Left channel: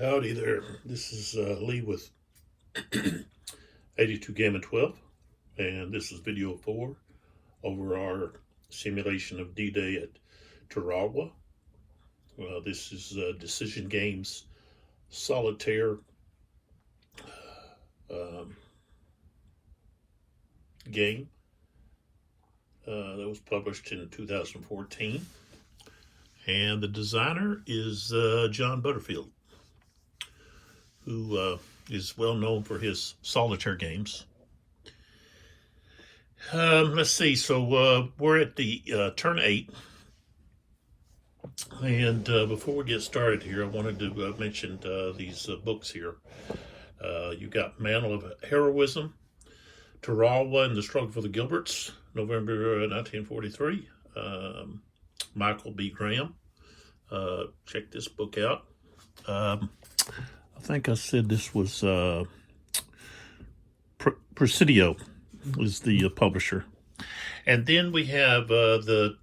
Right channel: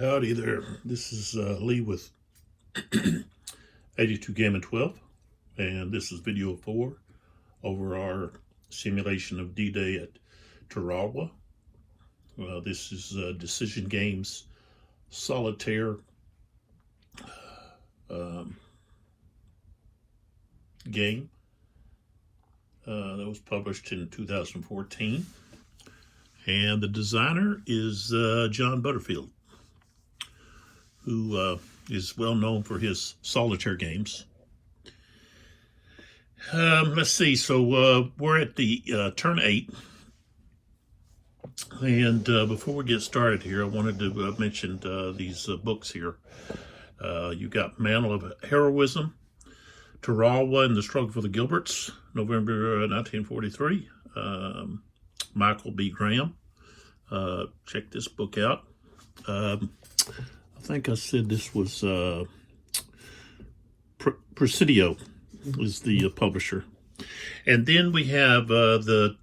Howdy there. This is Lee with 82 Game and 12, and this is video 4 over our simulation of D-Day at Tarawa. This is Decision Games Solitaire game that was published in 2014, and the designer is John Butterfield, who is well known for his solitaire games. Let's see, so we're at the turn 8, and before we get started here, I wanted to mention these books here. You got Mantle of Heroism, Tarawa and the Struggle for the Gilberts, November 1943, Michael B. Graham. Check this book out. I think I said this was Presidio was the publisher. And then we have the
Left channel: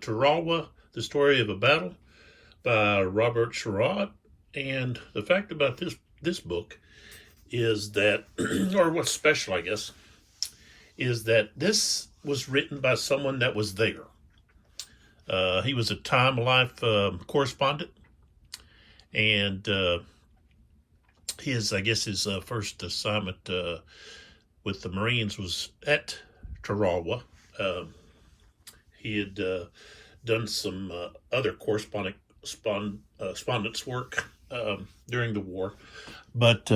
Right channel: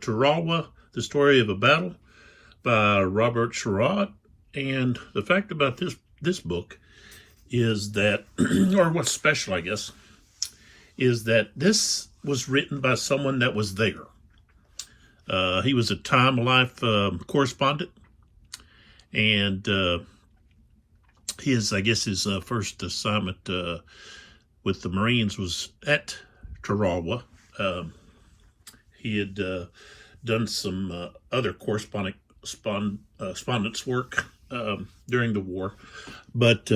Tarawa, The Story of a Battle by Robert Sherrod. And the fact about this book is that, or what's special, I guess, is that this was written by someone that was there. He was a Time Life correspondent, and his first assignment with the Marines was at Tarawa. He had done some other correspondence work during the war, but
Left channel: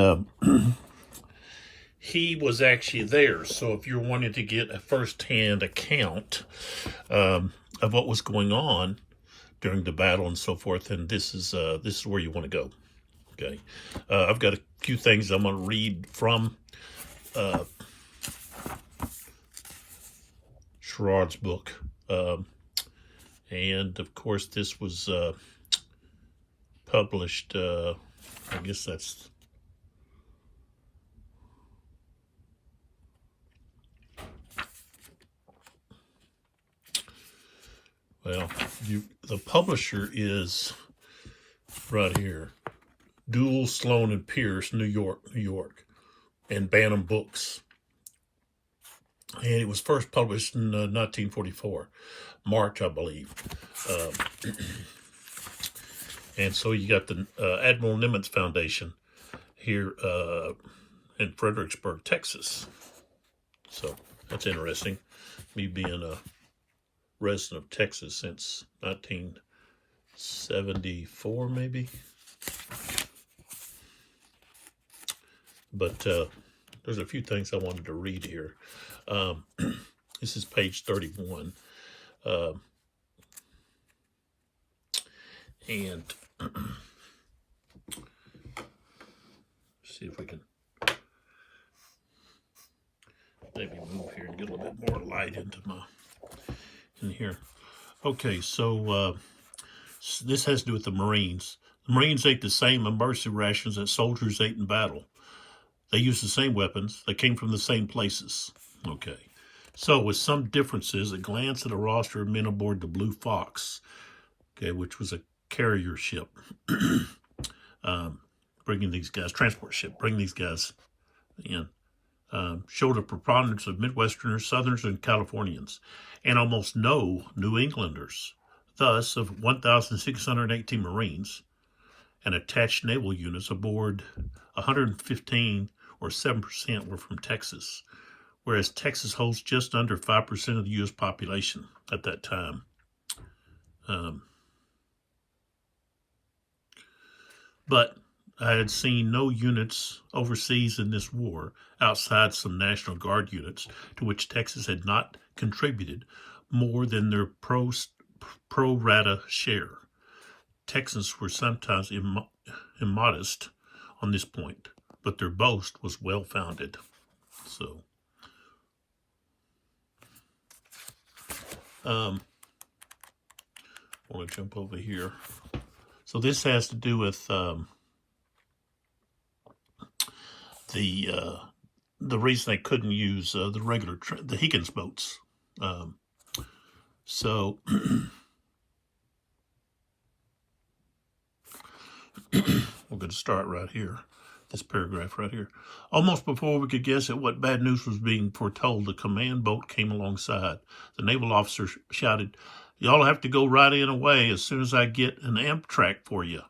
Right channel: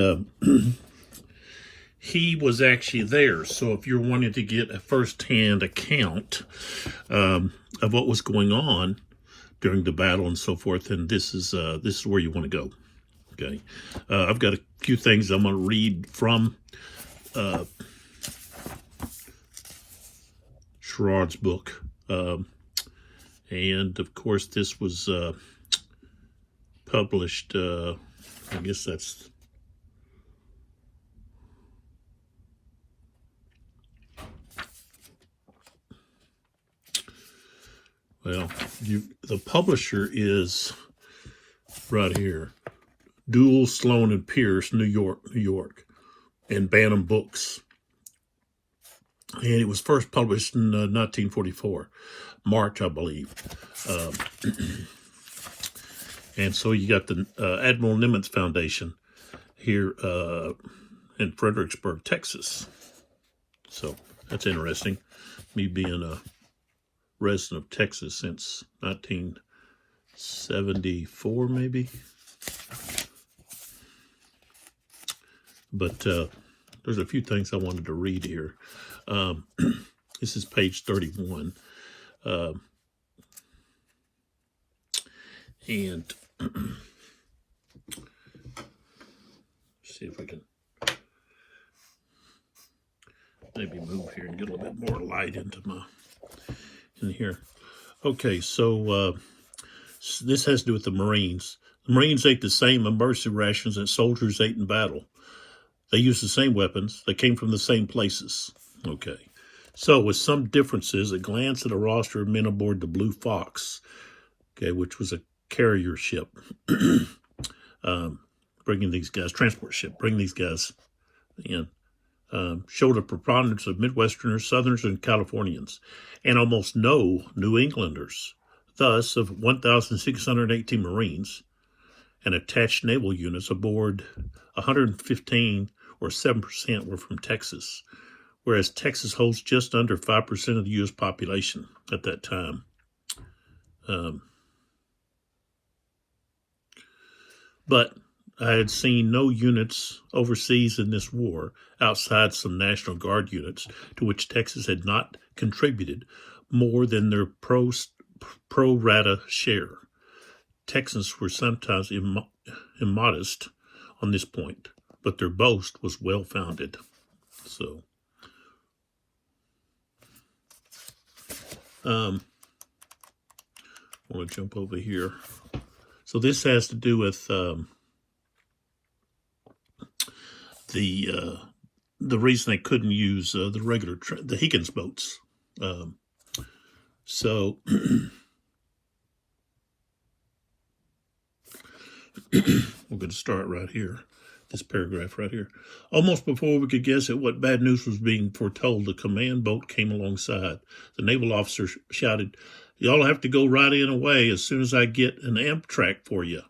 he was actually there. So if you're wanting to get a first-hand account of what was going on during the battle and so forth, then this is where you want to go. Okay, I've got a few things I'm going to read from Sherrod's book, and of course this was published. I guess that's. Well, the publisher is right here. Duell, Sloan and Pierce, New York, and Bantam Books. And it was first published in 1944, March, I believe. And so you got the Admiral Nimitz Foundation here in Fredericksburg, Texas. So that's interesting. Me being a resident of Texas since 1974, maybe. But there's a few things I wanted to read here. This is page 31. And see if we can maybe move here and get a little bit more light in here. Okay, so this has to do with the Marines. The Marines ate the same emergency rations that soldiers ate in battle. They used the same weapons. They came from the same places. Okay, so with some differences, a glance at a roster of men aboard the Blue Fox, okay, which was a carrier ship, bringing these guys, transport ship, bringing these guys in, showed a preponderance of Midwesterners, Southerners, and Californians, and almost no New Englanders. Thus, of 1,618 Marines and attached naval units aboard, 115 or 7% were from Texas, whereas Texas holds just under 5% of the U.S. population at that time. But I had seen no units overseas in this war outside some National Guard units to which Texas had not contributed more than their pro rata share. Texans were sometimes immodest on this point, but their boast was well-founded. So, I want to jump over here. So this has to do with the reason they couldn't use the regular the Higgins boats. So We're going to start right here, this paragraph right here. Almost before we could guess at what bad news was being foretold, the command boat came alongside. The naval officer shouted, "Y'all have to go right in away as soon as I get an Amtrak for you.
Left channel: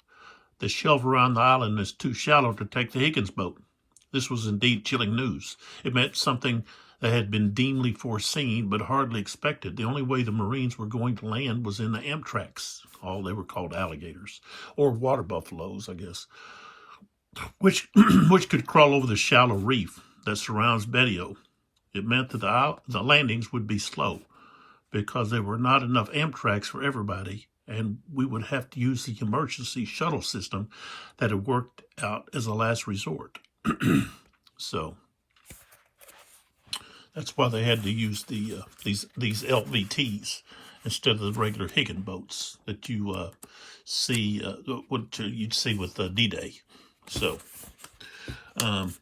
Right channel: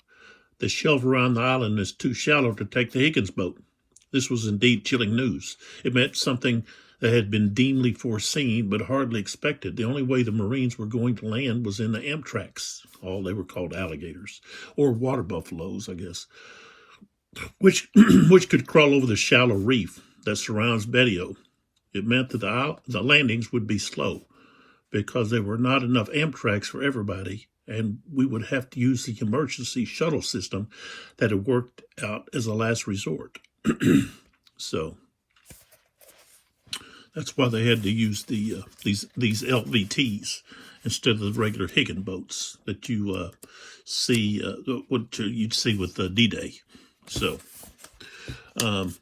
The shelf around the island is too shallow to take the Higgins boat." This was indeed chilling news. It meant something that had been deemed foreseen but hardly expected. The only way the Marines were going to land was in the Amtraks. Oh, they were called alligators, or water buffaloes, I guess, which which could crawl over the shallow reef that surrounds Bettio. It meant that the landings would be slow because there were not enough Amtraks for everybody, and we would have to use the emergency shuttle system that had worked out as a last resort. So that's why they had to use the these LVTs instead of the regular Higgin boats that you see what you'd see with D-Day. So I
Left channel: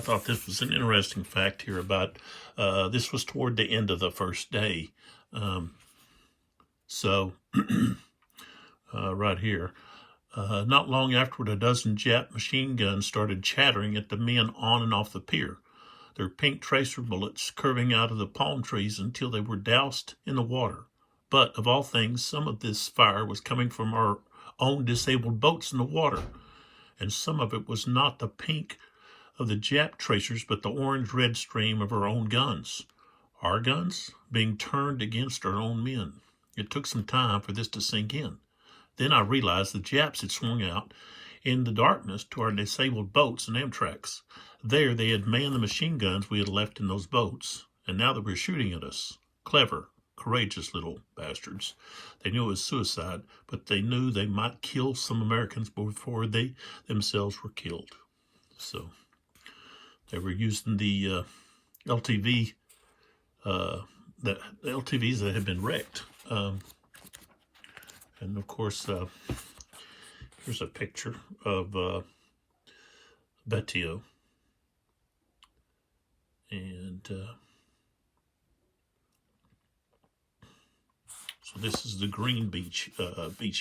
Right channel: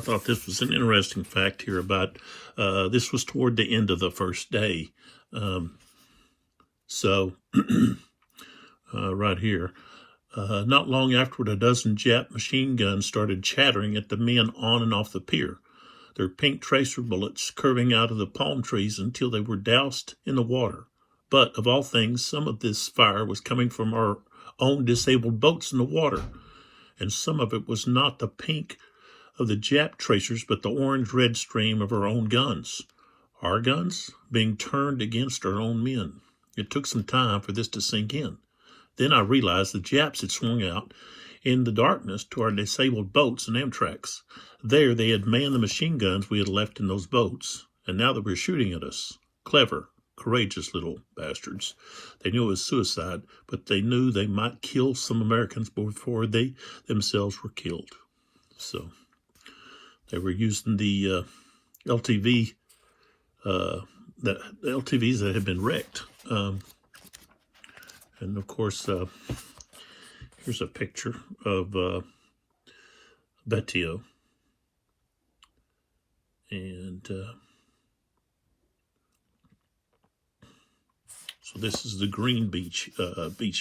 thought this was an interesting fact here about this was toward the end of the first day. Right here. Not long afterward, a dozen Jap machine guns started chattering at the men on and off the pier, their pink tracer bullets curving out of the palm trees until they were doused in the water. But, of all things, some of this fire was coming from our own disabled boats in the water, and some of it was not the pink of the Jap tracers, but the orange-red stream of our own guns. Our guns being turned against our own men. It took some time for this to sink in. Then I realized the Japs had swung out in the darkness to our disabled boats and Amtraks. There they had manned the machine guns we had left in those boats, and now they were shooting at us. Clever, courageous little bastards. They knew it was suicide, but they knew they might kill some Americans before they themselves were killed. So they were using the LTVs that had been wrecked. And of course, here's a picture of Bettio. And so this is the green beach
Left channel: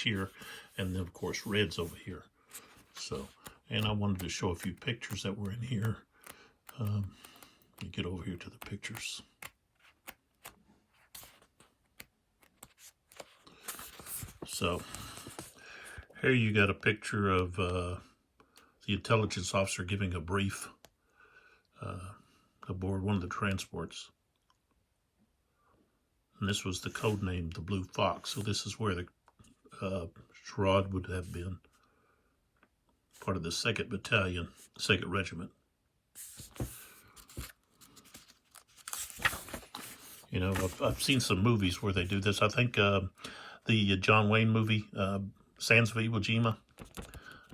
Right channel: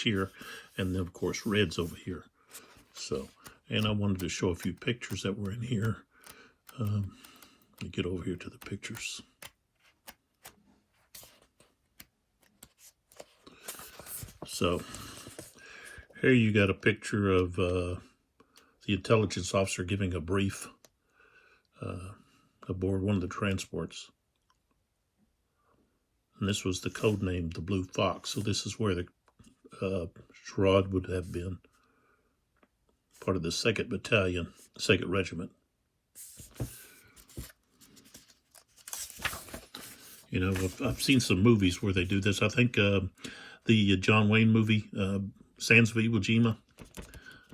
here, and then of course red's over here. So, and I wanted to show a few pictures that were in here. Let me get over here to the pictures. So here you got a picture of the intelligence officer giving a brief aboard one of the transports. And this was the code name, the Blue Fox. So this is where the Sherrod would have been, part of the 2nd Battalion, 2nd Regiment. You know, I've seen some movies where they do this. I think the John Wayne movie, Sands of Iwo Jima,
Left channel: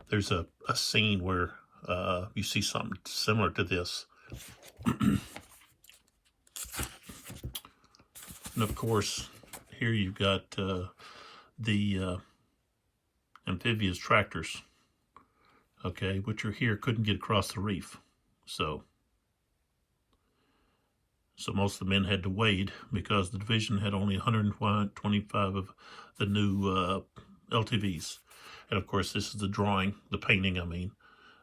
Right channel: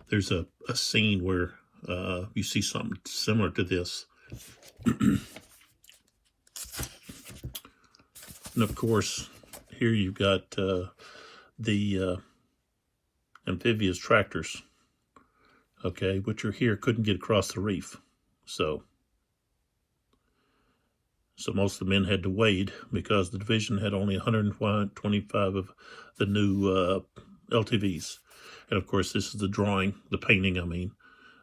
there's a scene where you see something similar to this. And of course, here you've got the amphibious tractors, okay, which are here, couldn't get across the reef. So most of the men had to wade because the division had only 125 of the new LTVs. And of course, this is the drawing, the painting, I mean,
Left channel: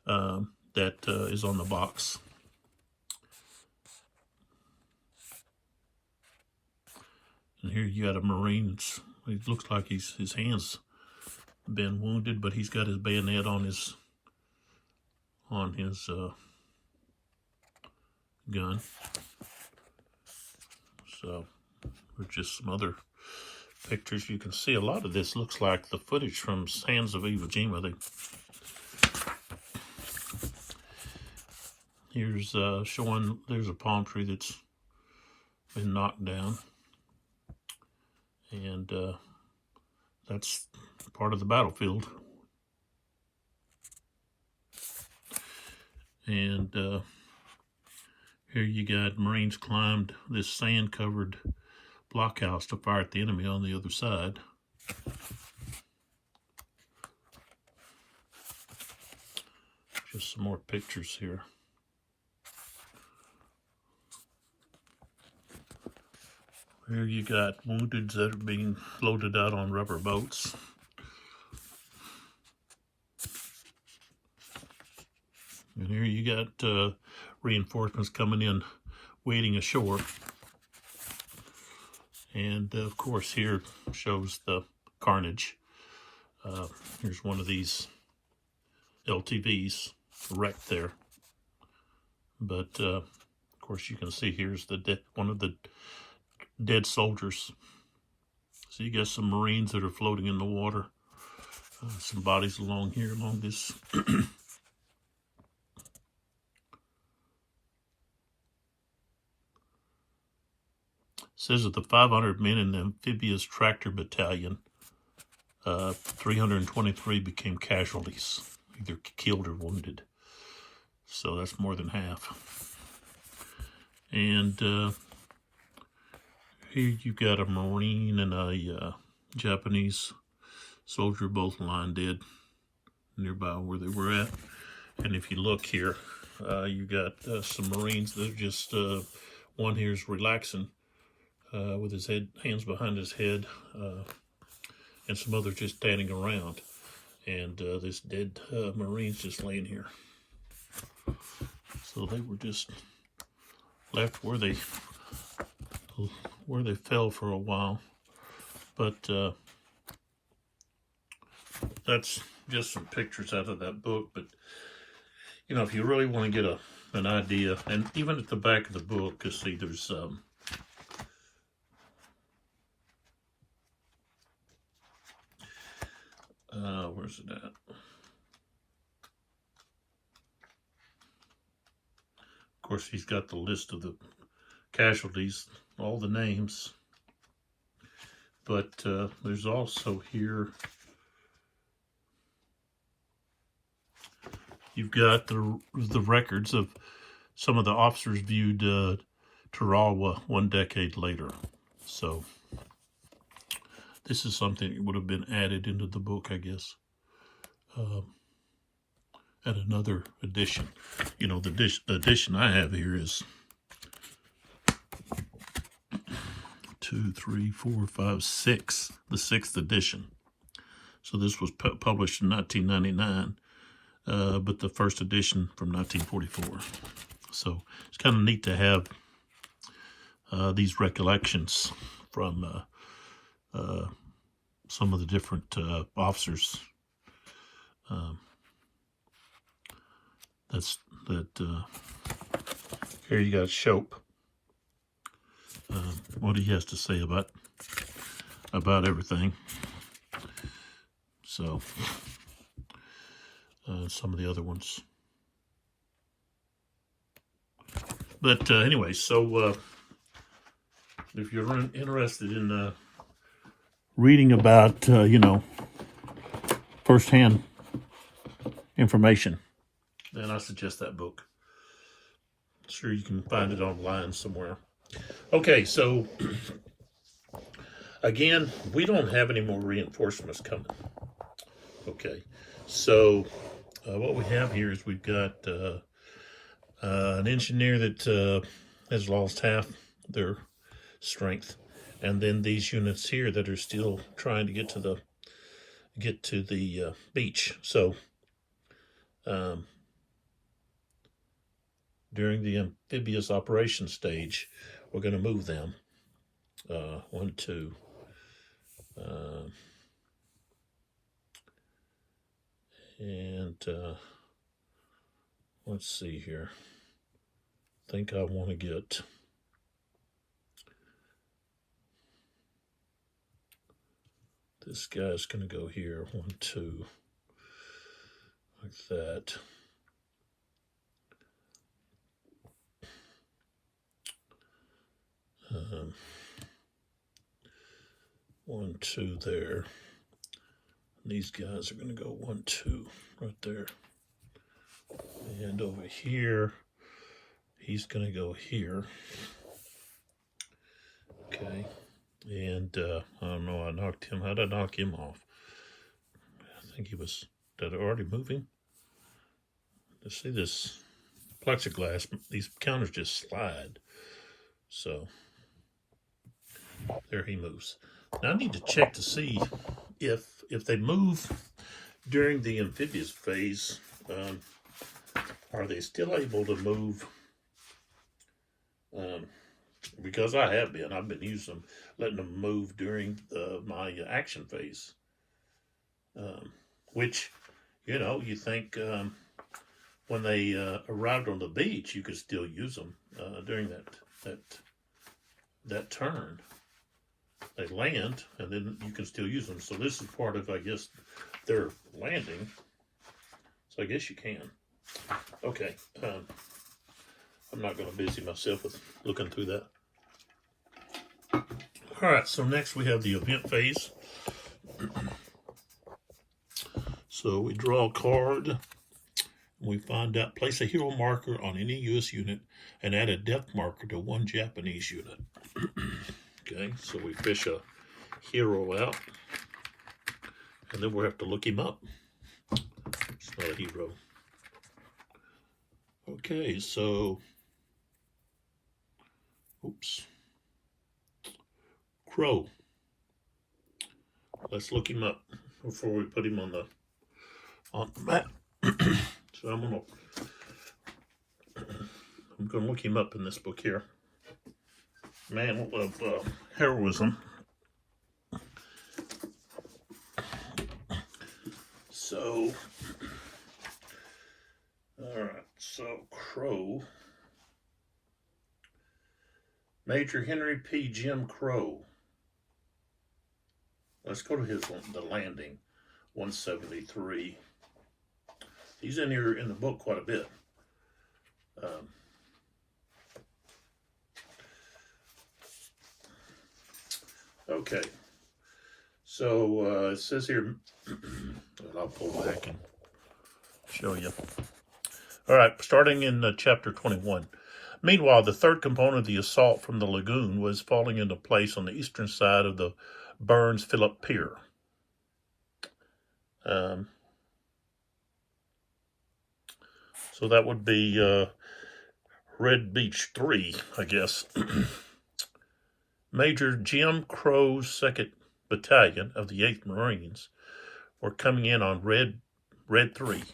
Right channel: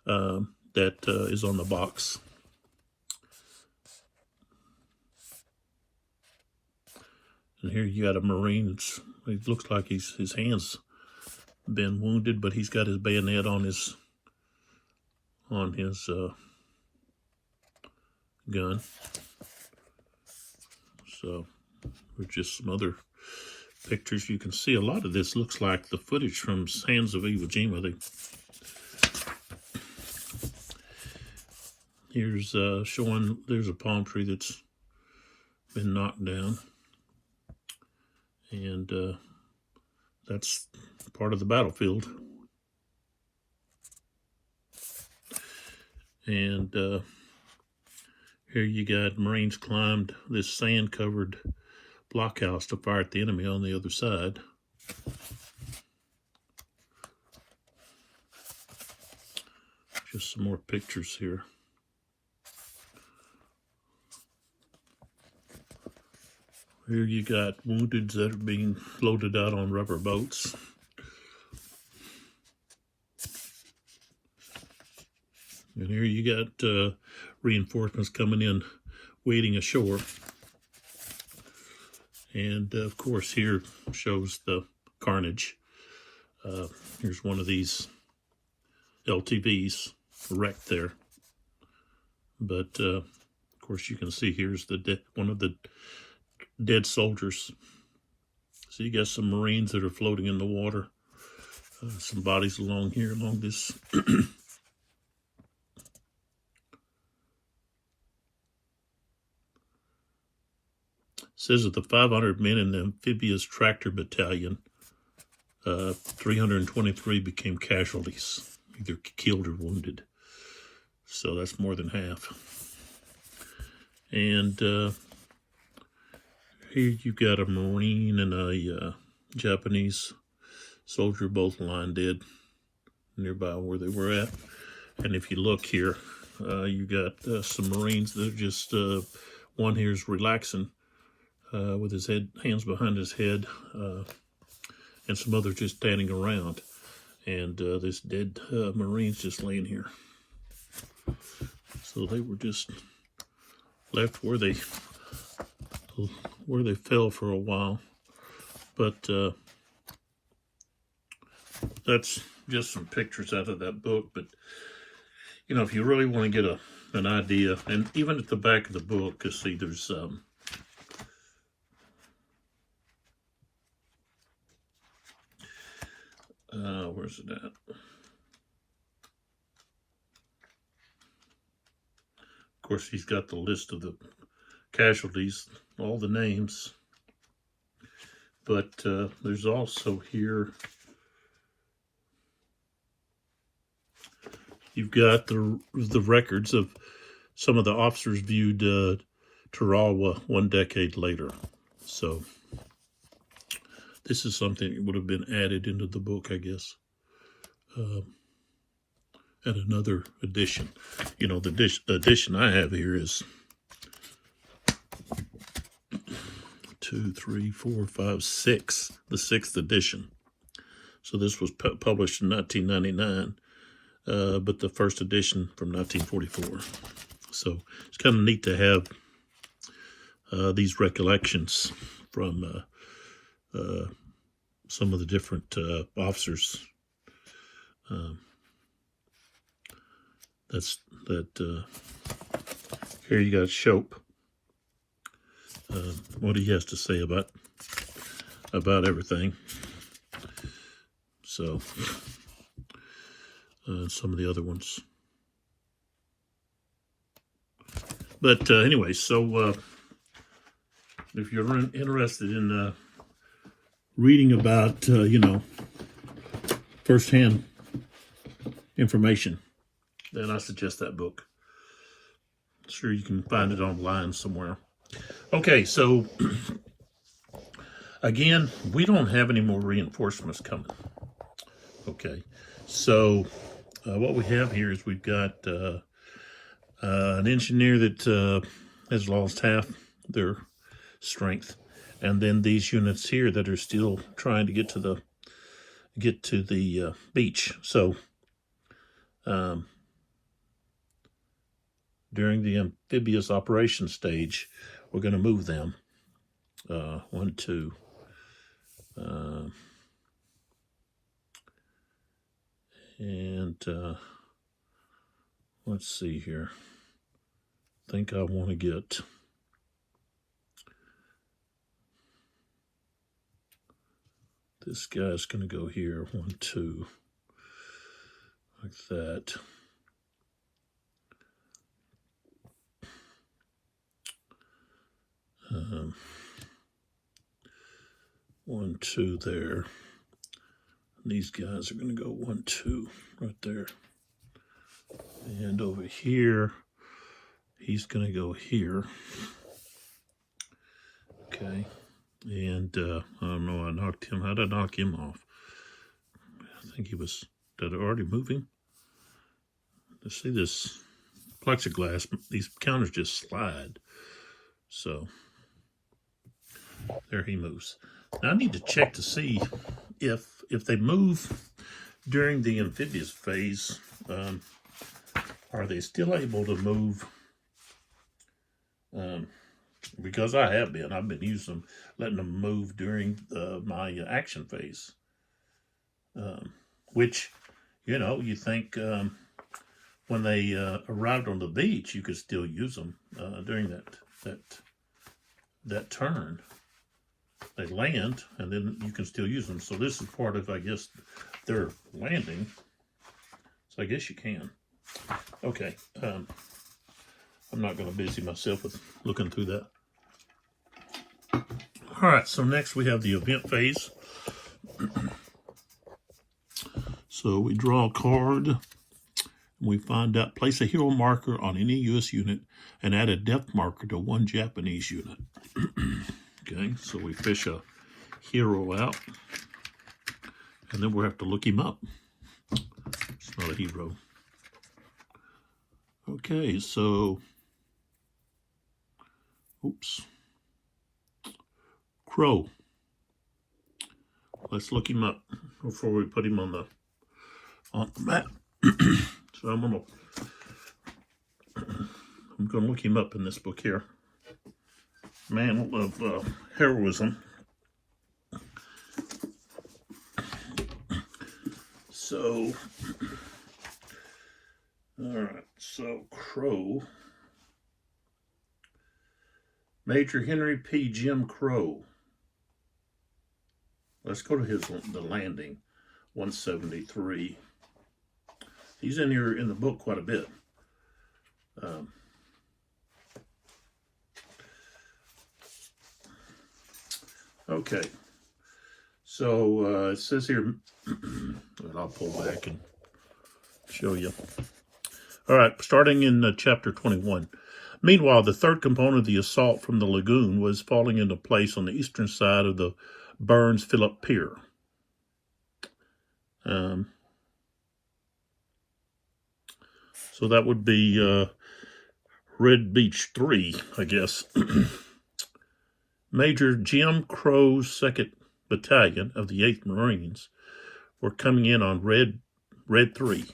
that is on the box. And here you got a Marine. It looks like his hands been wounded, but he's got his bayonet on his gun. So there's just some other pictures. You can see a lot of this looks like the footage from Sands of Iwo Jima. Here's showing there's a palm tree that's been knocked down. And that's part of the battlefield. And here you got Marines climbed this sand-covered blockhouse to fire at the enemy on the other side. Just some more pictures here. Here you got woundeds that are being floated out on rubber boats. And here you got reinforcements coming in, waiting ashore. And of course here shows the carnage. Here's one of these LTVs wrecked there. But of course you can see here's one of the dead soldiers. So you got some Marines that are floating in the water. Some bodies along here, along this. Says that the 500 men in the amphibious tractor battalion, 323 became casualties, either killed or wounded. So that's more than half. And here you've got a Marine and a Japanese soldier, both lying dead nearby where they were at. And if you look here, you got some Marines that are just, one here is relaxing with his hands behind his head, and some others just standing around. And this dead Marine's just laying here. So they were just left where they fell for a while. But that's just some pictures out of that book. But you know, if you really want to get an idea, and even at the back of the book, you see there's where's it at? Of course, he's got the list of the casualties, all the names. But there's also here, you've got the records of some of the officers viewed Tarawa 1 decade later. So this is something that would have been added into the book, I guess, at another edition. You know, the edition I have here is 2, 3, 4, 5, 6, the 6th edition. So this was published in 1999, but the first edition from 1944. So it's kind of neat to have these recollections from some of the different officers. Here you got Shope. What he has to say about everything. So some of the other ones. But anyway, so if you're interested in reading about, you know, firsthand information, then I suggest that book. Sure, you can find it online somewhere. Okay, so again, we don't have any more reinforcements coming. Okay, so what we have here is we've got an engineer that has lost half their strength, and then these units here that are still trying to get to the beach. So during the amphibious operation stage, we're going to move them. 1, 2. And let's see here. I think I want to get this guy's going to go here. 1, 2. Like that. Um, 1, 2 there. These guys are going to go 1, 2 right there. And over here, he's going to go here. Okay. And I don't know, I knocked him. How did I knock him off? I think he was, did I already moving? Let's see this plexiglass. These counters just slide. So there he moves. Now I need to check to see if they move during the amphibious phase. are they still able to move? Because I've been using them, letting them move during my action phase, which, you think when they arrived on the beach, you could still use them during that turn. They land, and then you can still use them. So this is part of, I guess, their landing. So I guess you can. Okay. I'm not going to busy myself with looking through that. All right, so next we have the event phase. So we draw a card. We find out, place a hero marker on any U.S. unit and add a depth marker to one Japanese unit. Okay, so we fish a hero out, and then we'll have to look him up. It's not a hero. Okay, so, Crow. Let's look him up before we put him on the map. So I'm gonna look him up in this book here. Man of heroism. So, all right. So Crow, Major Henry P. Jim Crow. Let's go to the landing, 173. He's in here in the book quite a bit. Okay, so it says here, and I'll pull back and show you. All right, starting in chapter 21. Meanwhile, the third component of the assault from the lagoon was falling into place on the eastern side of the Burns-Phillip Pier. So that would be Red Beach 3, I guess. Major Jim Crow's 2nd Battalion of the 8th Marines were coming in on Red 3.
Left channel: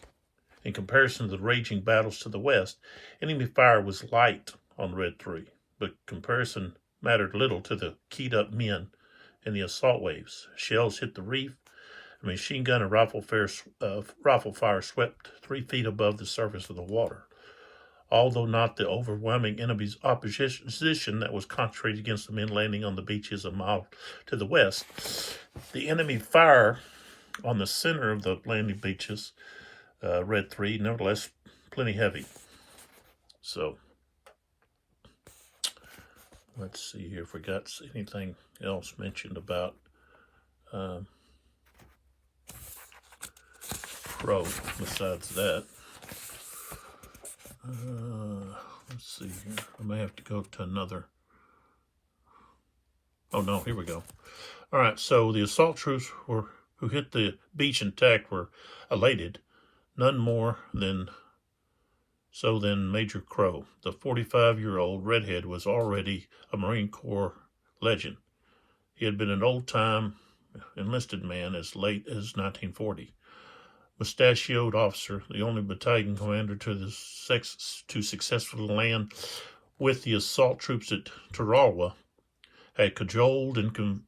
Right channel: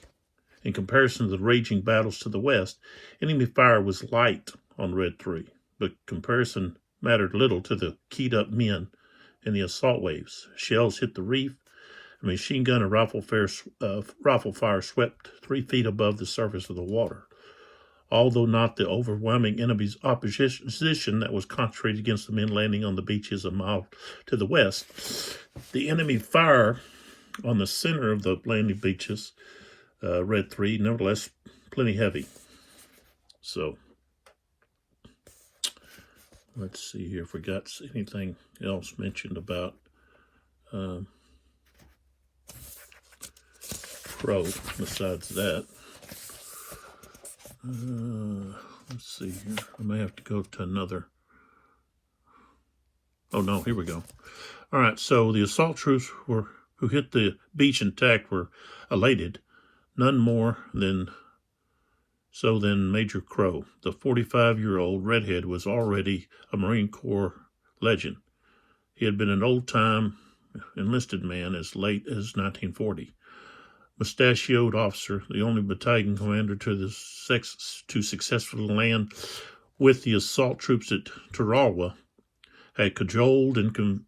In comparison to the raging battles to the west, enemy fire was light on Red 3, but comparison mattered little to the keyed-up men in the assault waves. Shells hit the reef. A machine gun and rifle fire swept 3 feet above the surface of the water. Although not the overwhelming enemy's opposition that was concentrated against the men landing on the beaches a mile to the west, the enemy fire on the center of the landing beaches, Red 3, nevertheless, plenty heavy. So, let's see here if we got anything else mentioned about Crow besides that. Let's see here. I may have to go to another. Oh no, here we go. All right, so the assault troops who hit the beach intact were elated. None more than Major Crow. The 45-year-old redhead was already a Marine Corps legend. He had been an old-time enlisted man as late as 1940. Mustachioed officer, the only battalion commander to successfully land with the assault troops at Tarawa, had cajoled and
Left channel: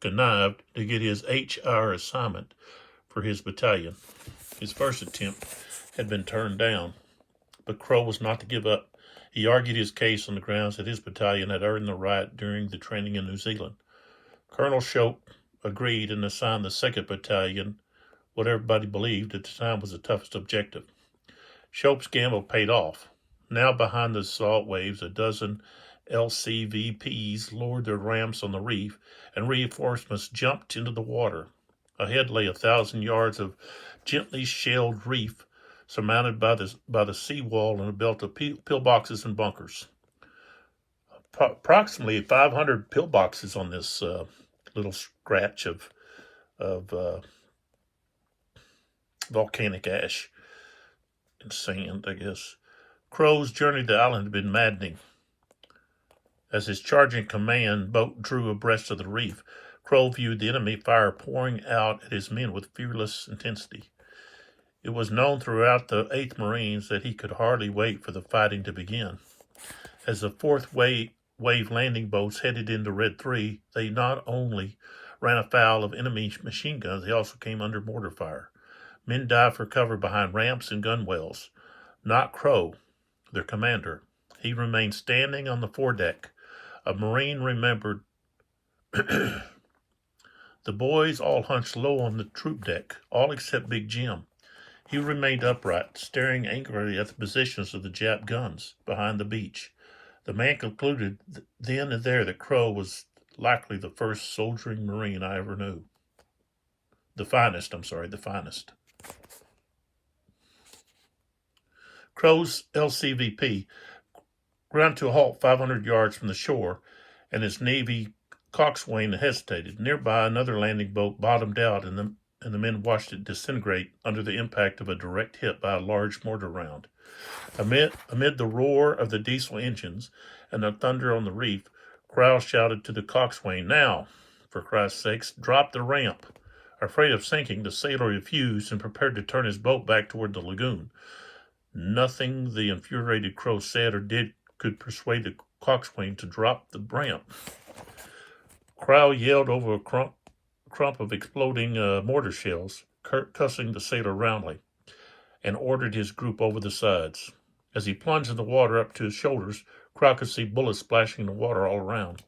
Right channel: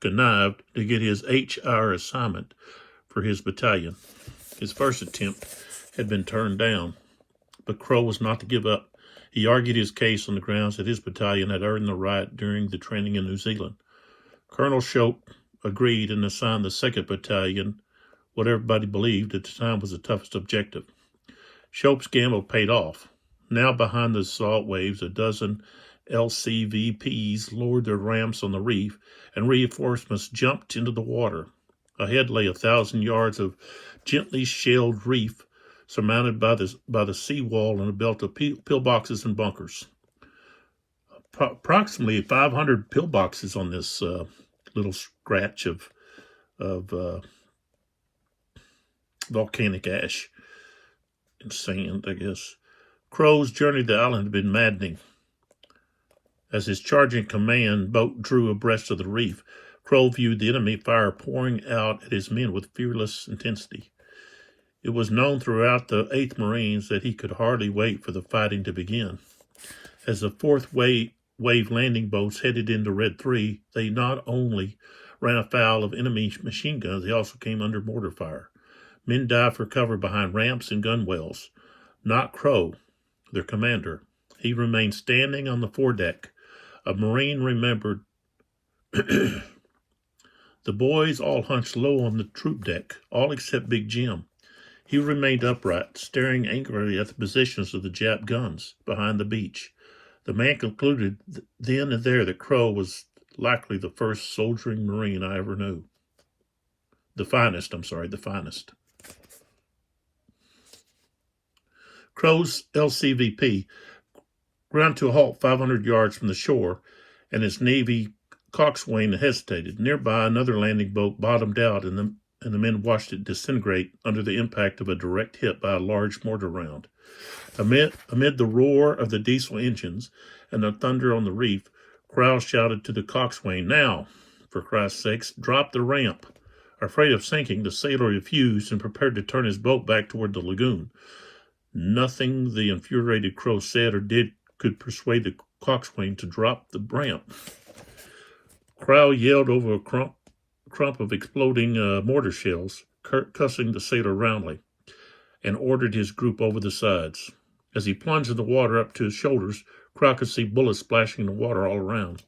connived to get his HR assignment for his battalion. His first attempt had been turned down, but Crow was not to give up. He argued his case on the grounds that his battalion had earned the right during the training in New Zealand. Colonel Shope agreed and assigned the 2nd Battalion what everybody believed at the time was the toughest objective. Shope's gamble paid off. Now behind the assault waves, a dozen LCVPs lowered their ramps on the reef, and reinforcements jumped into the water. Ahead lay 1,000 yards of gently shelled reef, surmounted by the seawall and a belt of pillboxes and bunkers. Approximately 500 pillboxes on this little scratch of volcanic ash and sand, I guess. Crow's journey to the island had been maddening. As his charging command boat drew abreast of the reef, Crow viewed the enemy fire pouring out at his men with fearless intensity. It was known throughout the 8th Marines that he could hardly wait for the fighting to begin. As the 4th wave landing boats headed into Red 3, they not only ran afoul of enemy machine guns, they also came under mortar fire. Men dived for cover behind ramps and gunwales. Not Crow, their commander. He remained standing on the foredeck. A Marine remembered, the boys all hunched low on the troop deck, all except Big Jim. He remained upright, staring angrily at the positions of the Jap guns behind the beach. The man concluded then and there that Crow was likely the first soldiering Marine I ever knew. The finest. Crow's LCVP ground to a halt 500 yards from the shore, and its Navy coxswain hesitated. Nearby, another landing boat bottomed out, and the men watched it disintegrate under the impact of a direct hit by a large mortar round. Amid the roar of the diesel engines and the thunder on the reef, Crow shouted to the coxswain, "Now, for Christ's sakes, drop the ramp." Afraid of sinking, the sailor refused and prepared to turn his boat back toward the lagoon. Nothing the infuriated Crow said or did could persuade the coxswain to drop the ramp. Crow yelled over a crump of exploding mortar shells, cussing the sailor roundly, and ordered his group over the sides. As he plunged in the water up to his shoulders, Crow could see bullets splashing in the water all around.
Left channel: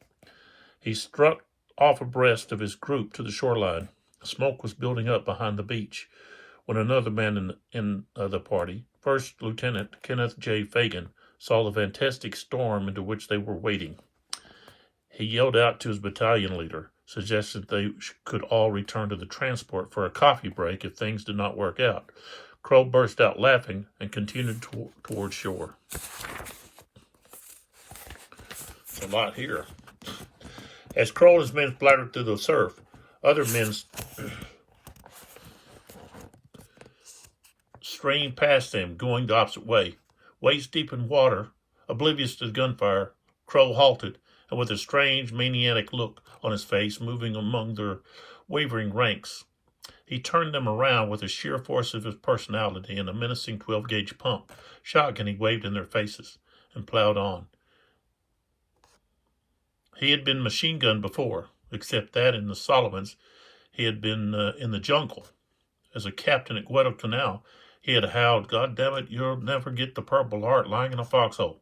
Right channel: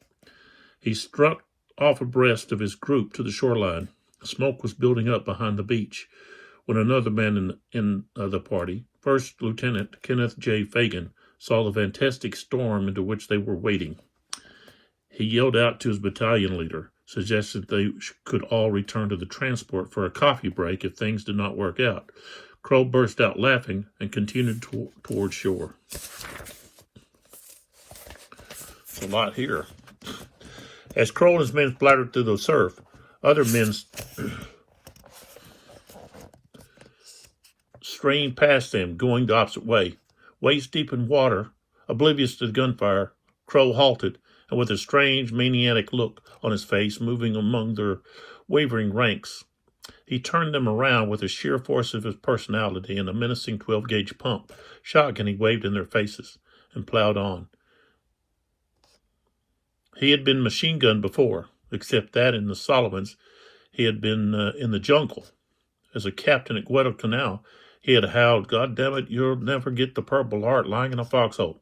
He struck off abreast of his group to the shoreline. Smoke was building up behind the beach when another man in the party, First Lieutenant Kenneth J. Fagan, saw the fantastic storm into which they were wading. He yelled out to his battalion leader, suggested they could all return to the transport for a coffee break if things did not work out. Crow burst out laughing and continued toward shore. It's a lot here. As Crow and his men splattered through the surf, other men strained past them, going the opposite way. Waist deep in water, oblivious to the gunfire, Crow halted, and with a strange, maniac look on his face, moving among their wavering ranks, he turned them around with the sheer force of his personality and a menacing 12-gauge pump. Shotgun he waved in their faces and plowed on. He had been machine gunned before, except that in the Solomons he had been in the jungle. As a captain at Guadalcanal, he had howled, "God damn it, you'll never get the Purple Heart lying in a foxhole.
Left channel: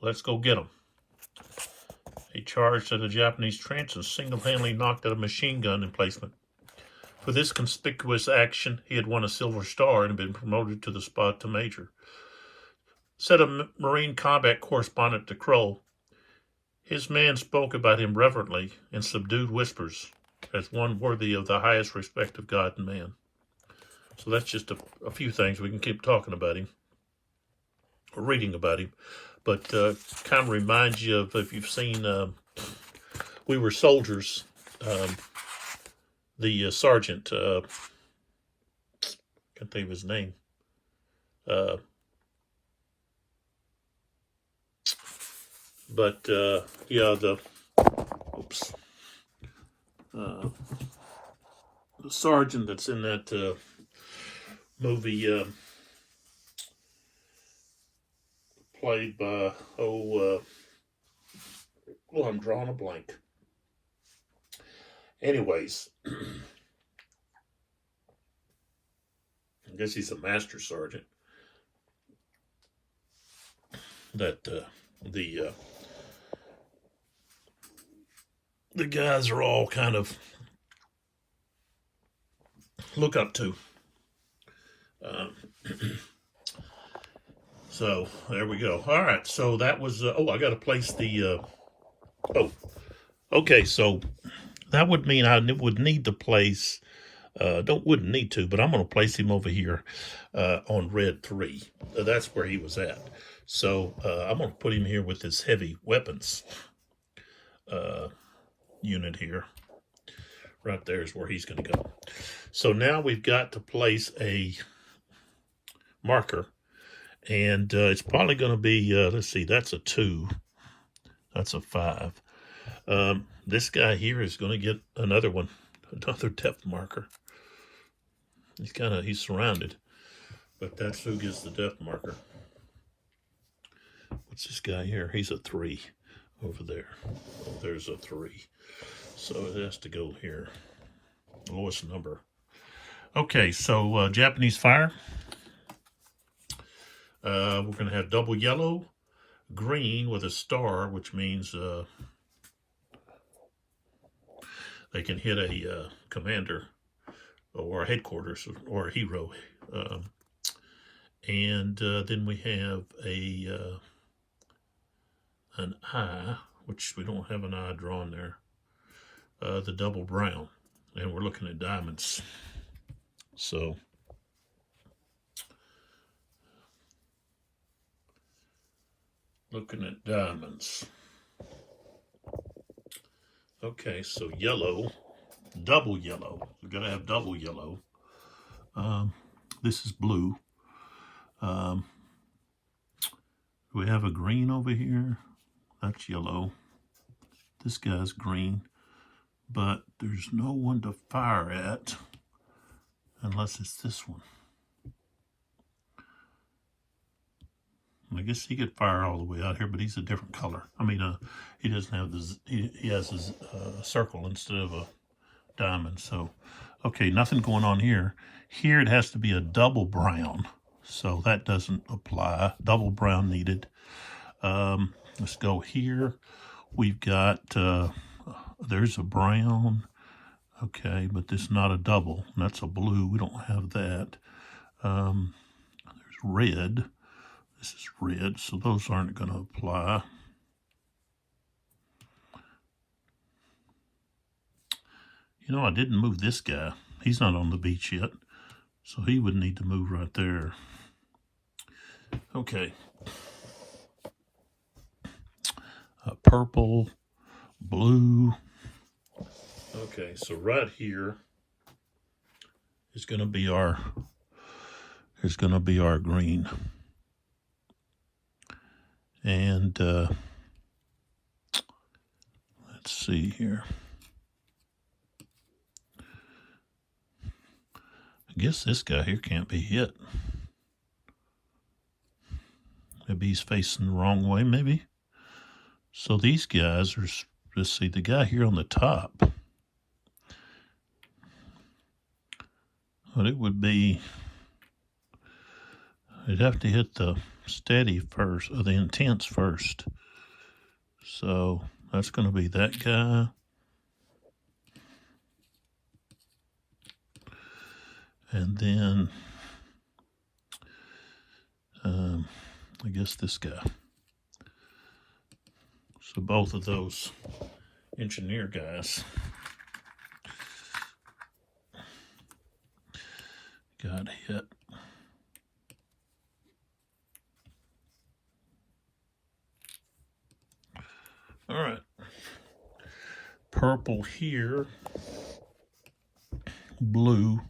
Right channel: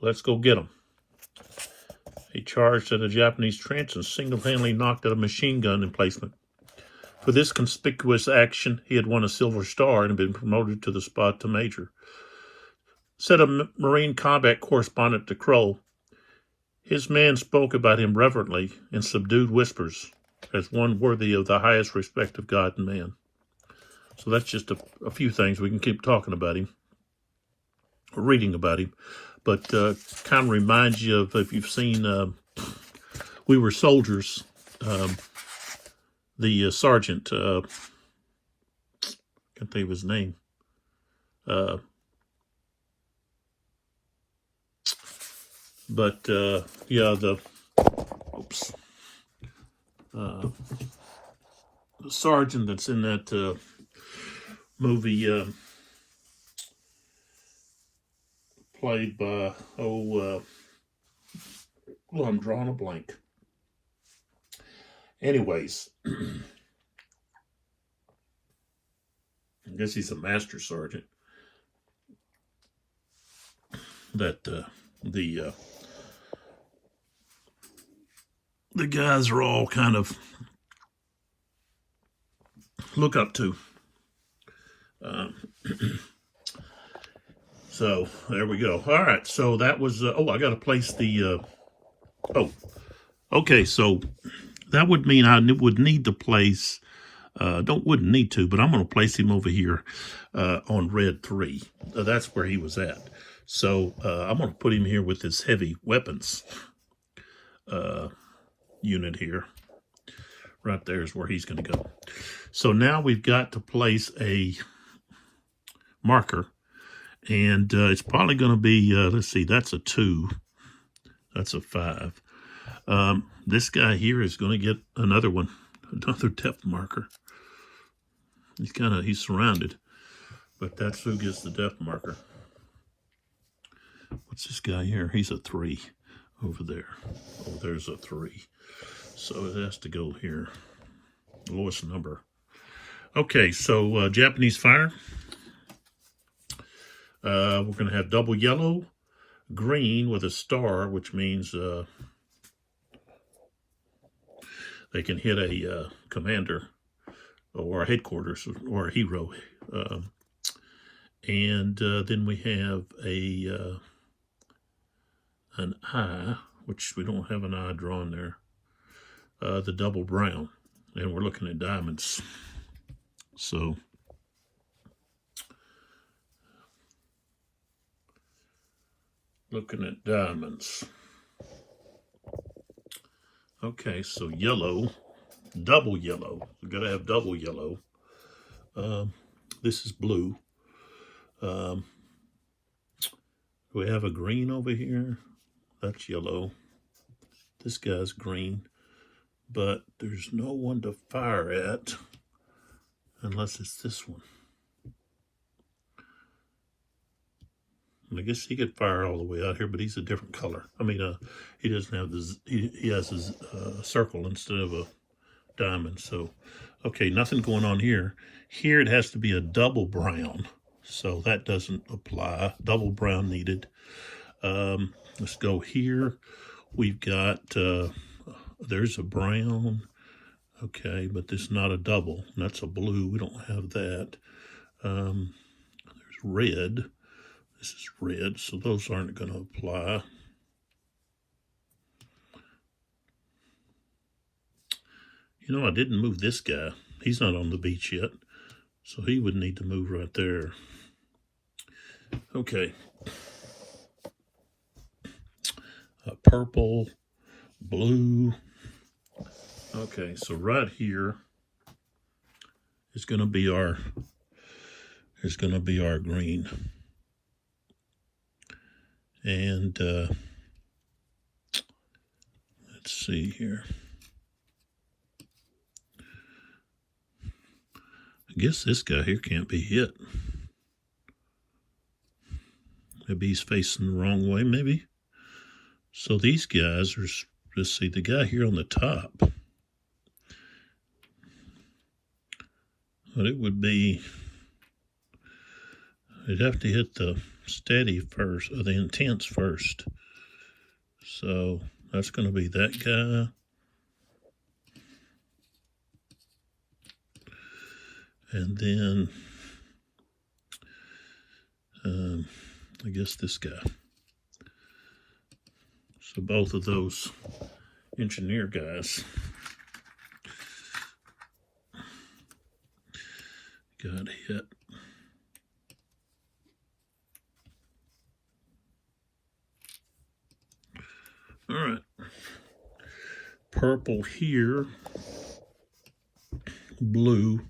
Let's go get him." He charged at a Japanese trench and single-handedly knocked out a machine gun emplacement. For this conspicuous action, he had won a Silver Star and been promoted to the spot to major. Said a Marine combat correspondent to Crow, his men spoke about him reverently in subdued whispers as one worthy of the highest respect of God and man. So that's just a few things. We can keep talking about him, or reading about him, but kind of reminds you of, if you've seen We Were Soldiers, the sergeant, can't think of his name, the sergeant that's in that movie, played by, I'm drawing a blank. Anyways, I guess he's a master sergeant. That the guys are all kind of look up to. So there we go. All right. So that was, I got to place the, okay. So that would mean I would need to place, wouldn't need to, but I'm going to place him over here, on Red 3. That's where he was at. So, I'm going to put him here with his heavy weapons, unit here. Right there is where he's going to go. So now we've got to place a marker, and it's probably going to be, let's see, that's a 2, that's a 5. This guy here is going to get another one, another depth marker. He's surrounded. but that's who gets the depth marker. What's this guy here? He's a 3 over there. Oh, there's a 3. So it has to go here. Lowest number. Okay, so Japanese fire. We're going to have double yellow, green with a star, which means they can hit a commander or a headquarters or a hero. And then we have an eye, which we don't have an eye drawn there. The double brown, and we're looking at diamonds. So looking at diamonds. Okay, so yellow, double yellow. We've got to have double yellow. This is blue. We have a green over here. That's yellow. This guy's green. But there's no one to fire at unless it's this one. I guess he could fire all the way out here, but he's a different color. I mean, he doesn't have this. He has his circle instead of a diamond. So, okay, nothing going on here. Here it has to be a double brown, so that doesn't apply. Double brown needed. Let's go here. We've got. There's a brown, okay, but this is not a double. That's a blue. We don't have that. There's red. This is red, so those aren't going to apply. You know, I didn't move this guy. He's not on the beach yet, so he would need to move right there. Okay. Purple, blue. Okay, so right here is going to be our green, and let's see here. I guess this guy here can't be hit. Maybe he's facing the wrong way. Maybe. So these guys are. Let's see, the guy here on the top. But it would be, it'd have to hit the steady first, or the intense first. So that's going to be that guy. And then, I guess this guy. So both of those engineer guys got hit. All right. Purple here. Blue.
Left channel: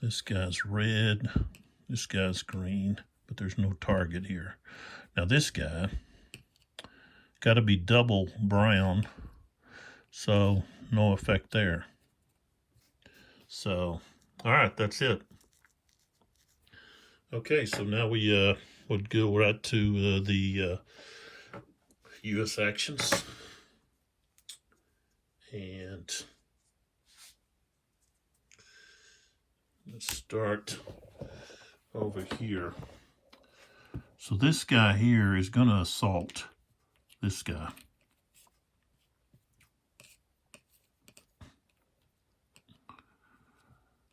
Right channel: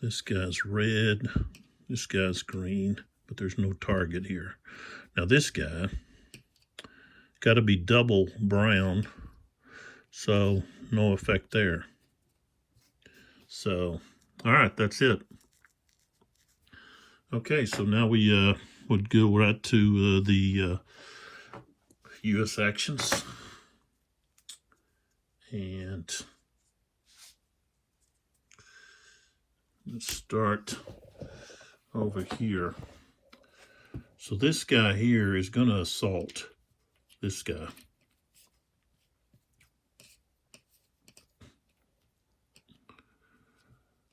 This guy's red. This guy's green. But there's no target here. Now this guy got to be double brown, so no effect there. So, all right, that's it. Okay, so now we would go right to the U.S. actions, and let's start over here. So this guy here is going to assault this guy.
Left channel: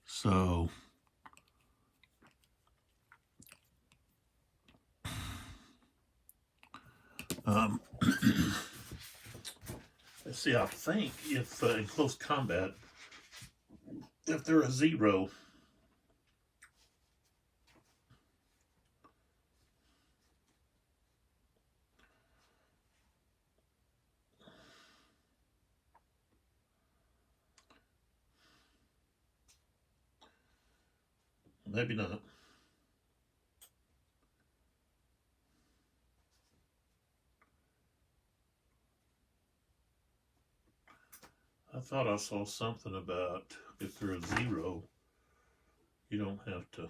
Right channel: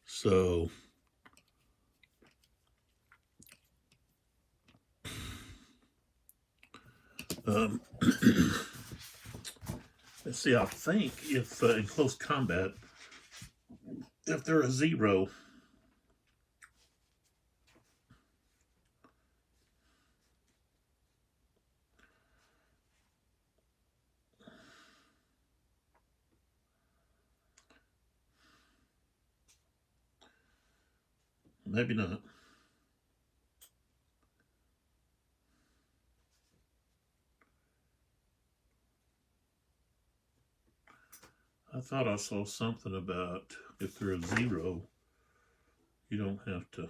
So let's see, I think if in close combat, if they're a 0, maybe not. I thought I saw something about if they're a 0, you don't have to.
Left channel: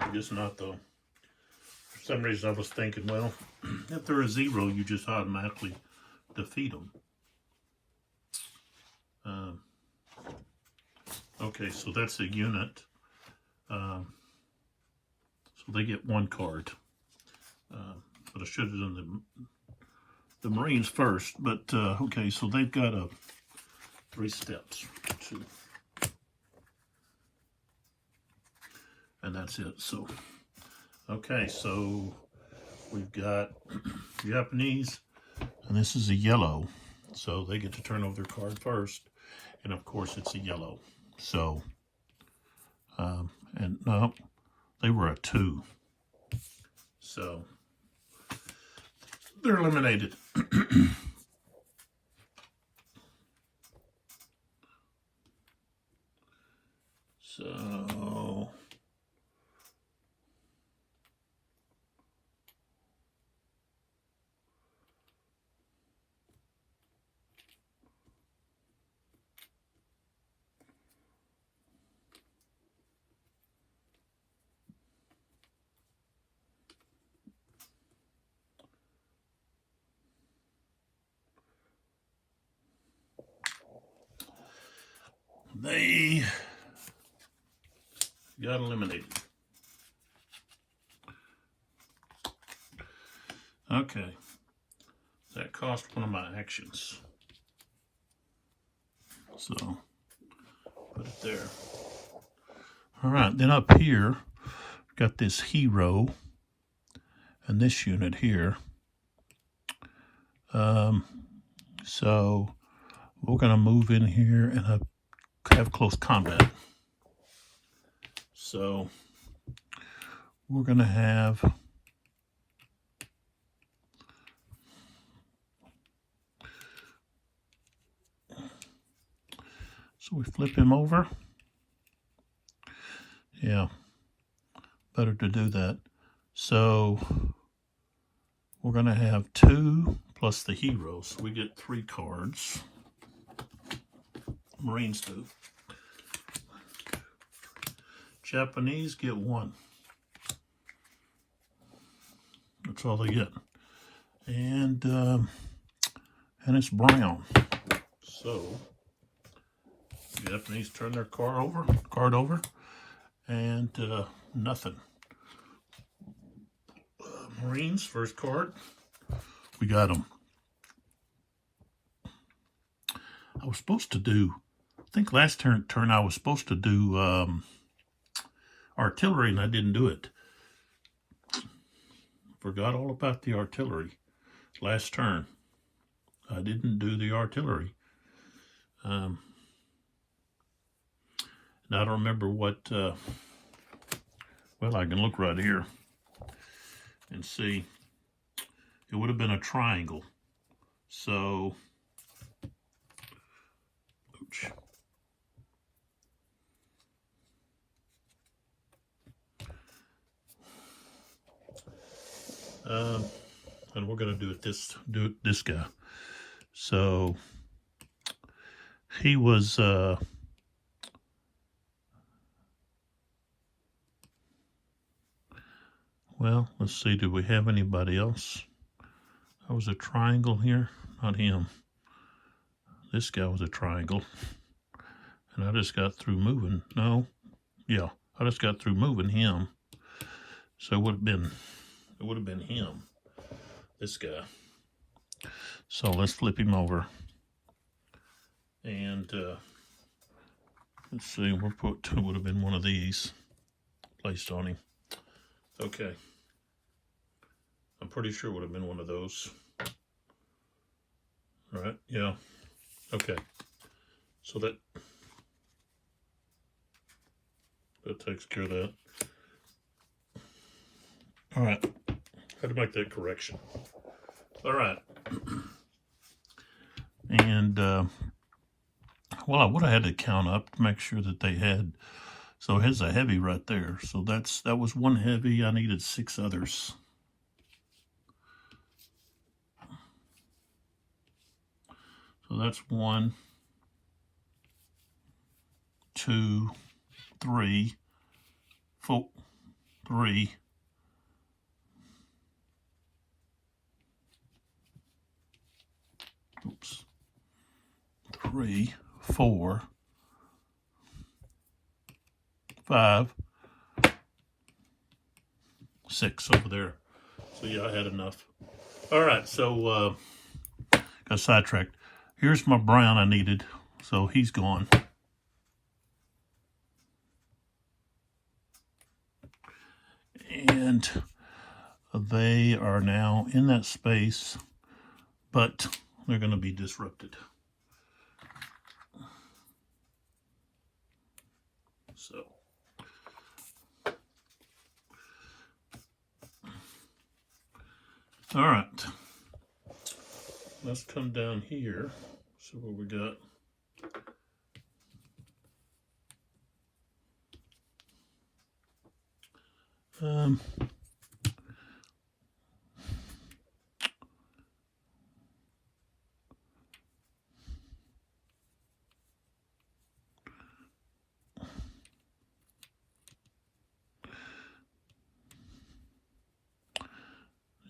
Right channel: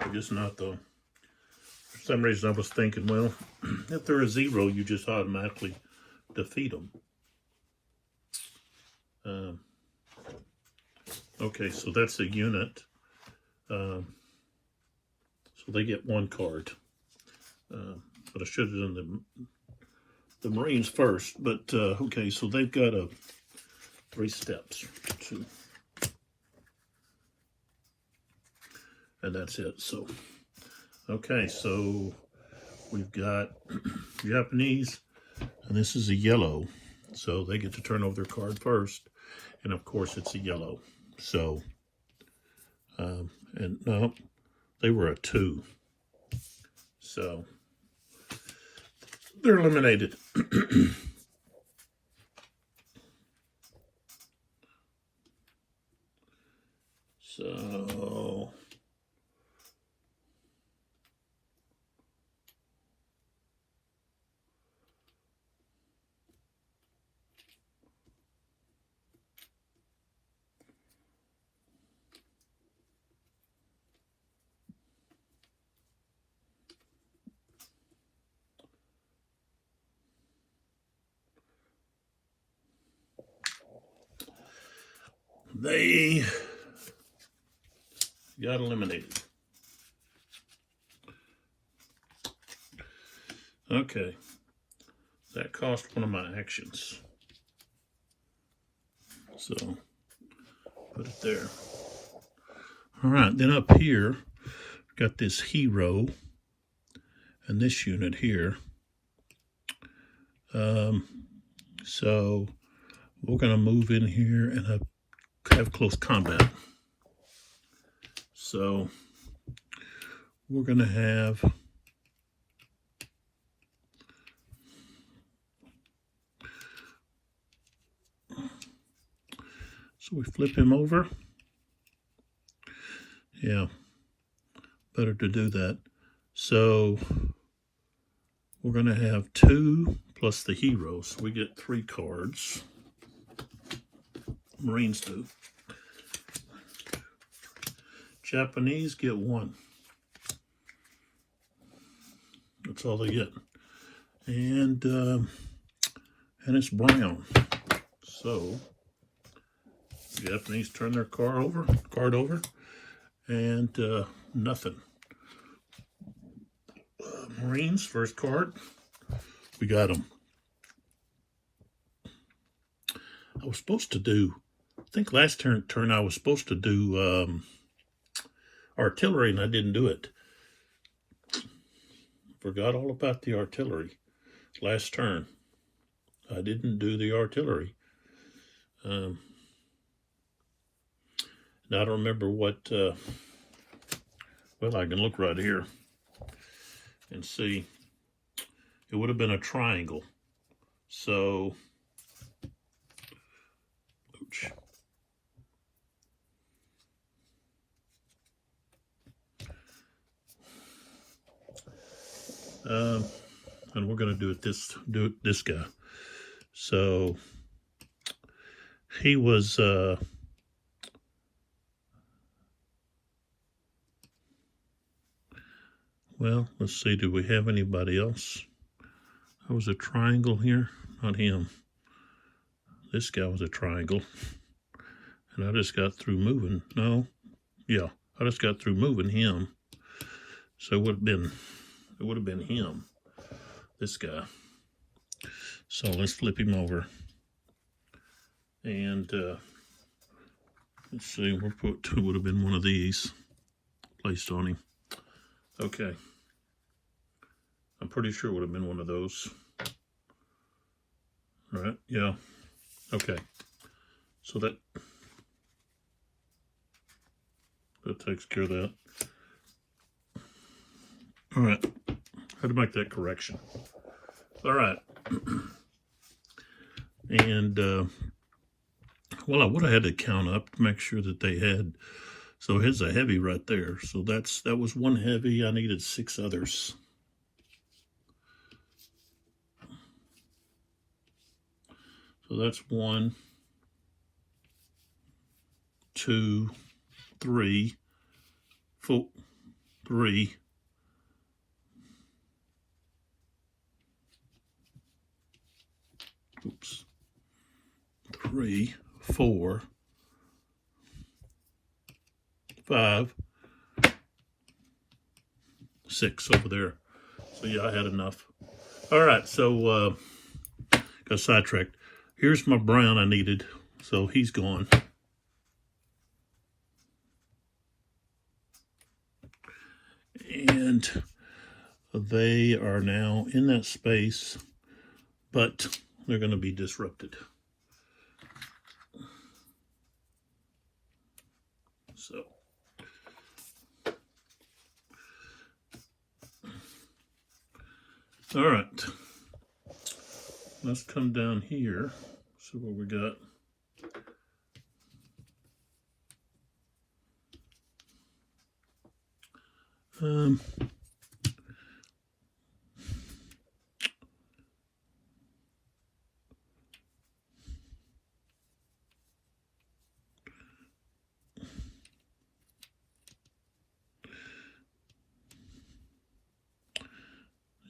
I guess not though. For some reason I was thinking, well, if they're a 0, you just automatically defeat them. Okay, so that's a unit. So they get 1 card. But I should have done the Marines first. But okay, so they've got 3 steps. 2. And that's it. So, okay, so we've got Japanese, and this is a yellow. So they get to turn over their card first. And of course, it's a yellow. So, and no, they were a 2. So, they're eliminated. So, they got eliminated. Okay, that cost one of my actions. So, put it there. All right, then up here, we've got this hero and this unit here. So, we're going to move in here and have close combat. So, we're going to have so we flip him over. Yeah, better to do that. So, we're going to have 2 plus the hero. So, we get 3 cards. Marines do. Japanese get 1. That's all they get. And it's brown. So Japanese turn their card over, and nothing. Marines first card. We got them. I was supposed to do. I think last turn I was supposed to do artillery, and I didn't do it. Forgot all about the artillery last turn. I didn't do the artillery. Now I don't remember what. Well, I can look right here and see. It would have been a triangle. So. Oops. And we're going to do it this guy. So he was well, let's see, did we have anybody else? That was a triangle here, not him. This guy was a triangle. And I just got through moving. No, yeah, I just got through moving him. So it would have been him, this guy. So let's flip him over. And let's see, it would have been one of these. placed on him. Okay. I'm pretty sure it would have been one of those. All right, yeah. Okay. So that takes care of that. All right. Had to make that correction. All right. And well, I would have had to count up to make sure that they had. So here's a heavy right there. So that was one heavy. I needed 6 others. So that's 1, 2, 3, 4, 3. Oops. 3, 4, 5, 6 over there. So yeah, I had enough. All right, so got sidetracked. Here's my brown I needed, so he's gone. And they are now in that space, but they're going to be disrupted. So all right, let's come down here. So what we got?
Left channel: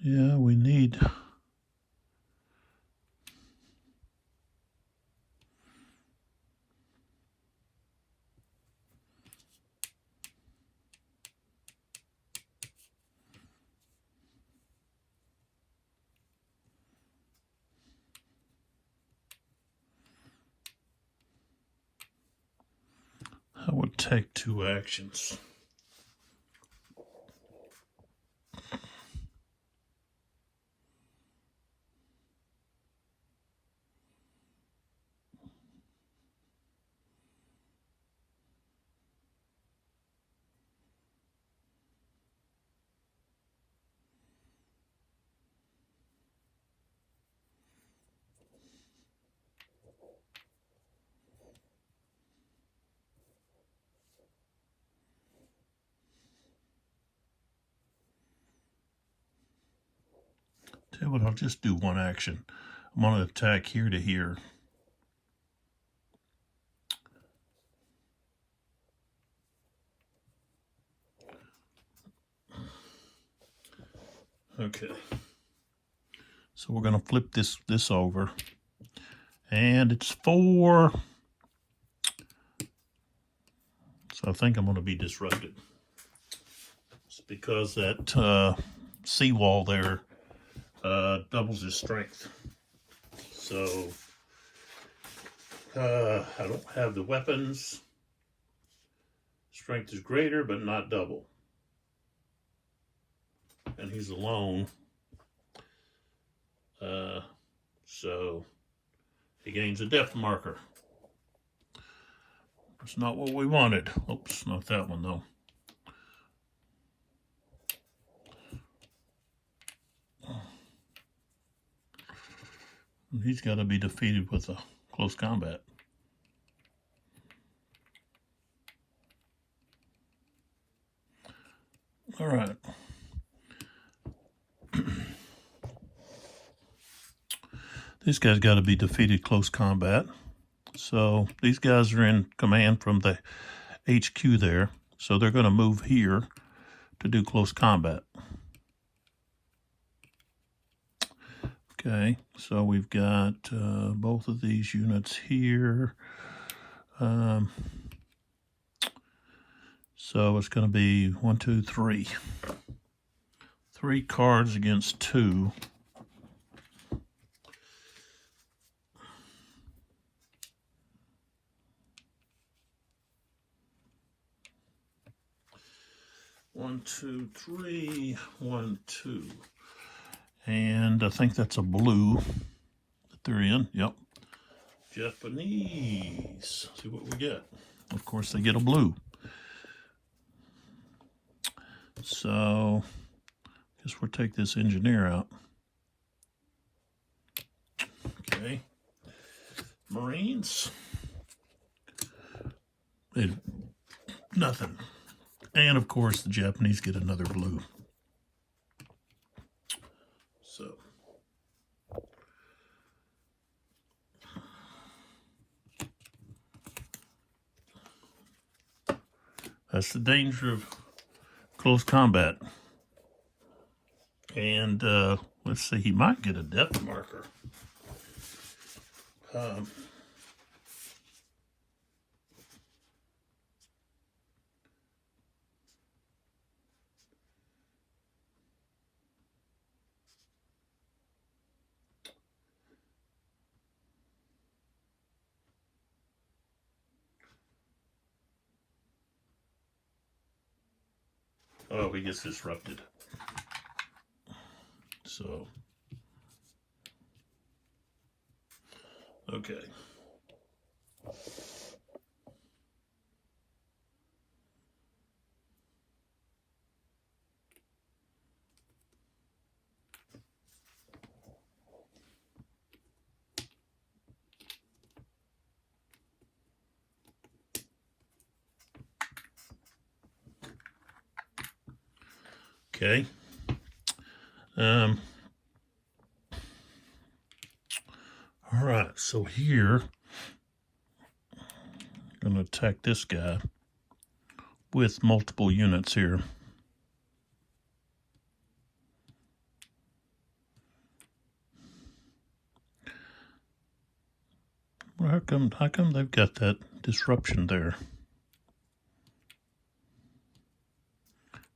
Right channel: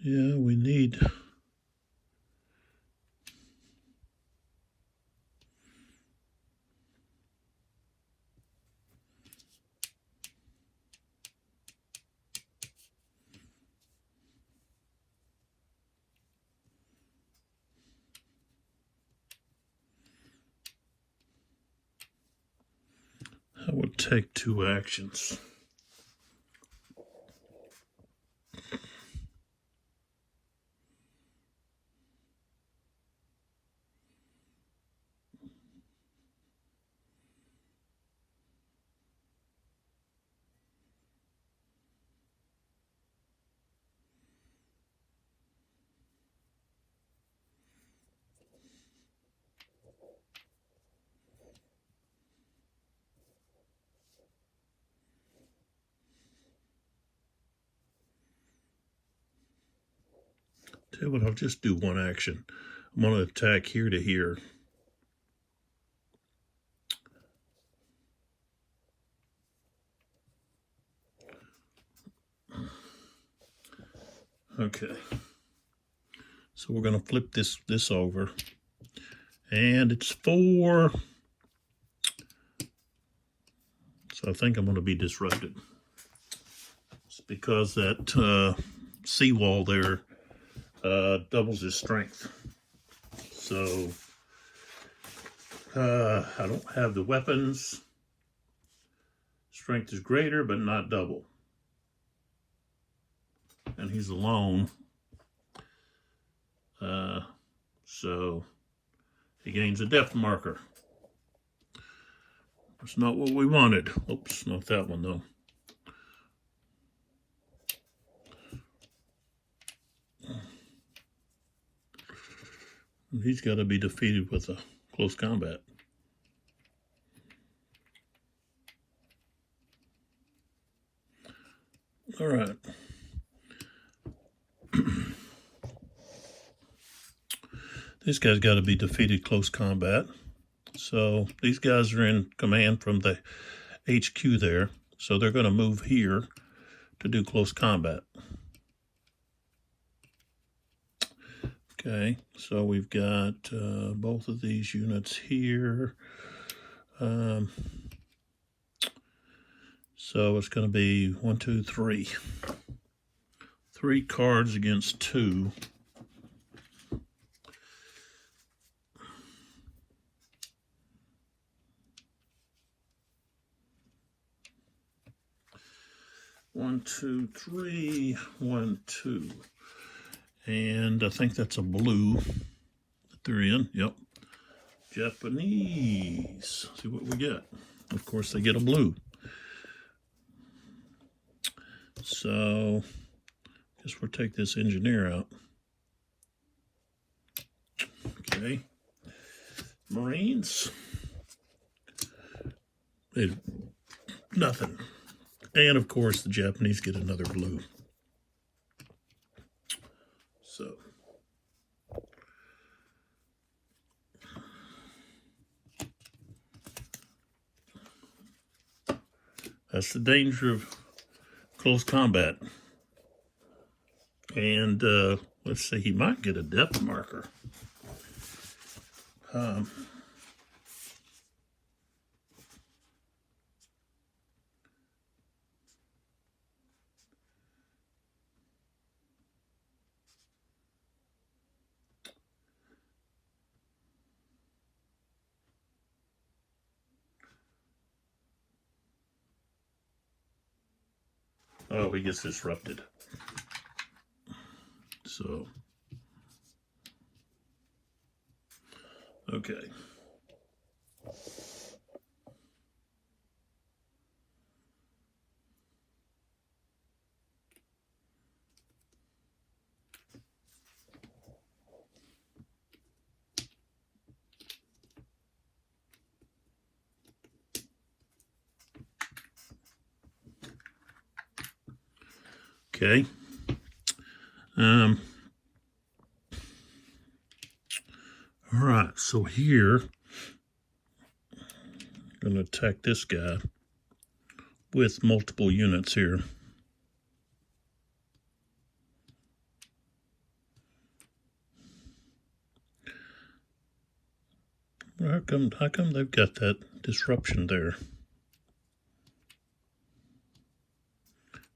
Yeah, we need I would take 2 actions. Tell you what, I'll just do 1 action. I'm going to attack here to here. Okay. So we're going to flip this over. And it's 4. So I think I'm going to be disrupted. It's because that seawall there doubles his strength. So I don't have the weapons. Strength is greater, but not double. And he's alone. So he gains a depth marker. That's not what we wanted. Oops, not that one though. He's got to be defeated with a close combat. All right. These guys got to be defeated close combat. So these guys are in command from the HQ there. So they're going to move here to do close combat. Okay, so we've got both of these units here. So it's going to be 1, 2, 3. 3 cards against 2. 1, 2, 3, 1, 2. And I think that's a blue that they're in. Yep. Japanese. See what we get. Of course, they get a blue. So, I guess we'll take this engineer out. Okay. Marines. Nothing. And of course, the Japanese get another blue. So, that's the danger of close combat. And let's see, he might get a depth marker. Oh, he gets disrupted. So, okay. Okay. All right, so here, I'm going to attack this guy with multiple units here. Well, how come they've got that disruption there?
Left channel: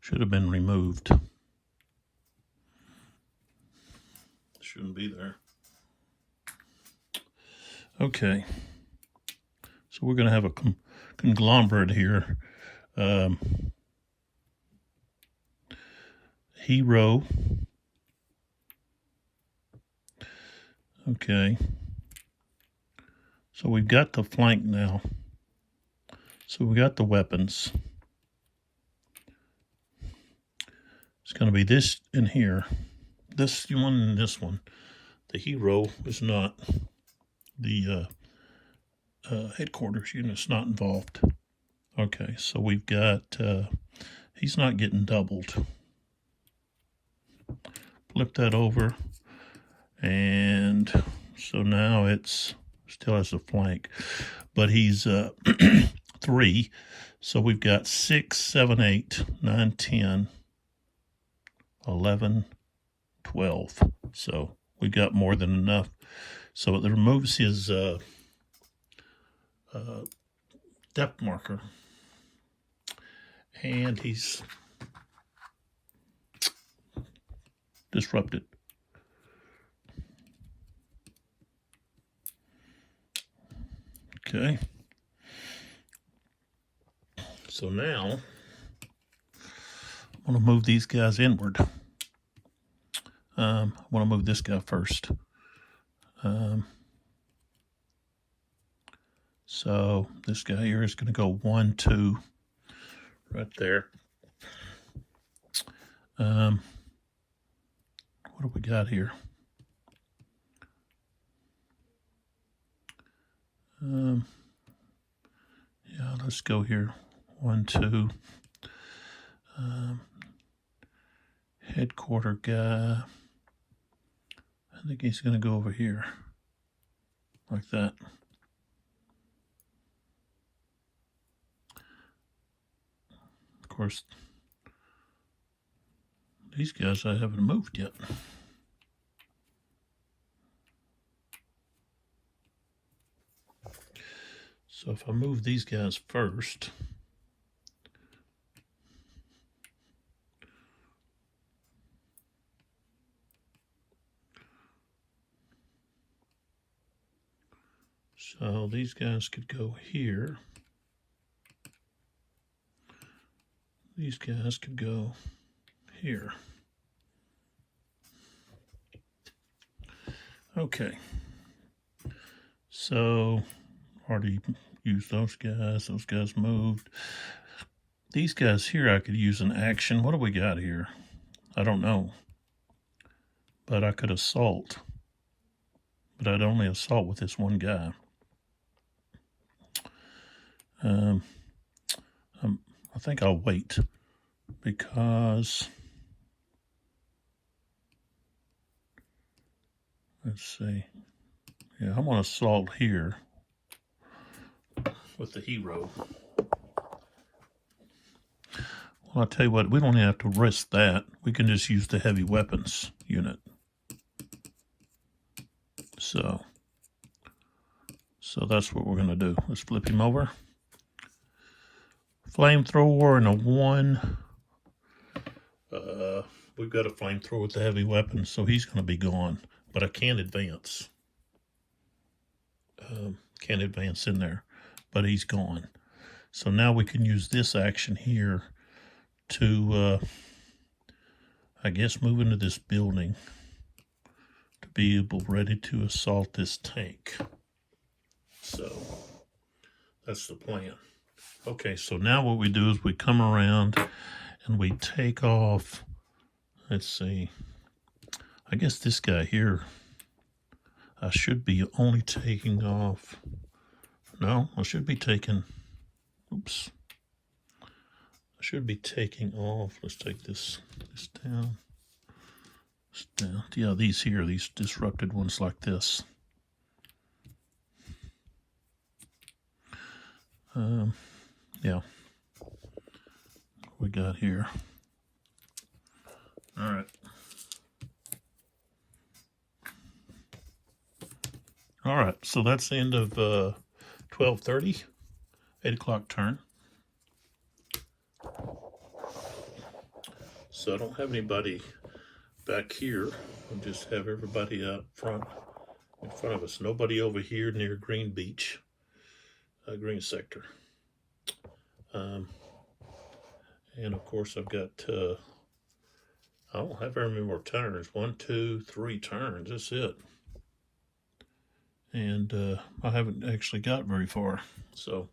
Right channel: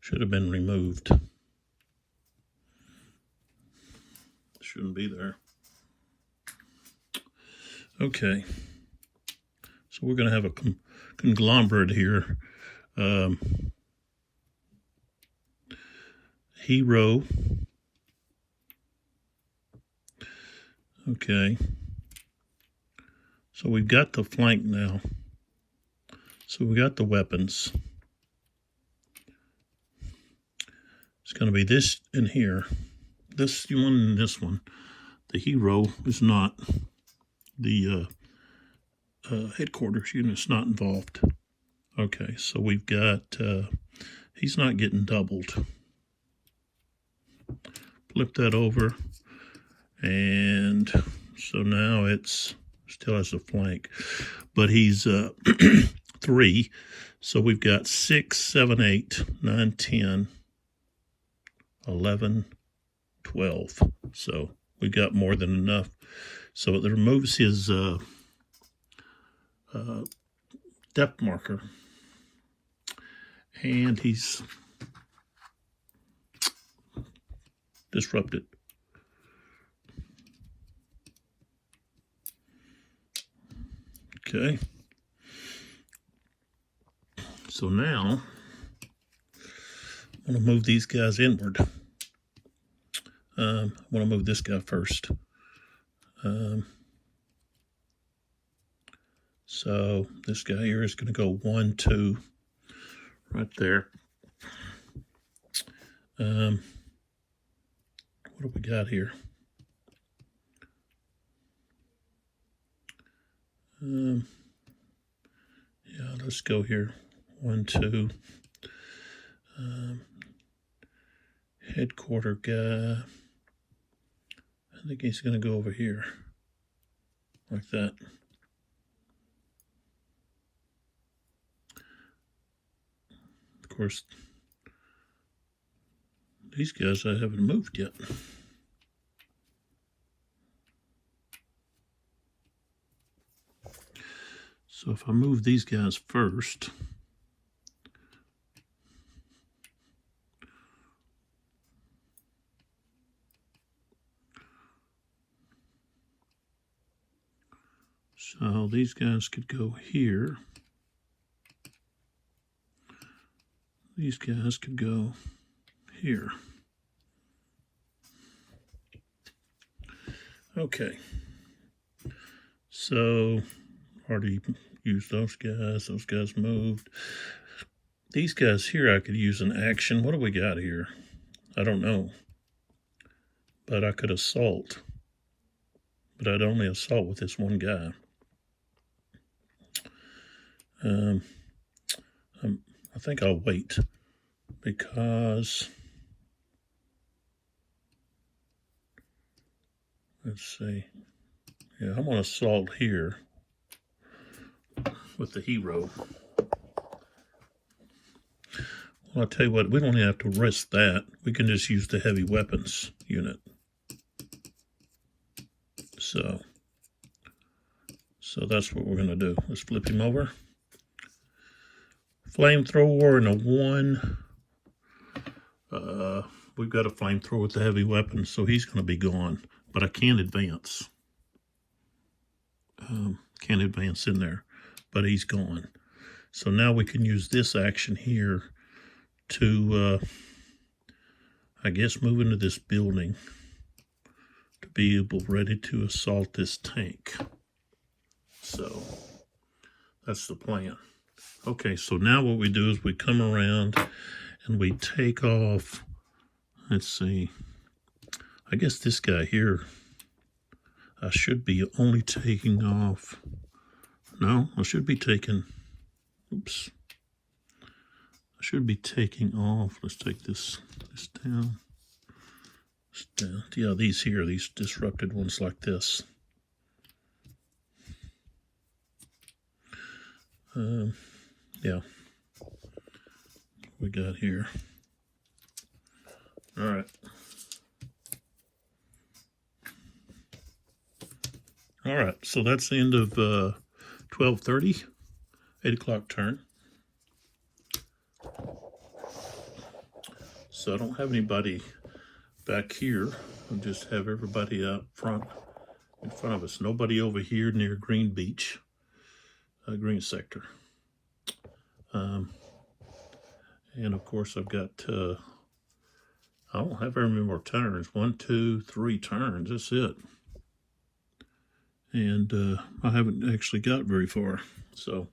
Should have been removed. Shouldn't be there. Okay. So we're going to have a conglomerate here. Hero. Okay. So we've got the flank now. So we got the weapons. It's going to be this in here. This one and this one. The hero is not. The headquarters unit's not involved. Okay, so we've got, he's not getting doubled. Flip that over. And so now it's still has a flank. But he's 3. So we've got 6, 7, 8, 9, 10, 11, 12. So we got more than enough. So it removes his depth marker. And he's disrupted. Okay. So now, I want to move these guys inward. I want to move this guy first. So this guy here is going to go 1, 2, right there. What do we got here? Yeah, let's go here. 1, 2. Headquarter guy. I think he's going to go over here, like that. Of course, these guys I haven't moved yet. So if I move these guys first, so these guys could go here. These guys could go here. Okay. So, already used those guys. Those guys moved. These guys here I could use an action. What do we got here? I don't know. But I could assault. But I'd only assault with this one guy. I think I'll wait because, let's see. Yeah, I'm going to assault here with the hero. Well, I'll tell you what, we don't have to risk that. We can just use the heavy weapons unit. So that's what we're going to do. Let's flip him over. Flamethrower and a 1. We've got a flamethrower with the heavy weapons, so he's going to be gone. But I can't advance. Can't advance in there, but he's gone. So now we can use this action here to, I guess, move into this building to be ready to assault this tank. So that's the plan. Okay, so now what we do is we come around and we take off, let's see, I guess this guy here, I should be only taking off, no, I should be taking, oops, I should be taking off, let's take this down, yeah, these here, these disrupted ones like this. Yeah, we got here. All right. All right, so that's the end of 12:30, 8 o'clock turn. So I don't have anybody back here. We'll just have everybody up front, in front of us. Nobody over here near Green Beach, Green Sector. And of course I've got, I don't have very many more turns. 1, 2, 3 turns, that's it. And I haven't actually got very far, so.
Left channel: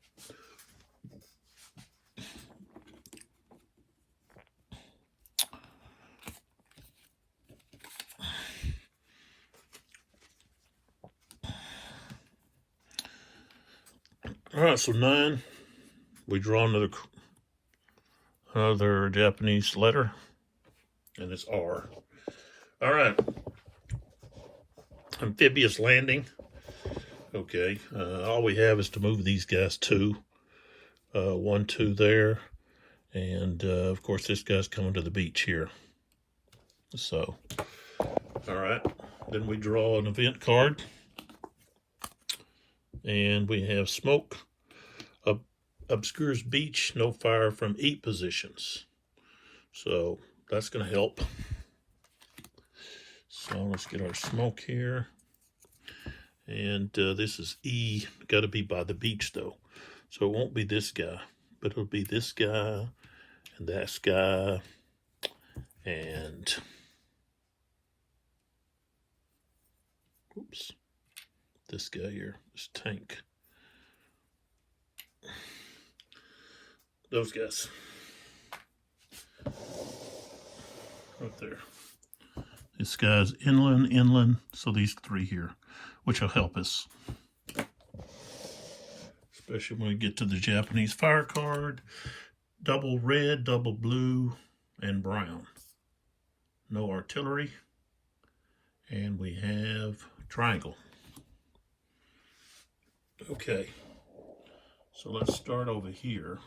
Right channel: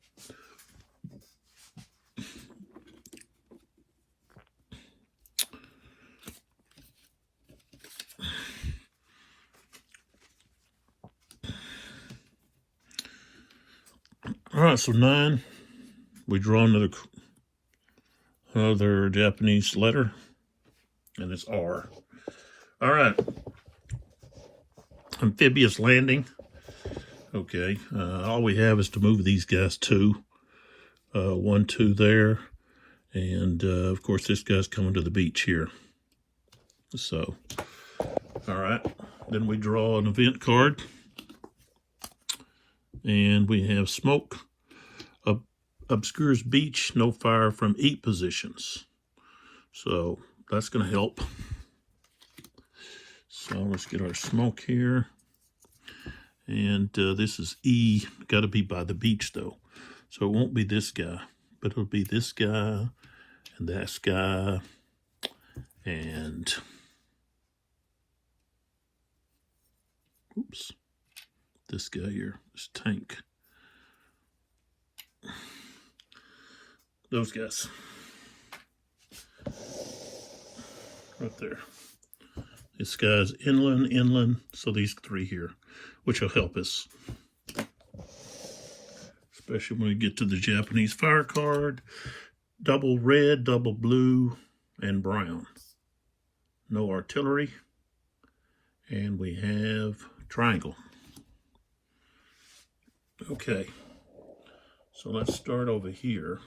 All right, so 9, we draw another Japanese letter, and it's R. All right, amphibious landing. Okay, all we have is to move these guys 2, 1, 2 there, and of course this guy's coming to the beach here. So, all right, then we draw an event card, and we have smoke. Obscures beach, no fire from 8 positions. So that's going to help. So let's get our smoke here. And this is E. Got to be by the beach though. So it won't be this guy, but it'll be this guy and that guy and oops, this guy here, this tank. Those guys. Right there. This guy's inland, so these 3 here, which will help us. Especially when we get to the Japanese fire card. Double red, double blue, and brown. No artillery. And we have triangle. Okay. So let's start over here.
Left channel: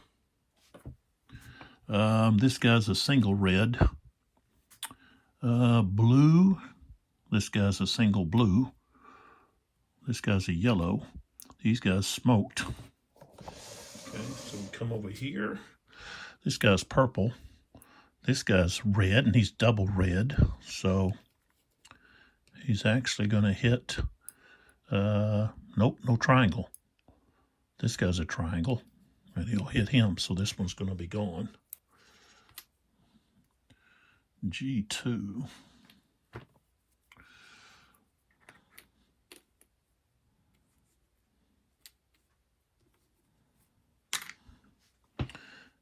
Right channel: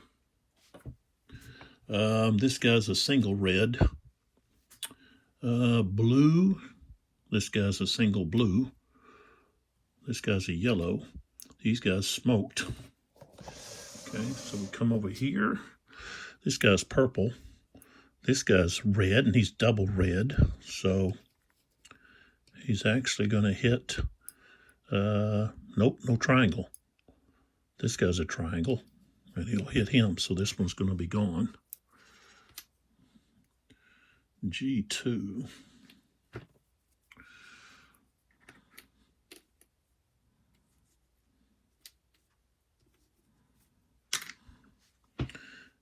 This guy's a single red. Blue. This guy's a single blue. This guy's a yellow. These guys smoked. Okay, so we come over here. This guy's purple. This guy's red, and he's double red. So he's actually going to hit, nope, no triangle. This guy's a triangle, and he'll hit him, so this one's going to be gone. G2.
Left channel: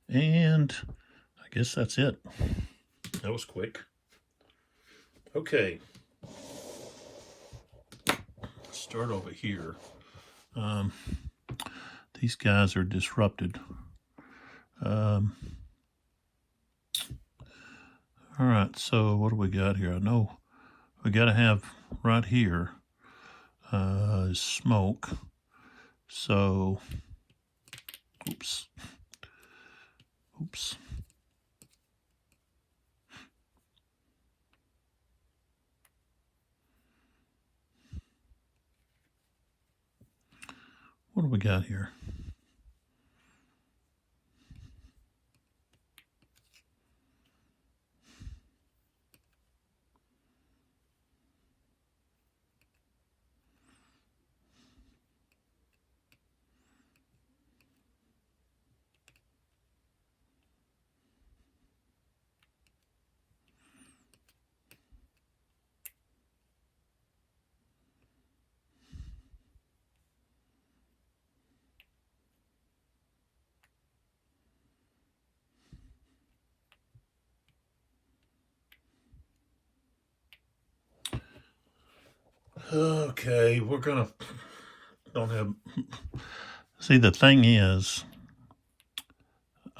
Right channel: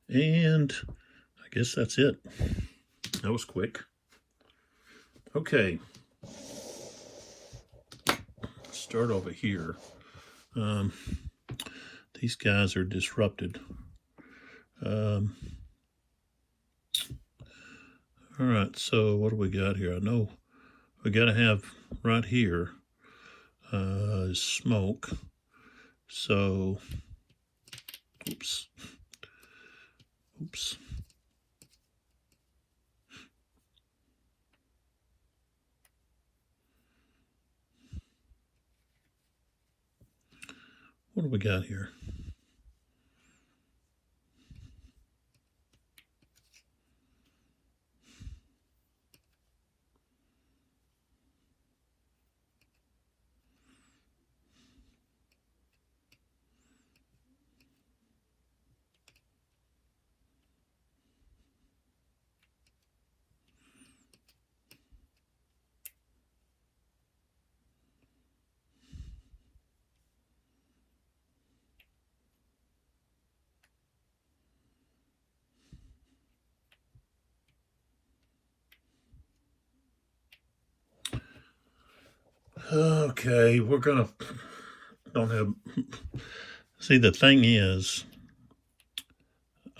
And I guess that's it. That was quick. Okay. Start over here. These guys are disrupted. All right, so what do we got here? I know we got to have right here is smoke. So, oops. What do we got here? Okay, we're gonna don't have. See, the thing is,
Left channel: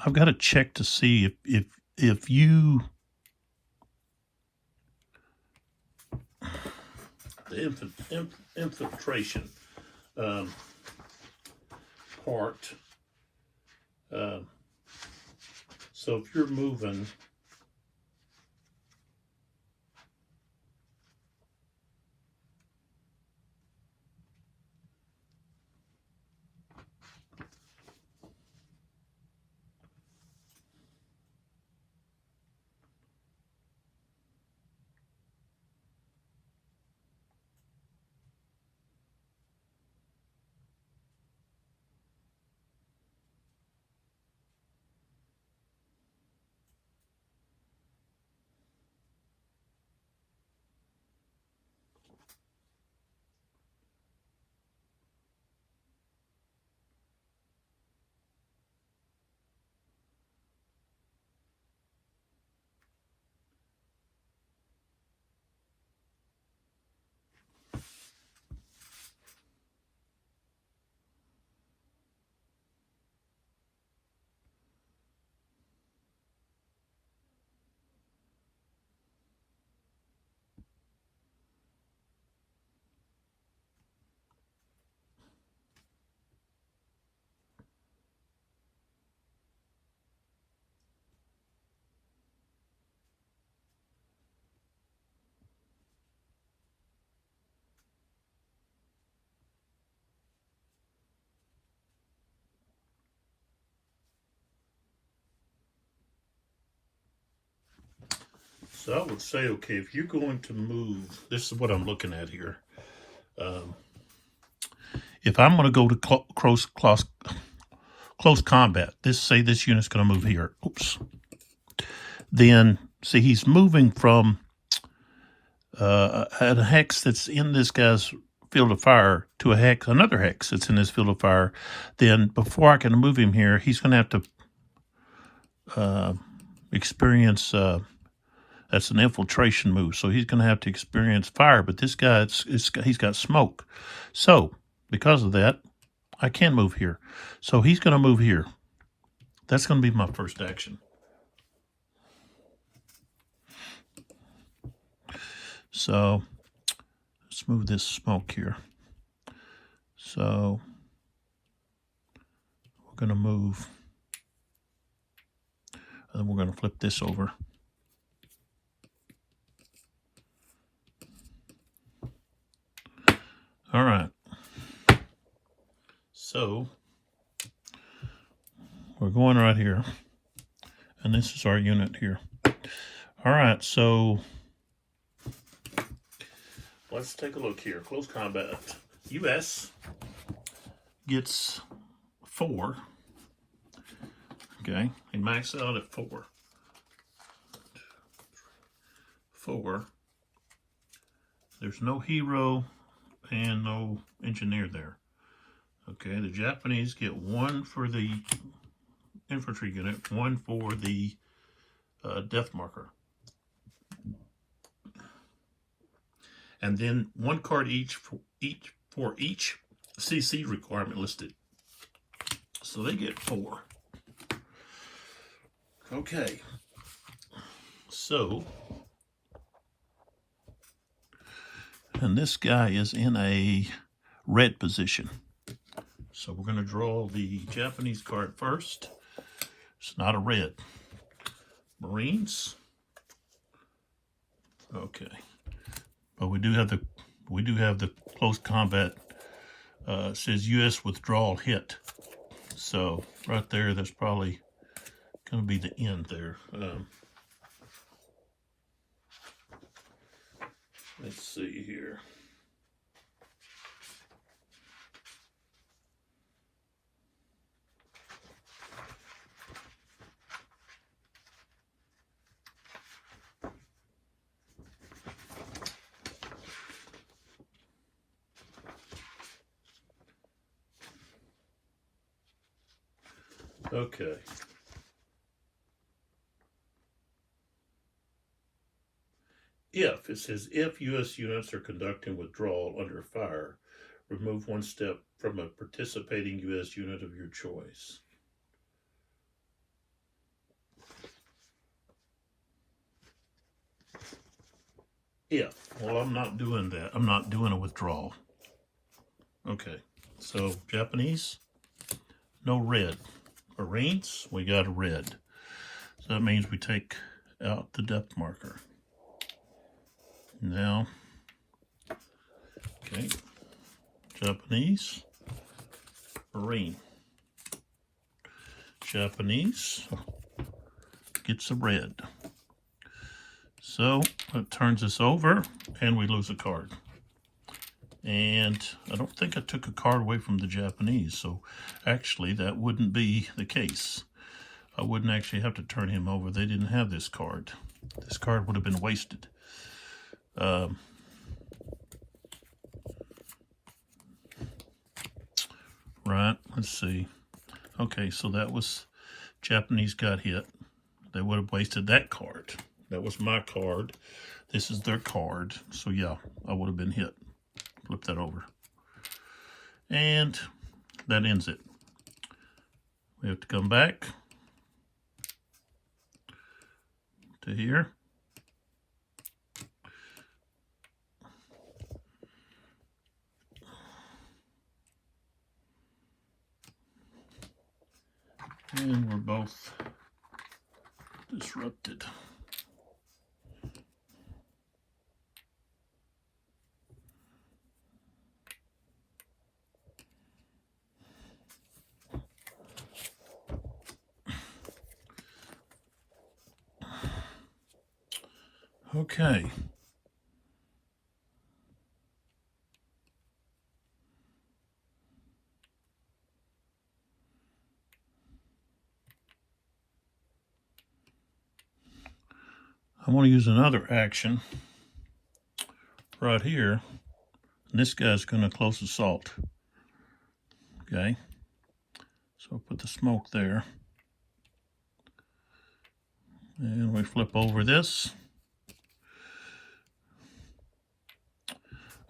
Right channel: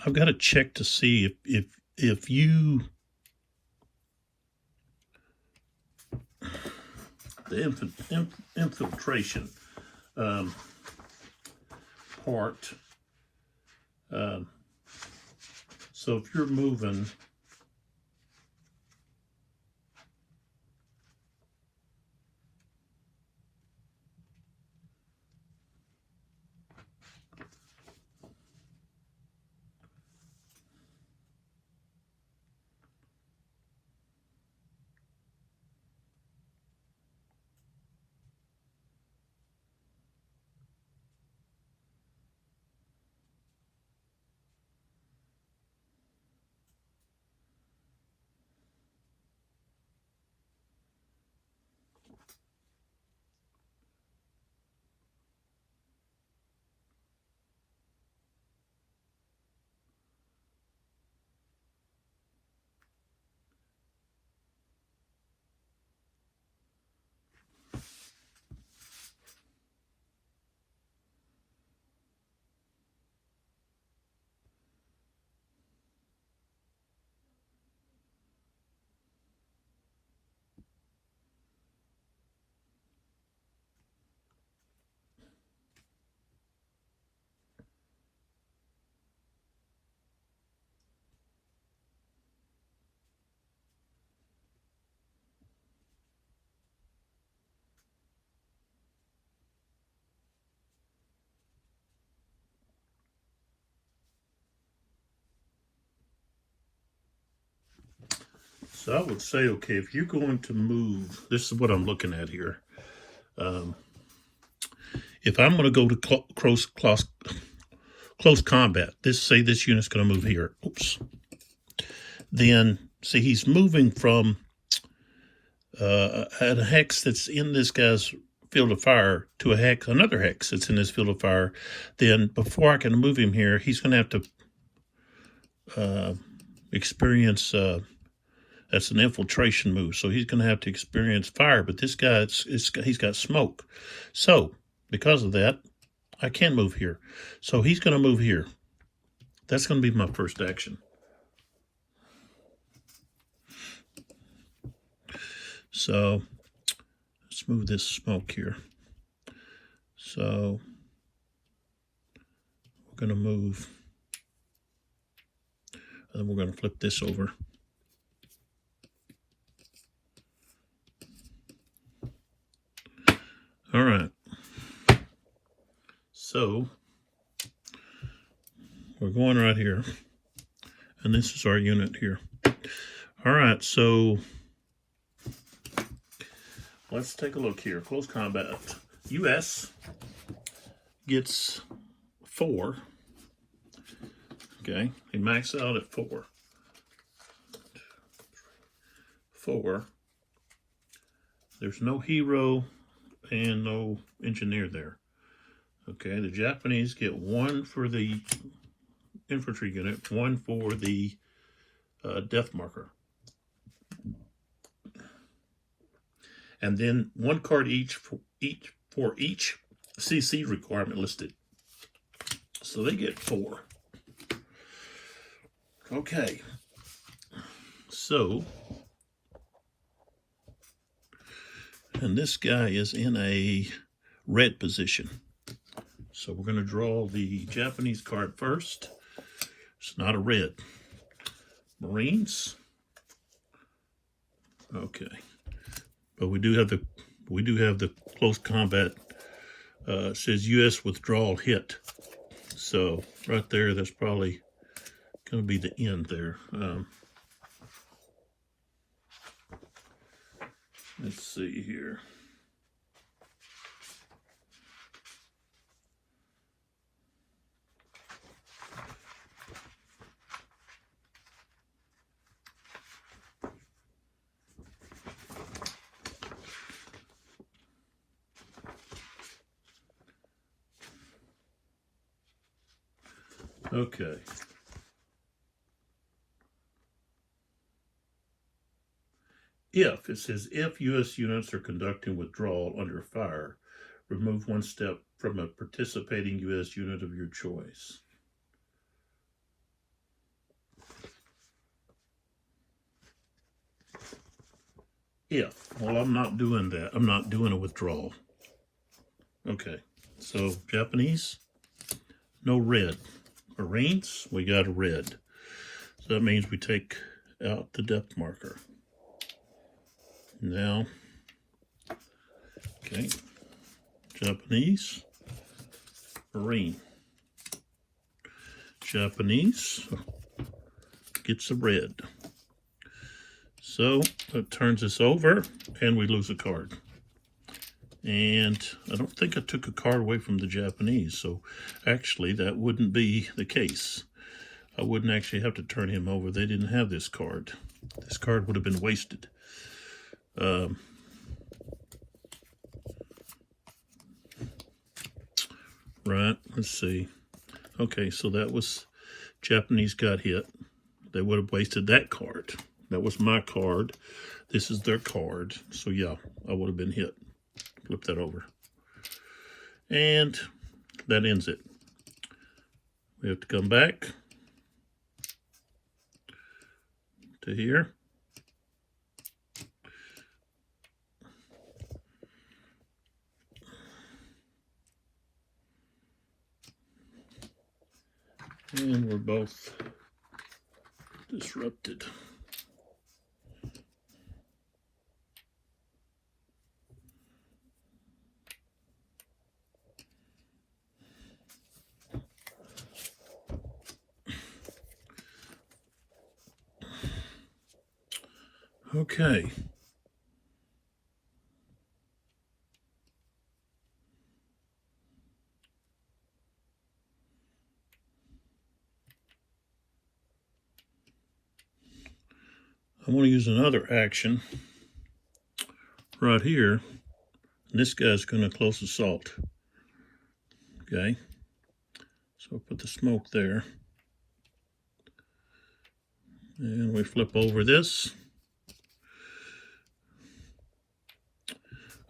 I've got to check to see if you the infiltration part. So if you're moving. So I would say, okay, if you're going to move, this is what I'm looking at here. If I'm going to go to close combat, say this unit's going to move here. Oops. Then, see, he's moving from a hex that's in this guy's field of fire to another hex that's in his field of fire. Then, before I can move him here, he's going to have to experience. That's an infiltration move, so he's going to have to experience fire. But this guy, he's got smoke. So, because of that, I can't move here. So he's going to move here. That's going to be my first action. So, let's move this smoke here. So, we're going to move, and we're going to flip this over. All right. So, we're going right here. And this is our unit here. All right, so let's take a look here. Close combat. US gets 4. Okay, he maxes out at 4. 4. There's no hero and no engineer there. Okay, the Japanese get 1 for the infantry unit, 1 for the death marker. And then 1 card for each CC requirement listed. So they get 4. Okay. So, and this guy is in a red position. So we're going to draw the Japanese card first. It's not a red. Marines. Okay. But we do have the close combat. It says U.S. withdrawal hit. So right there, that's probably going to be the end there. Let's see here. Okay. It says if U.S. units are conducting withdrawal under fire, remove 1 step from a participating U.S. unit of your choice. Well, I'm not doing that. I'm not doing a withdrawal. Okay, so Japanese, no red. Marines, we got a red. So that means we take out the depth marker. Now, okay, Japanese, Marine. Japanese gets a red. So that turns us over and we lose a card. And I don't think I took a card away from the Japanese, so actually that wouldn't be the case. I wouldn't actually have to turn him over. They didn't have this card. This card would have been wasted. Right, let's see. Okay, so that was Japanese got hit. They would have wasted that card. That was my card. This is their card. So yeah, I would have been hit. Flip that over. And that ends it. We have to come back to here. And we're both disrupted. Okay. I want to use another action right here. This guy's going to close assault. Okay. So I'll put the smoke there. And we flip over this.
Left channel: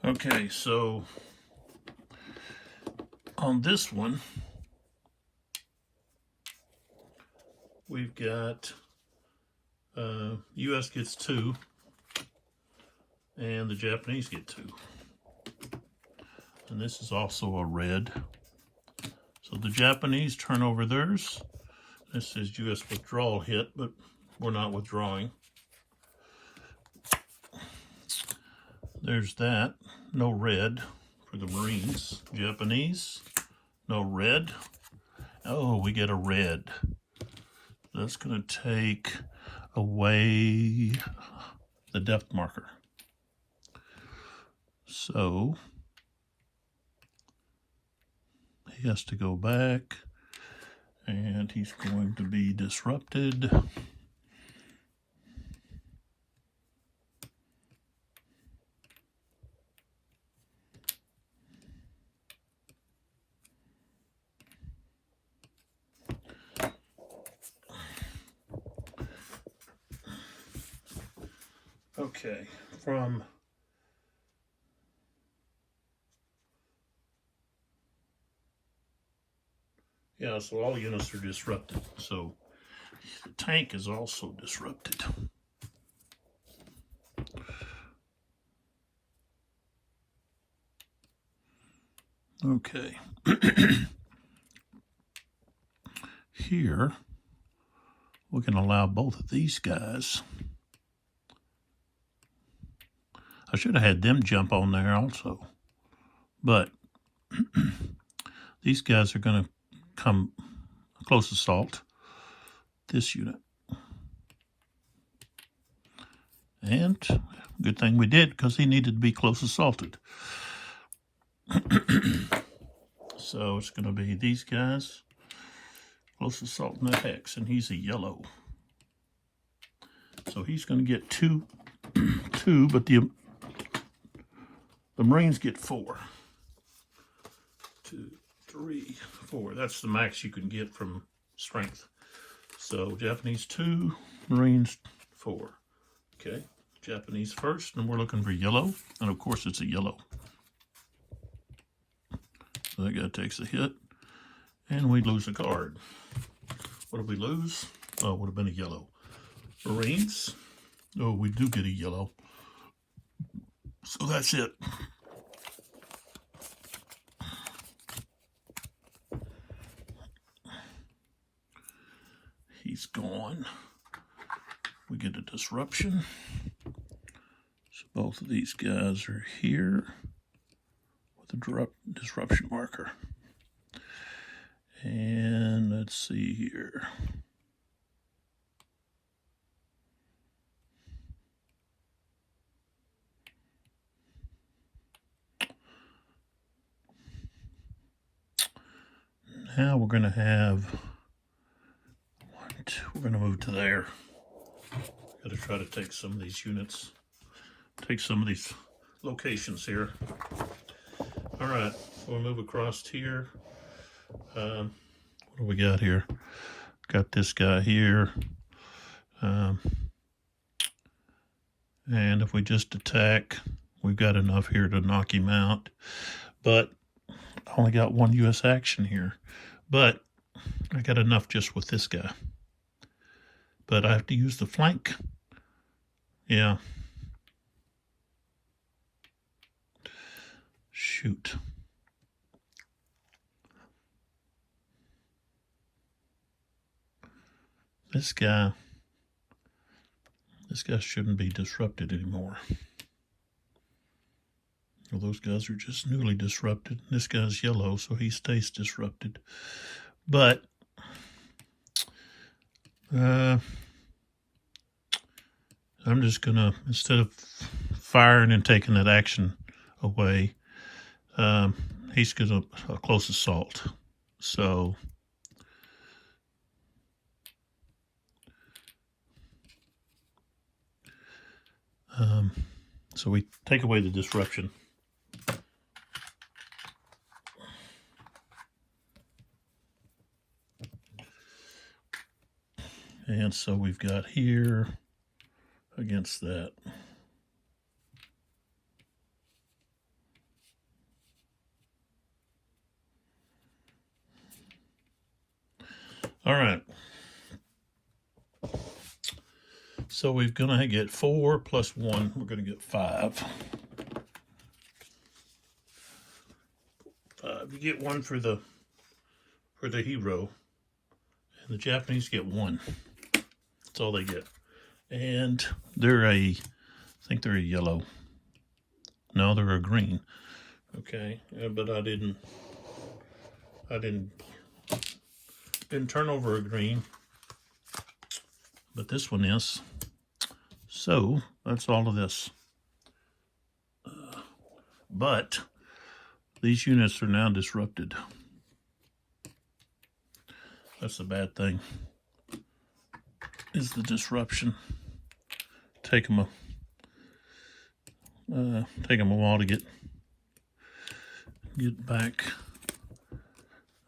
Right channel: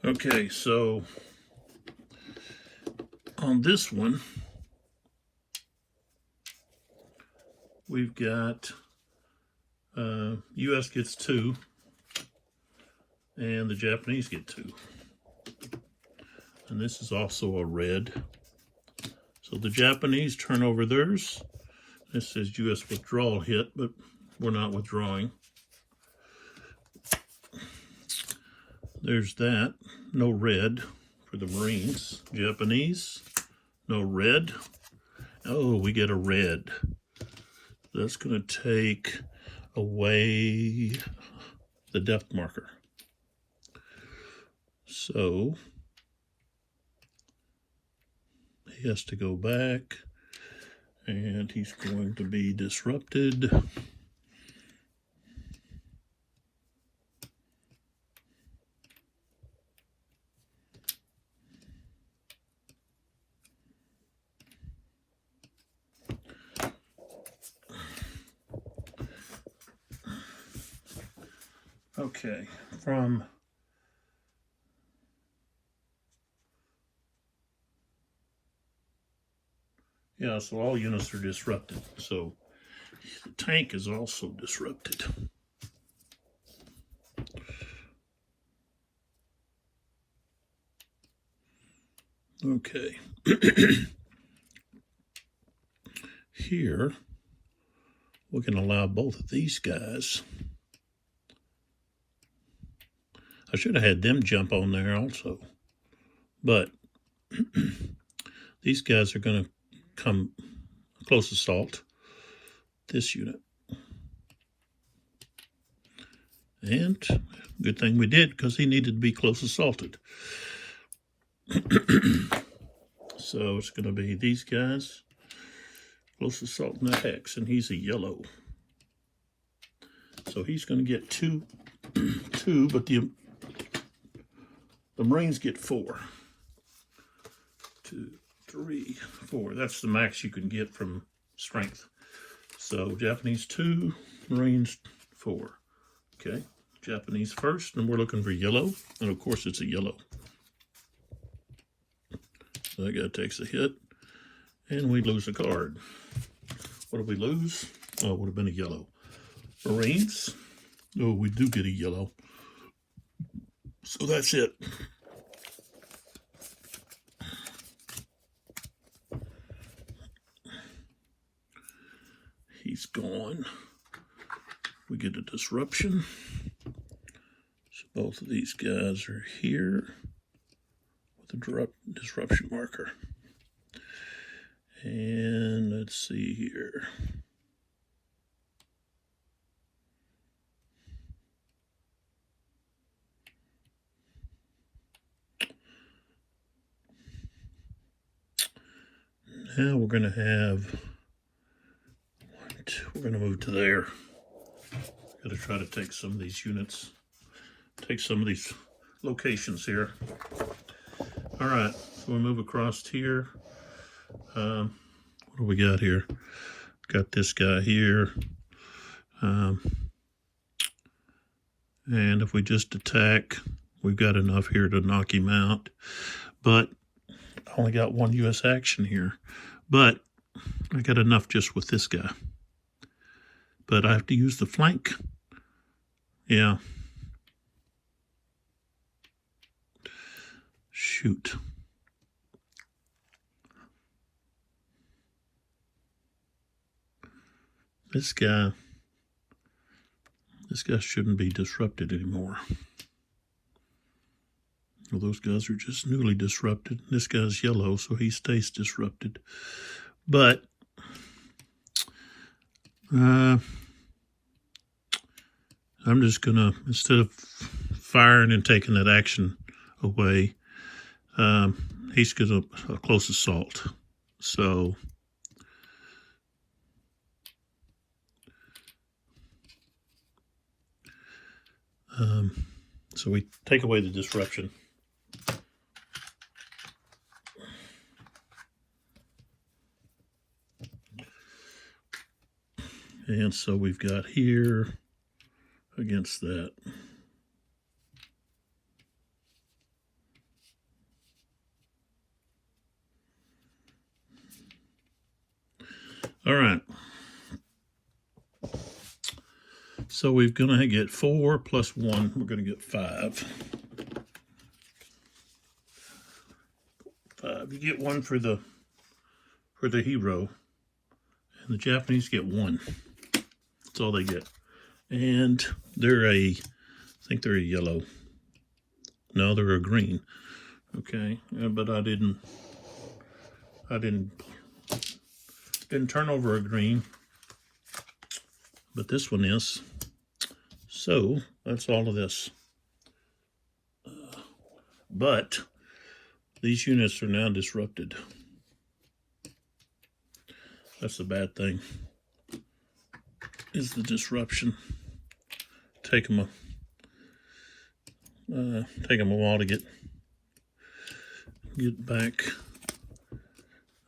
Okay, so on this one, we've got U.S. gets 2, and the Japanese get 2. And this is also a red. So the Japanese turn over theirs. This says U.S. withdrawal hit, but we're not withdrawing. There's that. No red for the Marines. Japanese, no red. Oh, we get a red. That's going to take away the depth marker. So he has to go back, and he's going to be disrupted. Okay, from yeah, so all units are disrupted. So the tank is also disrupted. Okay. Here, we can allow both of these guys. I should have had them jump on there also. But these guys are going to come close assault this unit. And good thing we did, because he needed to be close assaulted. So it's going to be these guys, close assault in FX, and he's a yellow. So he's going to get two, but the Marines get 4. 2, 3, 4. That's the max you can get from strength. So Japanese 2, Marines 4. Okay, Japanese first, and we're looking for yellow, and of course it's a yellow. So that guy takes a hit, and we lose a card. What did we lose? Oh, it would have been a yellow. Marines. Oh, we do get a yellow. So that's it. He's gone. We get a disruption. So both of these guys are here with a disruption marker. And let's see here. Now we're going to have, we're going to move to there. Got to try to take some of these units, take some of these locations here. All right, so we'll move across here. What do we got here? Got this guy here. And if we just attack, we've got enough here to knock him out. But I only got 1 U.S. action here. But I got enough just with this guy. But I have to use the flank. Yeah. Shoot. This guy shouldn't be disrupted anymore. Well, those guys are just newly disrupted. This guy's yellow, so he stays disrupted. But I'm just gonna, instead of firing and taking that action away, he's gonna close assault. So so we take away the disruption. And so we've got here against that. All right. So we're going to get 4 plus 1. We're going to get 5. 5. You get 1 for the hero, and the Japanese get 1. That's all they get. And they're I think they're a yellow. No, they're a green. Okay, but I didn't turn over a green, but this one is. So that's all of this. But these units are now disrupted. That's the bad thing, is the disruption. Take them a while to get back.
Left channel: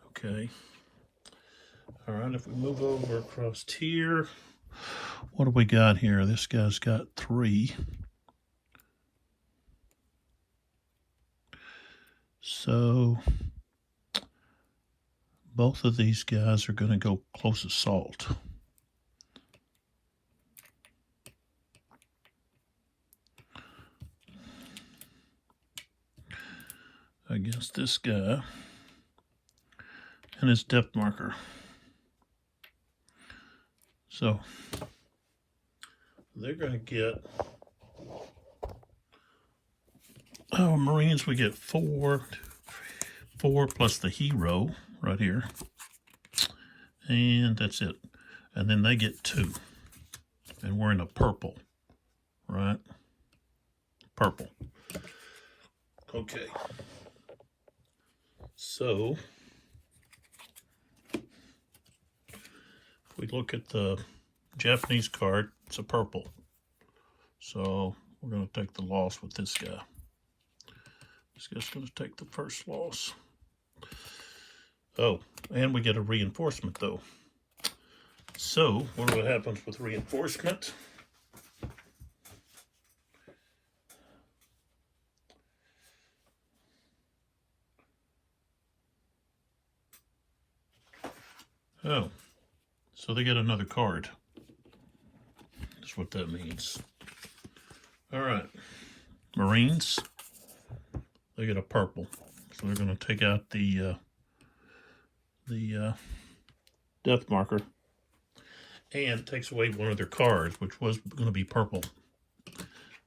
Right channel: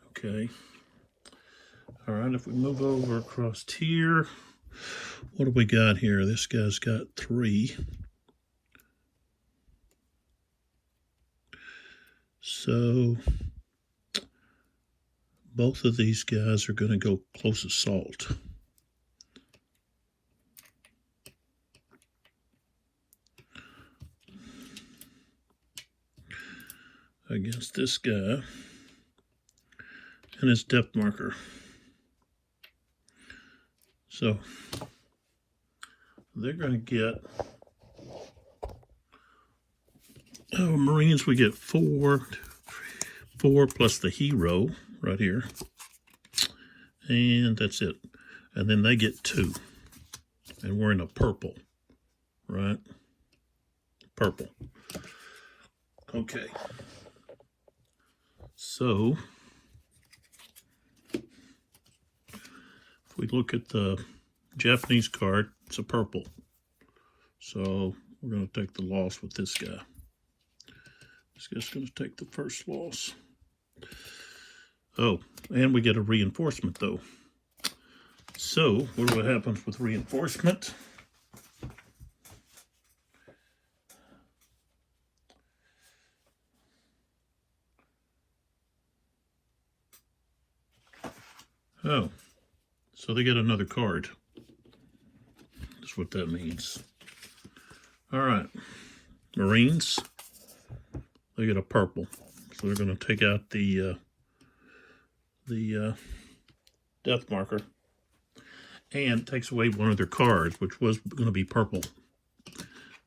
Okay. All right, if we move over across here, What do we got here? This guy's got 3. So both of these guys are going to go close assault. Against this guy and his depth marker. So they're going to get, Marines, we get 4 plus the hero right here. And that's it. And then they get 2. And we're in a purple, right? Purple. Okay. So, if we look at the Japanese card, it's a purple. So, we're going to take the loss with this guy. This guy's going to take the first loss. Oh, and we get a reinforcement, though. So, what happens with reinforcement? Oh, so they get another card. That's what that means. All right, Marines, they get a purple. So we're going to take out the death marker, and takes away one of their cards, which was going to be purple.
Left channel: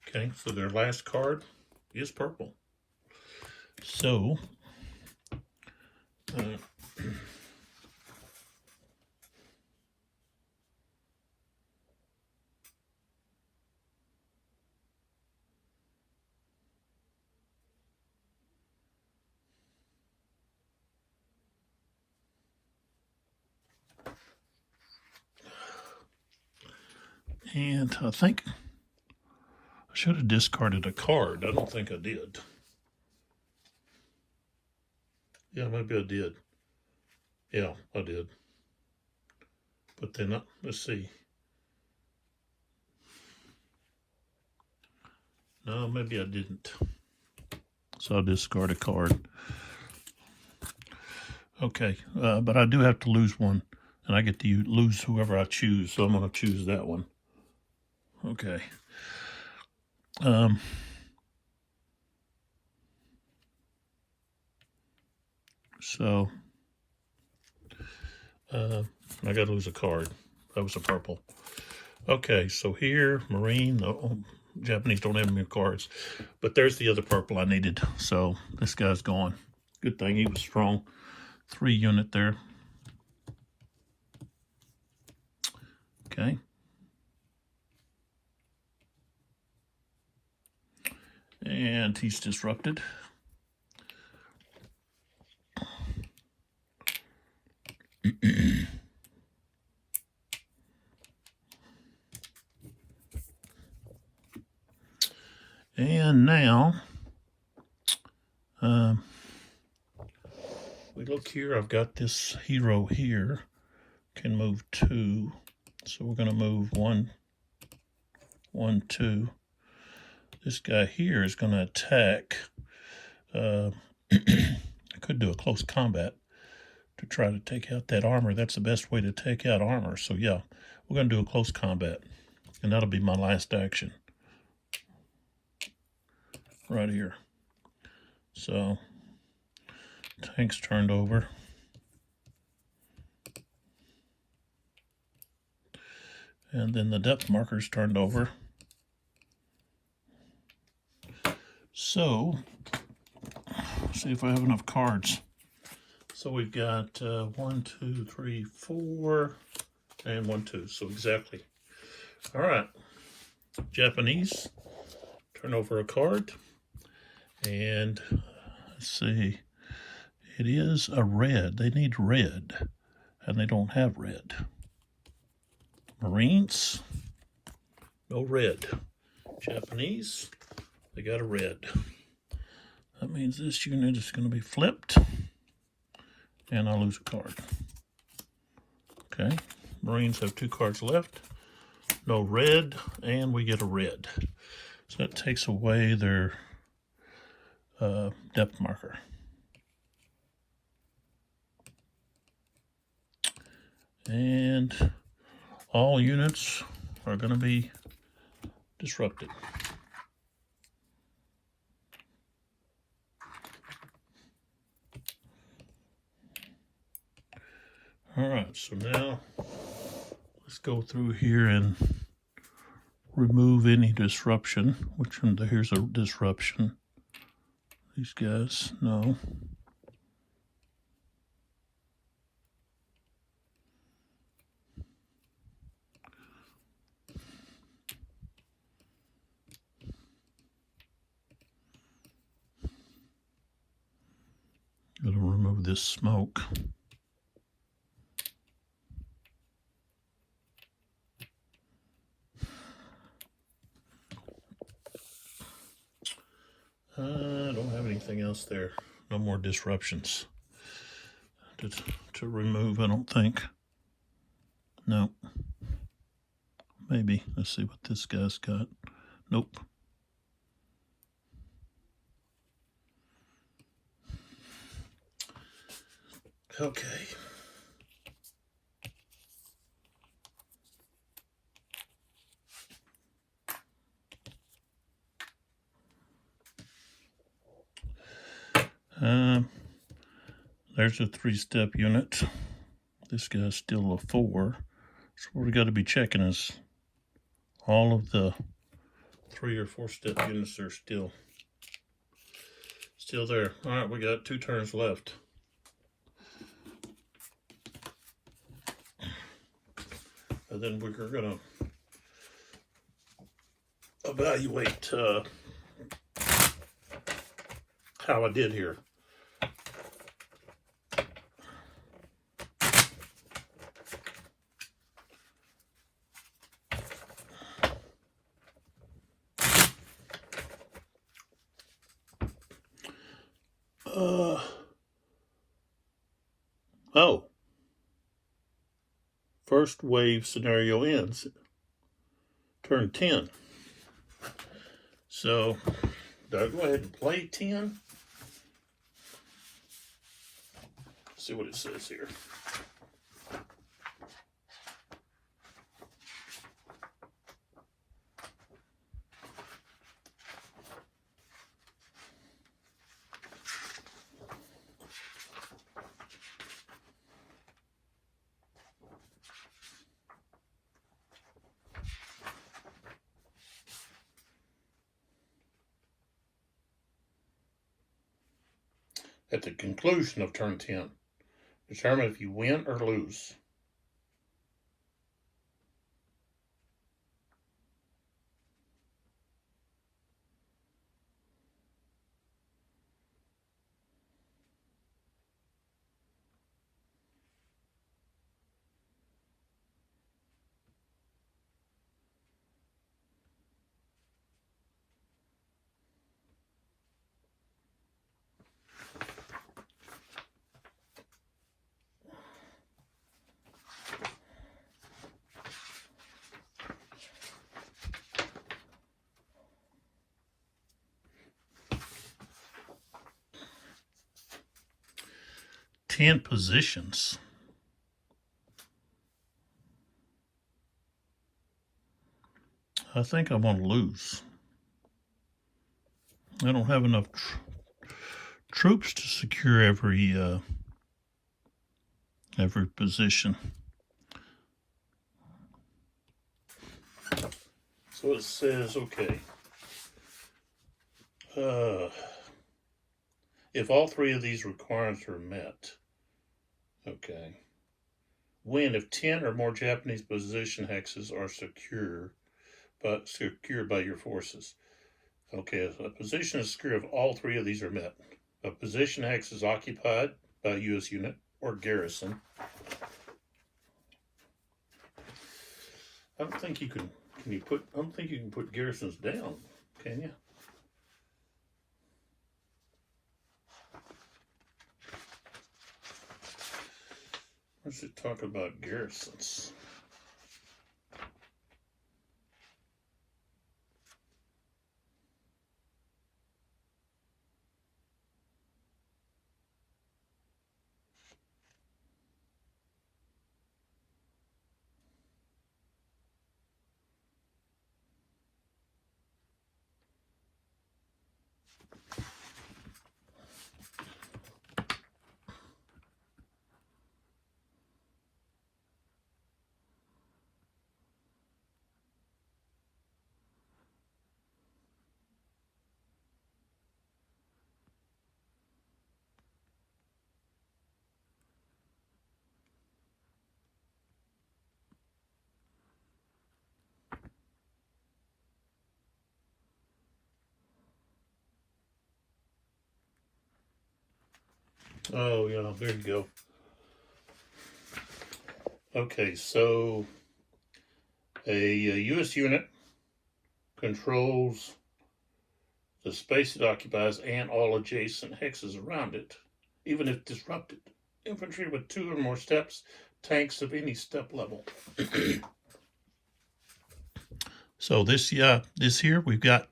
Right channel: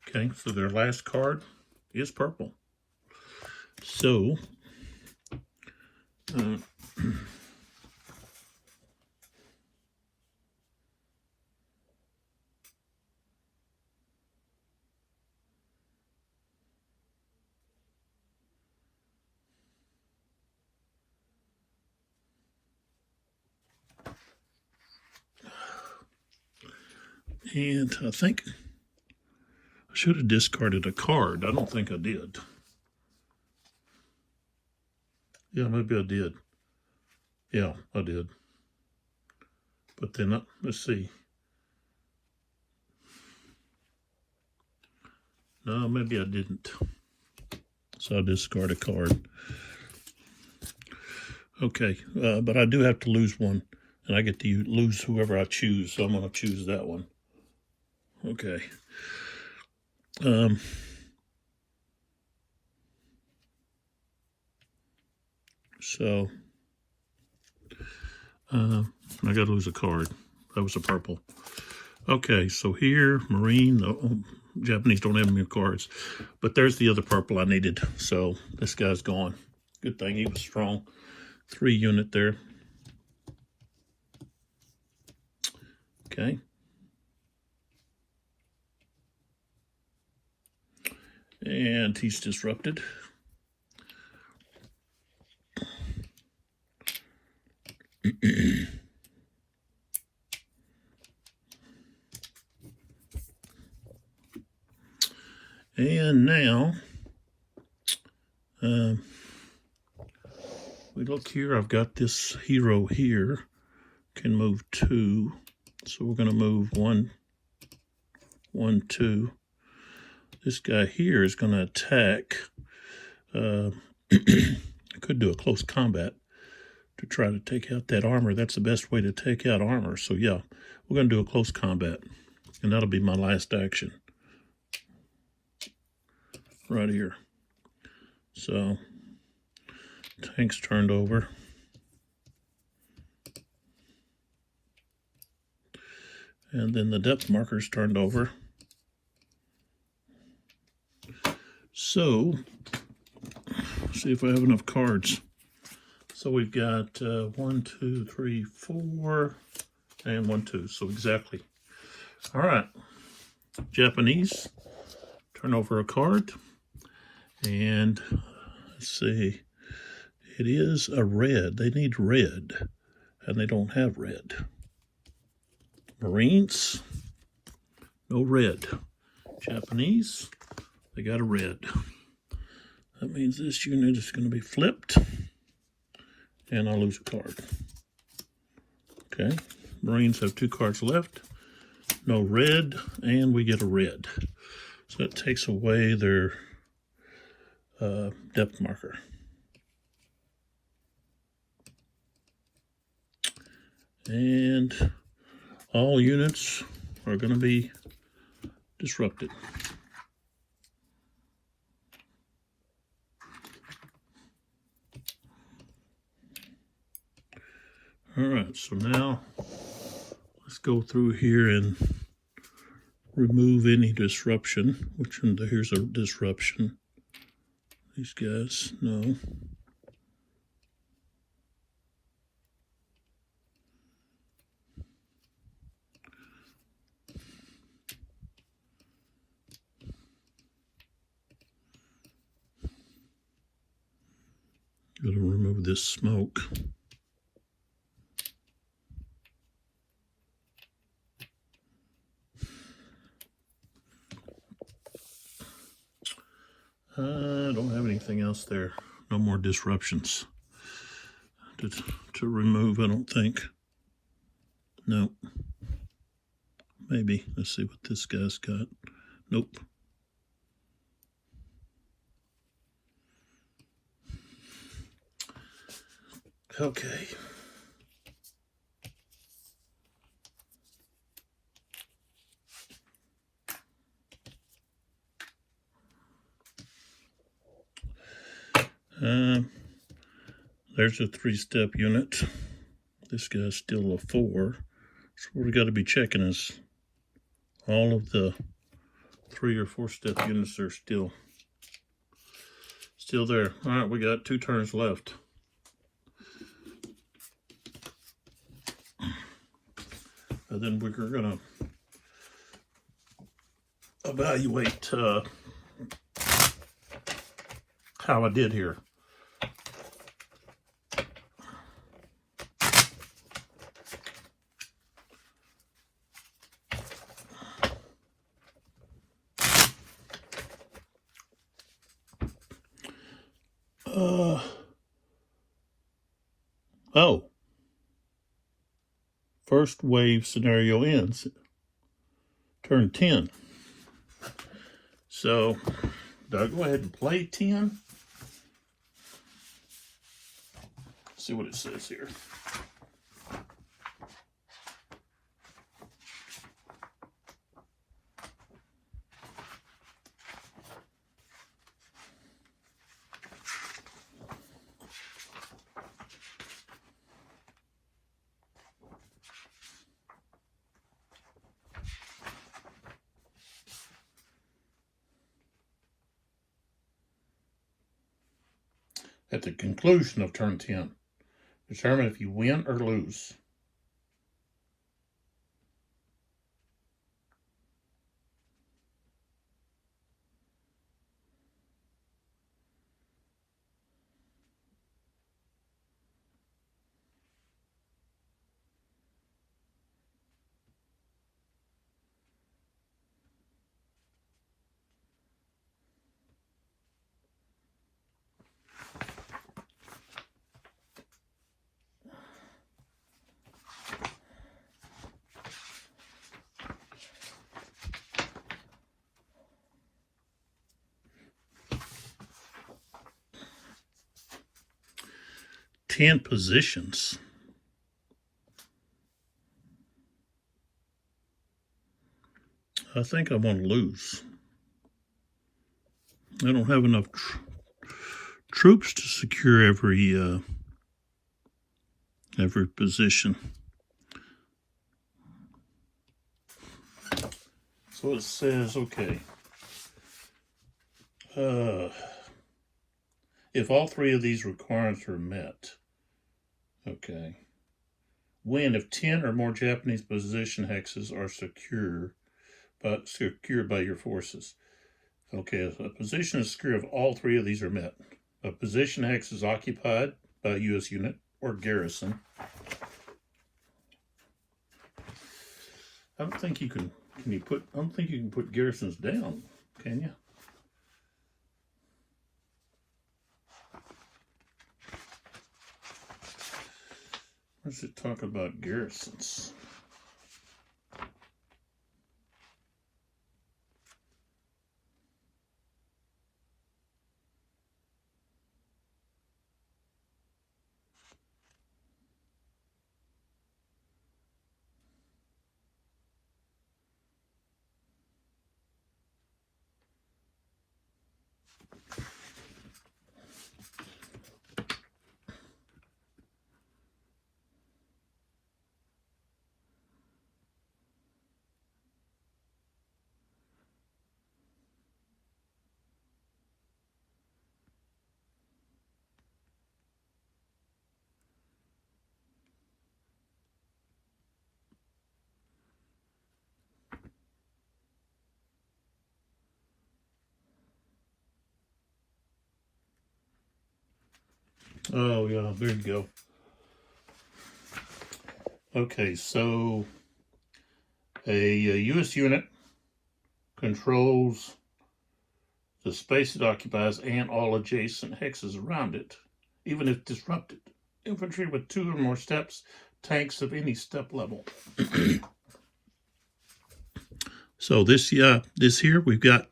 Okay, so their last card is purple. So, and I think I should have discarded a card. I don't think I did. Yeah, maybe I did. Yeah, I did. But then, let's see. No, maybe I didn't. So I'll discard a card. Okay, but I do have to lose one. And I get to lose whoever I choose. So I'm going to choose that one. Okay. So, I got to lose a card. That was a purple. Okay, so here, Marine, Japanese don't have many cards. But there's the other purple I needed. So this guy's gone. Good thing he was strong. 3 unit there. Okay. And he's disrupted. And now, we look here, I've got this hero here, can move 2. So we're going to move 1, 1, 2. This guy here is going to attack. I could do a close combat to try to take out that armor. That's the best way to take out armor. So yeah, we're going to do a close combat. And that'll be my last action. Right here. So, tank's turned over. And then the depth marker's turned over. So, see if I have enough cards. So we've got 1, 2, 3, 4, and 1, 2. So exactly. All right. Japanese, turn over a card. And let's see. It is a red. They need red. And they don't have red. Marines, no red. Japanese, they got a red. That means this unit is going to be flipped. And I'll lose a card. Okay. Marines have 2 cards left. no red, and we get a red. So that takes away their depth marker. And all units are going to be disrupted. All right, so now let's go through here and remove any disruption. Which one? Here's a disruption. These guys, no. Gotta remove this smoke. I don't have anything else there. No more disruptions to remove, I don't think. No. Maybe. Let's see what this guy's got. Nope. Okay. There's a 3-step unit. This guy's still a 4. So what we got to be checking is all of the 3 or 4-step units are still there. All right, we got 2 turns left. And then we're going to evaluate how I did here. Oh. First wave scenario ends. Turn 10. So, do I go ahead and play 10? See what it says here. At the conclusion of turn 10, determine if you win or lose. Ten positions. I think I want to lose. I don't have enough troops to secure every position. So it says, okay, if all 3 of these requirements are met, okay, win if 10 or more Japanese position hexes are secured by your forces. Okay, a position is secure if all 3 of these are met. A position hex is occupied by a U.S. unit or garrison. I don't think you can. I don't think you can put garrisons down, can you? Where's it talk about garrisons? Oh, yeah, there you go. Okay, so a U.S. unit controls the space it occupies and all adjacent hexes around it, even if disrupted. Infantry with 2 or more steps, tanks of any step level. So this here we've got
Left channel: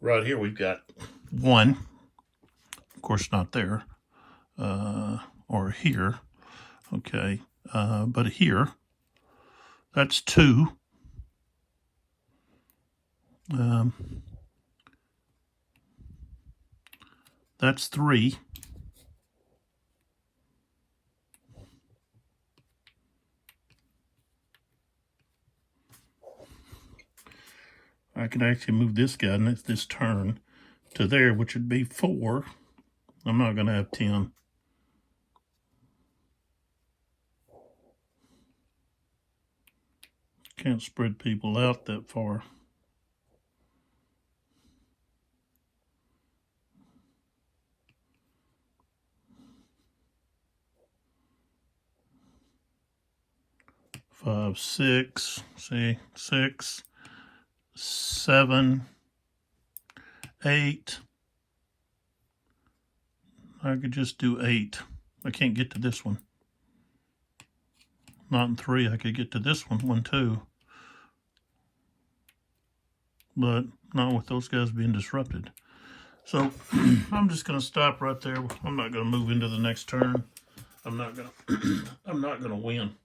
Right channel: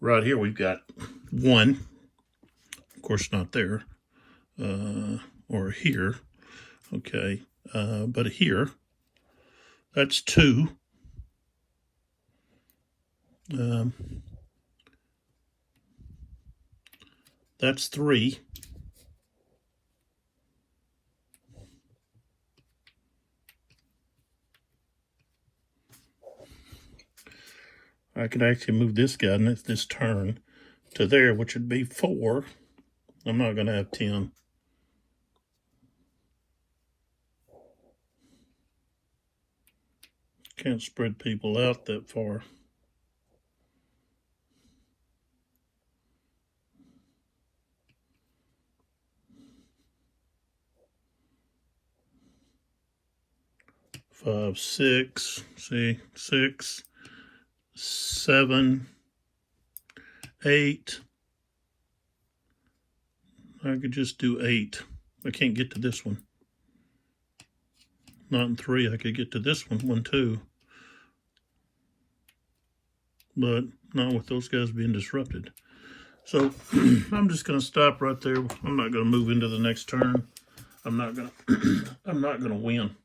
right here we've got 1, of course not there, or here, okay, but here that's 2. That's 3. I could actually move this guy and this turn to there, which would be 4. I'm not going to have 10. Can't spread people out that far. Five, 6, see, 6, 7, 8. I could just do 8. I can't get to this one. Not in 3. I could get to this one too. But not with those guys being disrupted. So I'm just going to stop right there. I'm not going to move into the next turn. I'm not going to win.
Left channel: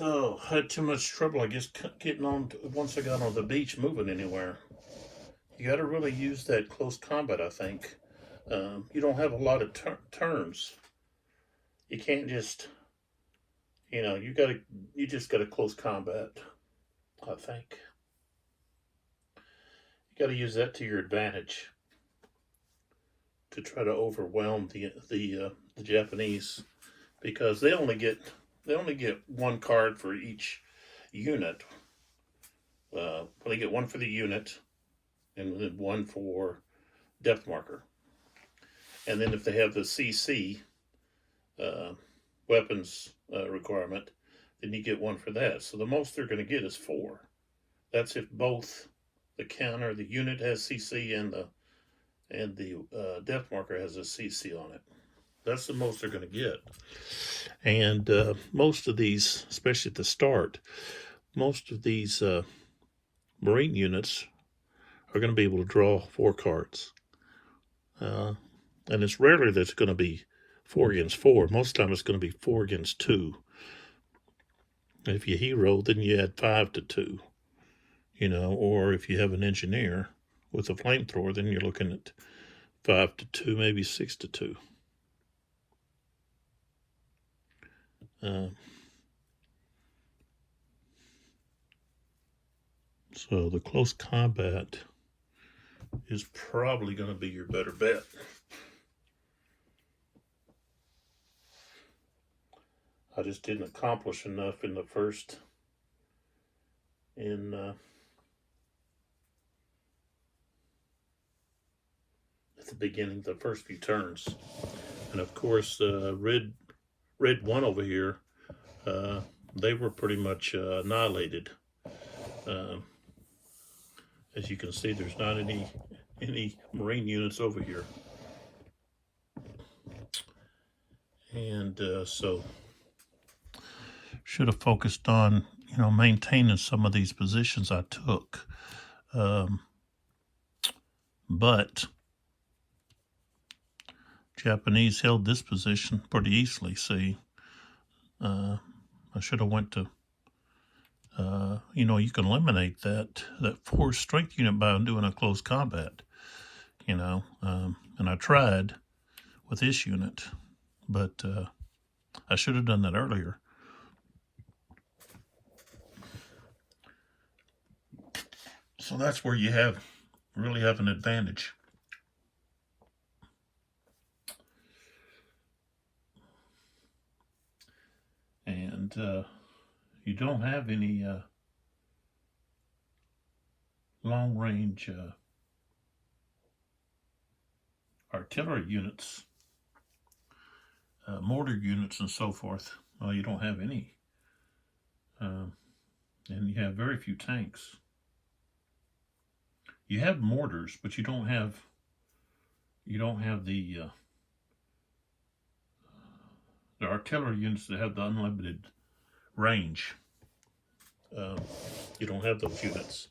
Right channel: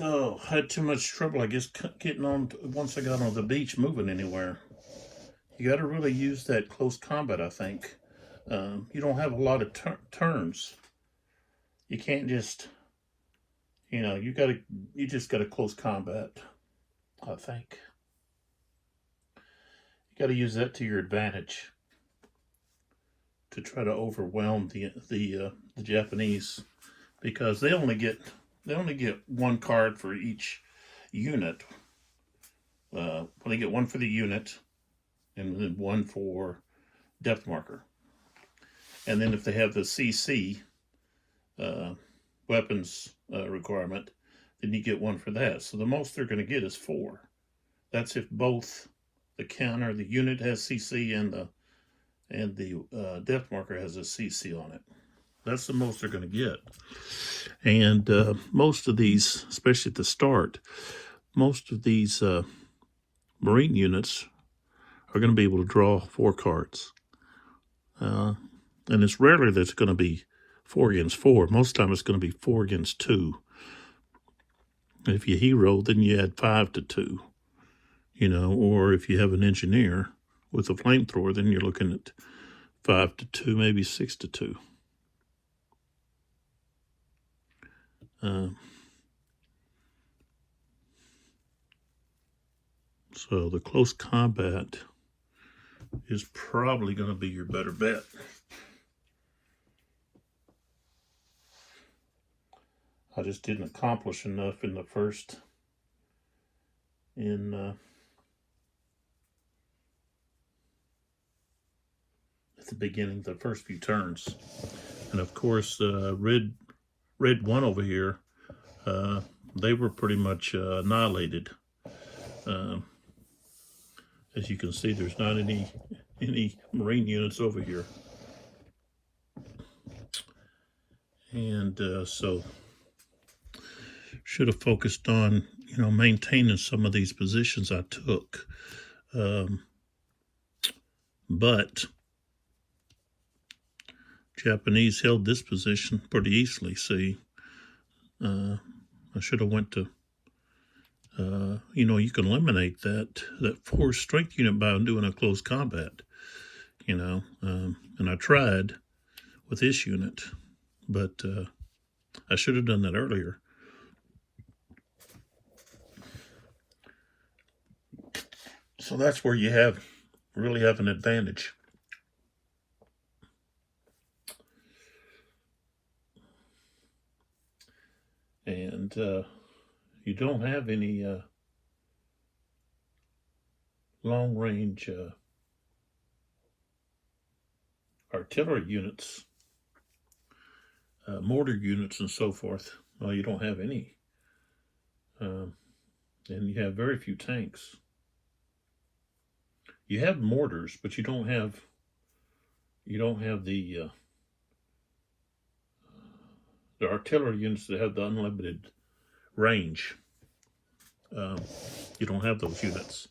Oh, had too much trouble, I guess, getting on once I got on the beach, moving anywhere. You got to really use that close combat, I think. You don't have a lot of turns. You can't just, you just got to close combat, I think. You got to use that to your advantage to try to overwhelm the Japanese, because they only get 1 card for each unit. They get 1 for the unit, and then 1 for depth marker. And then if they have the CC weapons requirement, then you get 1 for that. So the most they're going to get is 4. That's if both the counter, the unit has CC, and the depth marker has a CC on it. That's the most they're going to get. And most of these, especially at the start, most of these Marine units are going to be able to draw 4 cards. And it's rarely that it's going to be 4 against 4. Most of the time it's going to be 4 against 2. If you hero, then you add 5 to 2. Or if you have an engineer with a flamethrower, then you're looking at 5 to 2, maybe 6 to 2. So the close combat is probably going to be your better bet. I just didn't accomplish enough in the first, at the beginning, the first few turns. And of course, red 1 over here, they were pretty much annihilated. As you can see, there's not any Marine units over here. And so should have focused on, maintaining some of these positions I took. But Japanese held this position pretty easily. See, I should have went to, you can eliminate that 4 strength unit by doing a close combat, and I tried with this unit, but I should have done that earlier. So that's where you really have an advantage. And you don't have any long-range artillery units, mortar units, and so forth. Well, you don't have any, and you have very few tanks. You have mortars, but you don't have the artillery units that have the unlimited range. You don't have those units.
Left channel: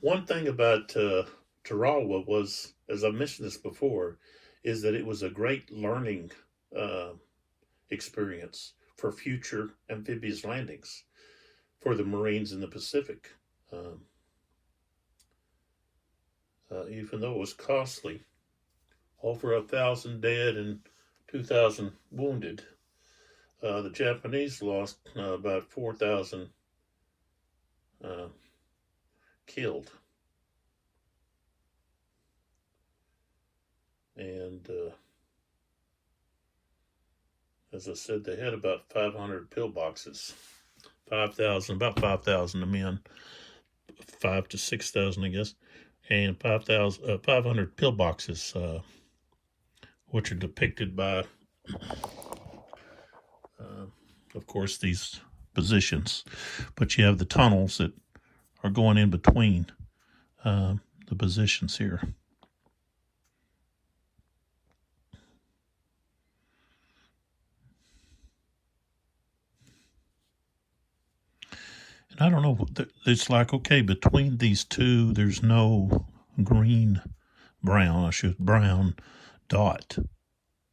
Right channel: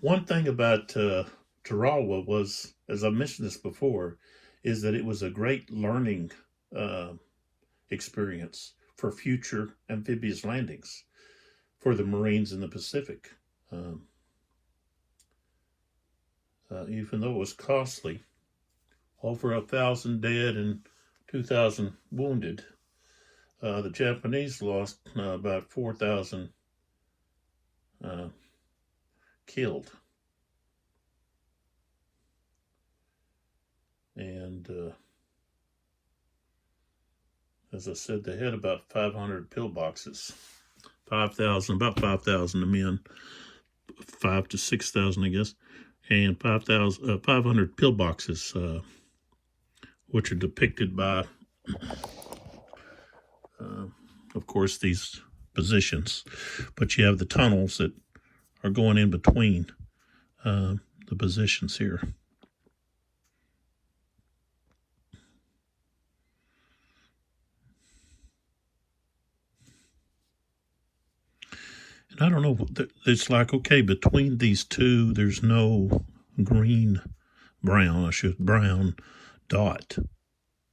One thing about Tarawa was, as I mentioned this before, is that it was a great learning experience for future amphibious landings for the Marines in the Pacific. Even though it was costly, over 1,000 dead and 2,000 wounded, the Japanese lost about 4,000 killed. And as I said, they had about 500 pillboxes. 5,000, about 5,000 of men, 5 to 6,000, I guess, and 500 pillboxes, which are depicted by, of course, these positions. But you have the tunnels that are going in between the positions here. And I don't know, it's like, okay, between these two, there's no brown dot.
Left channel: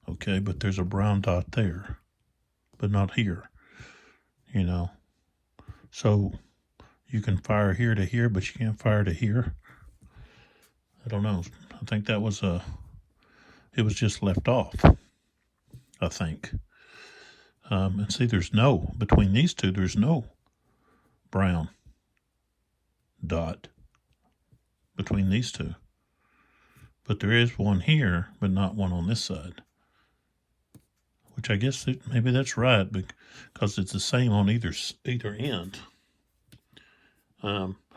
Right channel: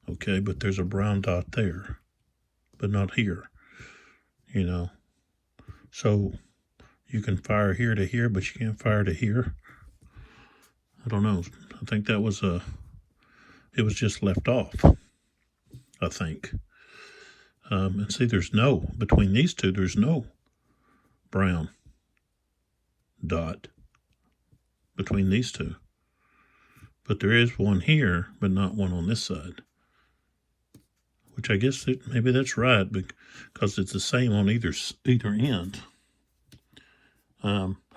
Okay, but there's a brown dot there, but not here, you know. So you can fire here to here, but you can't fire to here. I don't know. I think that was it was just left off, I think. And see, between these two, there's no brown dot between these two. But there is one here, but not one on this side. Which I guess maybe that's right, because it's the same on either end.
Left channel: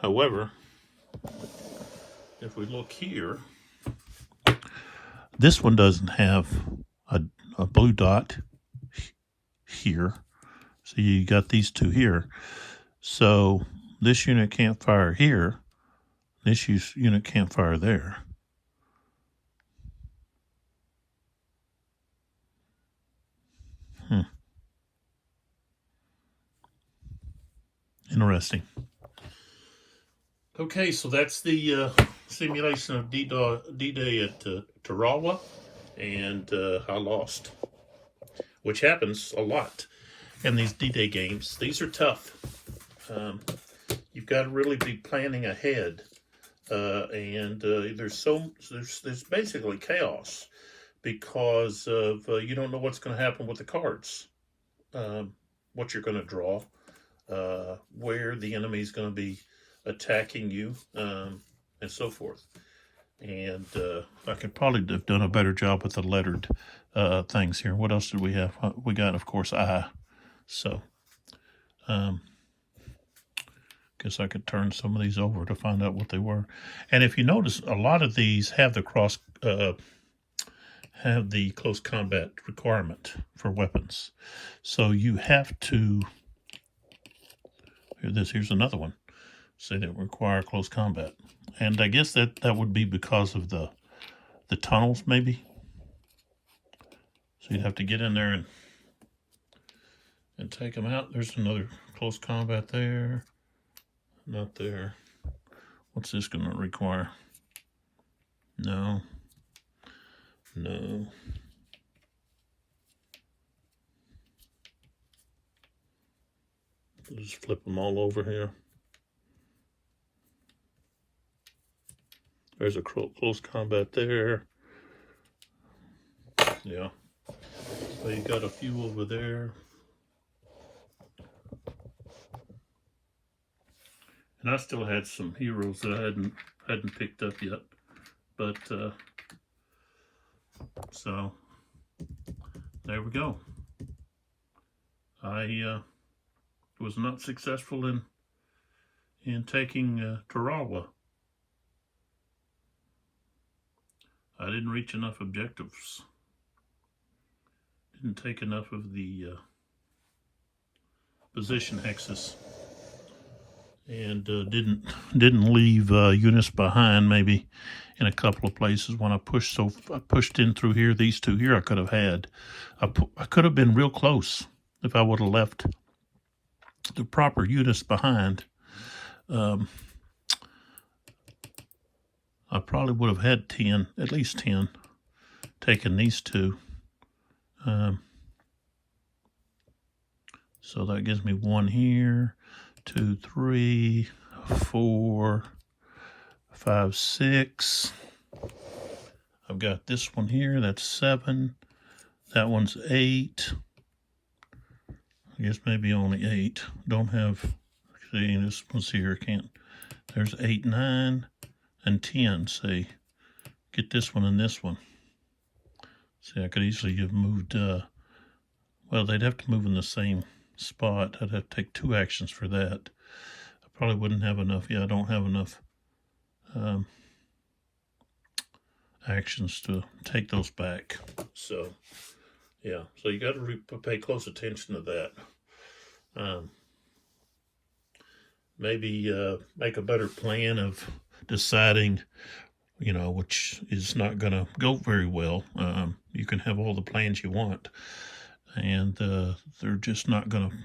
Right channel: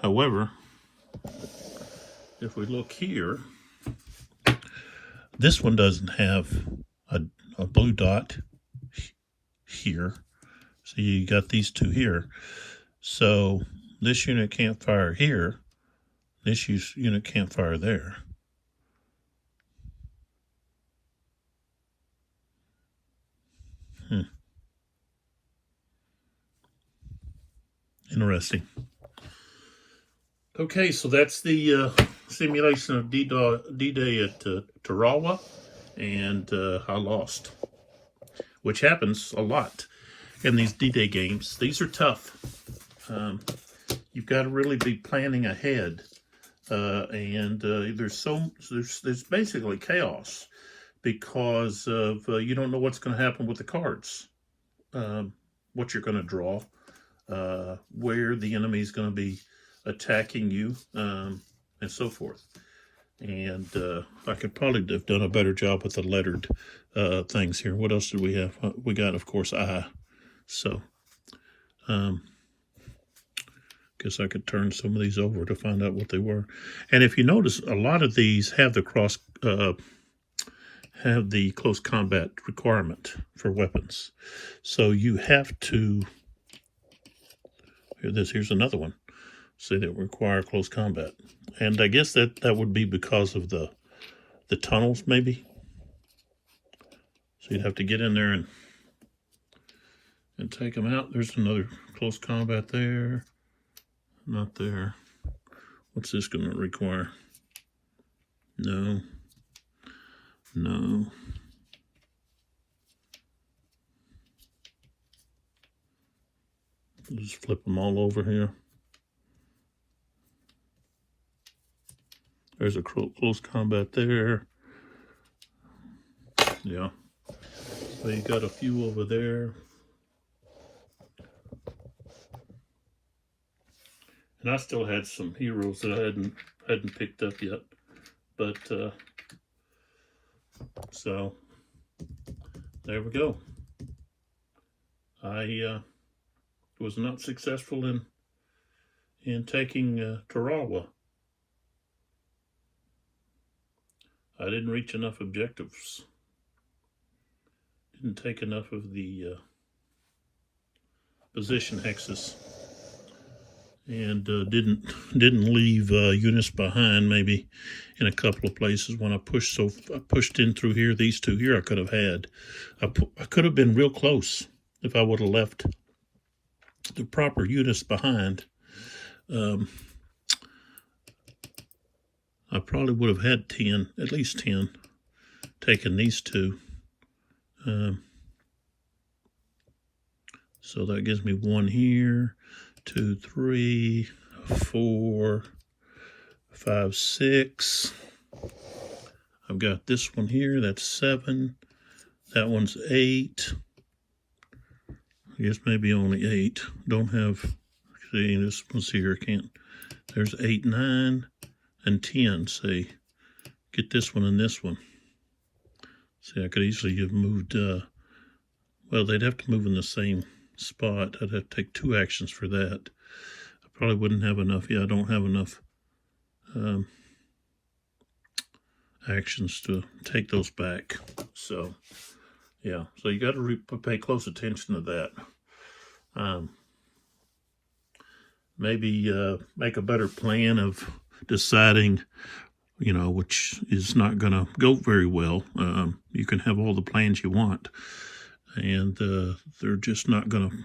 However, if we look here, this one doesn't have a blue dot here. So you got these two here. So this unit can't fire here. This unit can't fire there. Interesting. Okay, so that's the simulation of D-Day at Tarawa, and I lost, which happens a lot in these D-Day games. These are tough. You've got to really be planning ahead, and there's basically chaos because of you don't know what's going to happen with the cards, what you're going to draw, where the enemy is going to be attacking you, and so forth. And I could probably have done a better job with the lettered things here. What else did we have? We got, of course, I. So, guess I could turn some of these over to find out what they were. And if you notice, a lot of these have the close combat requirement for weapons. So you have to. Here's another one. Say that require close combat, and I guess that would be because of the tunnels, maybe. So you'd have to get in there and take them out. There's another close combat there. Not there. What's this going to require? No. Just flip them all over here. There's a close combat there. Yeah. So you got a few over there. And I still had some heroes that I hadn't picked up yet. But so there we go. I was not successful in taking Tarawa. I didn't reach enough objectives. Didn't take enough of the position hexes, and didn't leave units behind. Maybe in a couple of places when I pushed. So I pushed in through here. These two here I could have had. I could have been real close if I would have left the proper units behind. I probably would have had 10, at least 10, taken these two. So that gives me 1 here, 2, 3, 4, 5, 6. I've got this one here, that's 7. That one's 8. I guess maybe only 8. Don't have, see, this one's here, can't. There's 8, 9, and 10, see. Get this one and this one. See, I could easily have moved, well, they'd have to move in the same spot. I'd have to take 2 actions for that. I probably wouldn't have enough. Yeah, I don't have enough actions to take those back. So, yeah, so you got to pay close attention to that. Maybe make a better plan of deciding, which is not going to go very well. You can have all the plans you want, and they're just not going to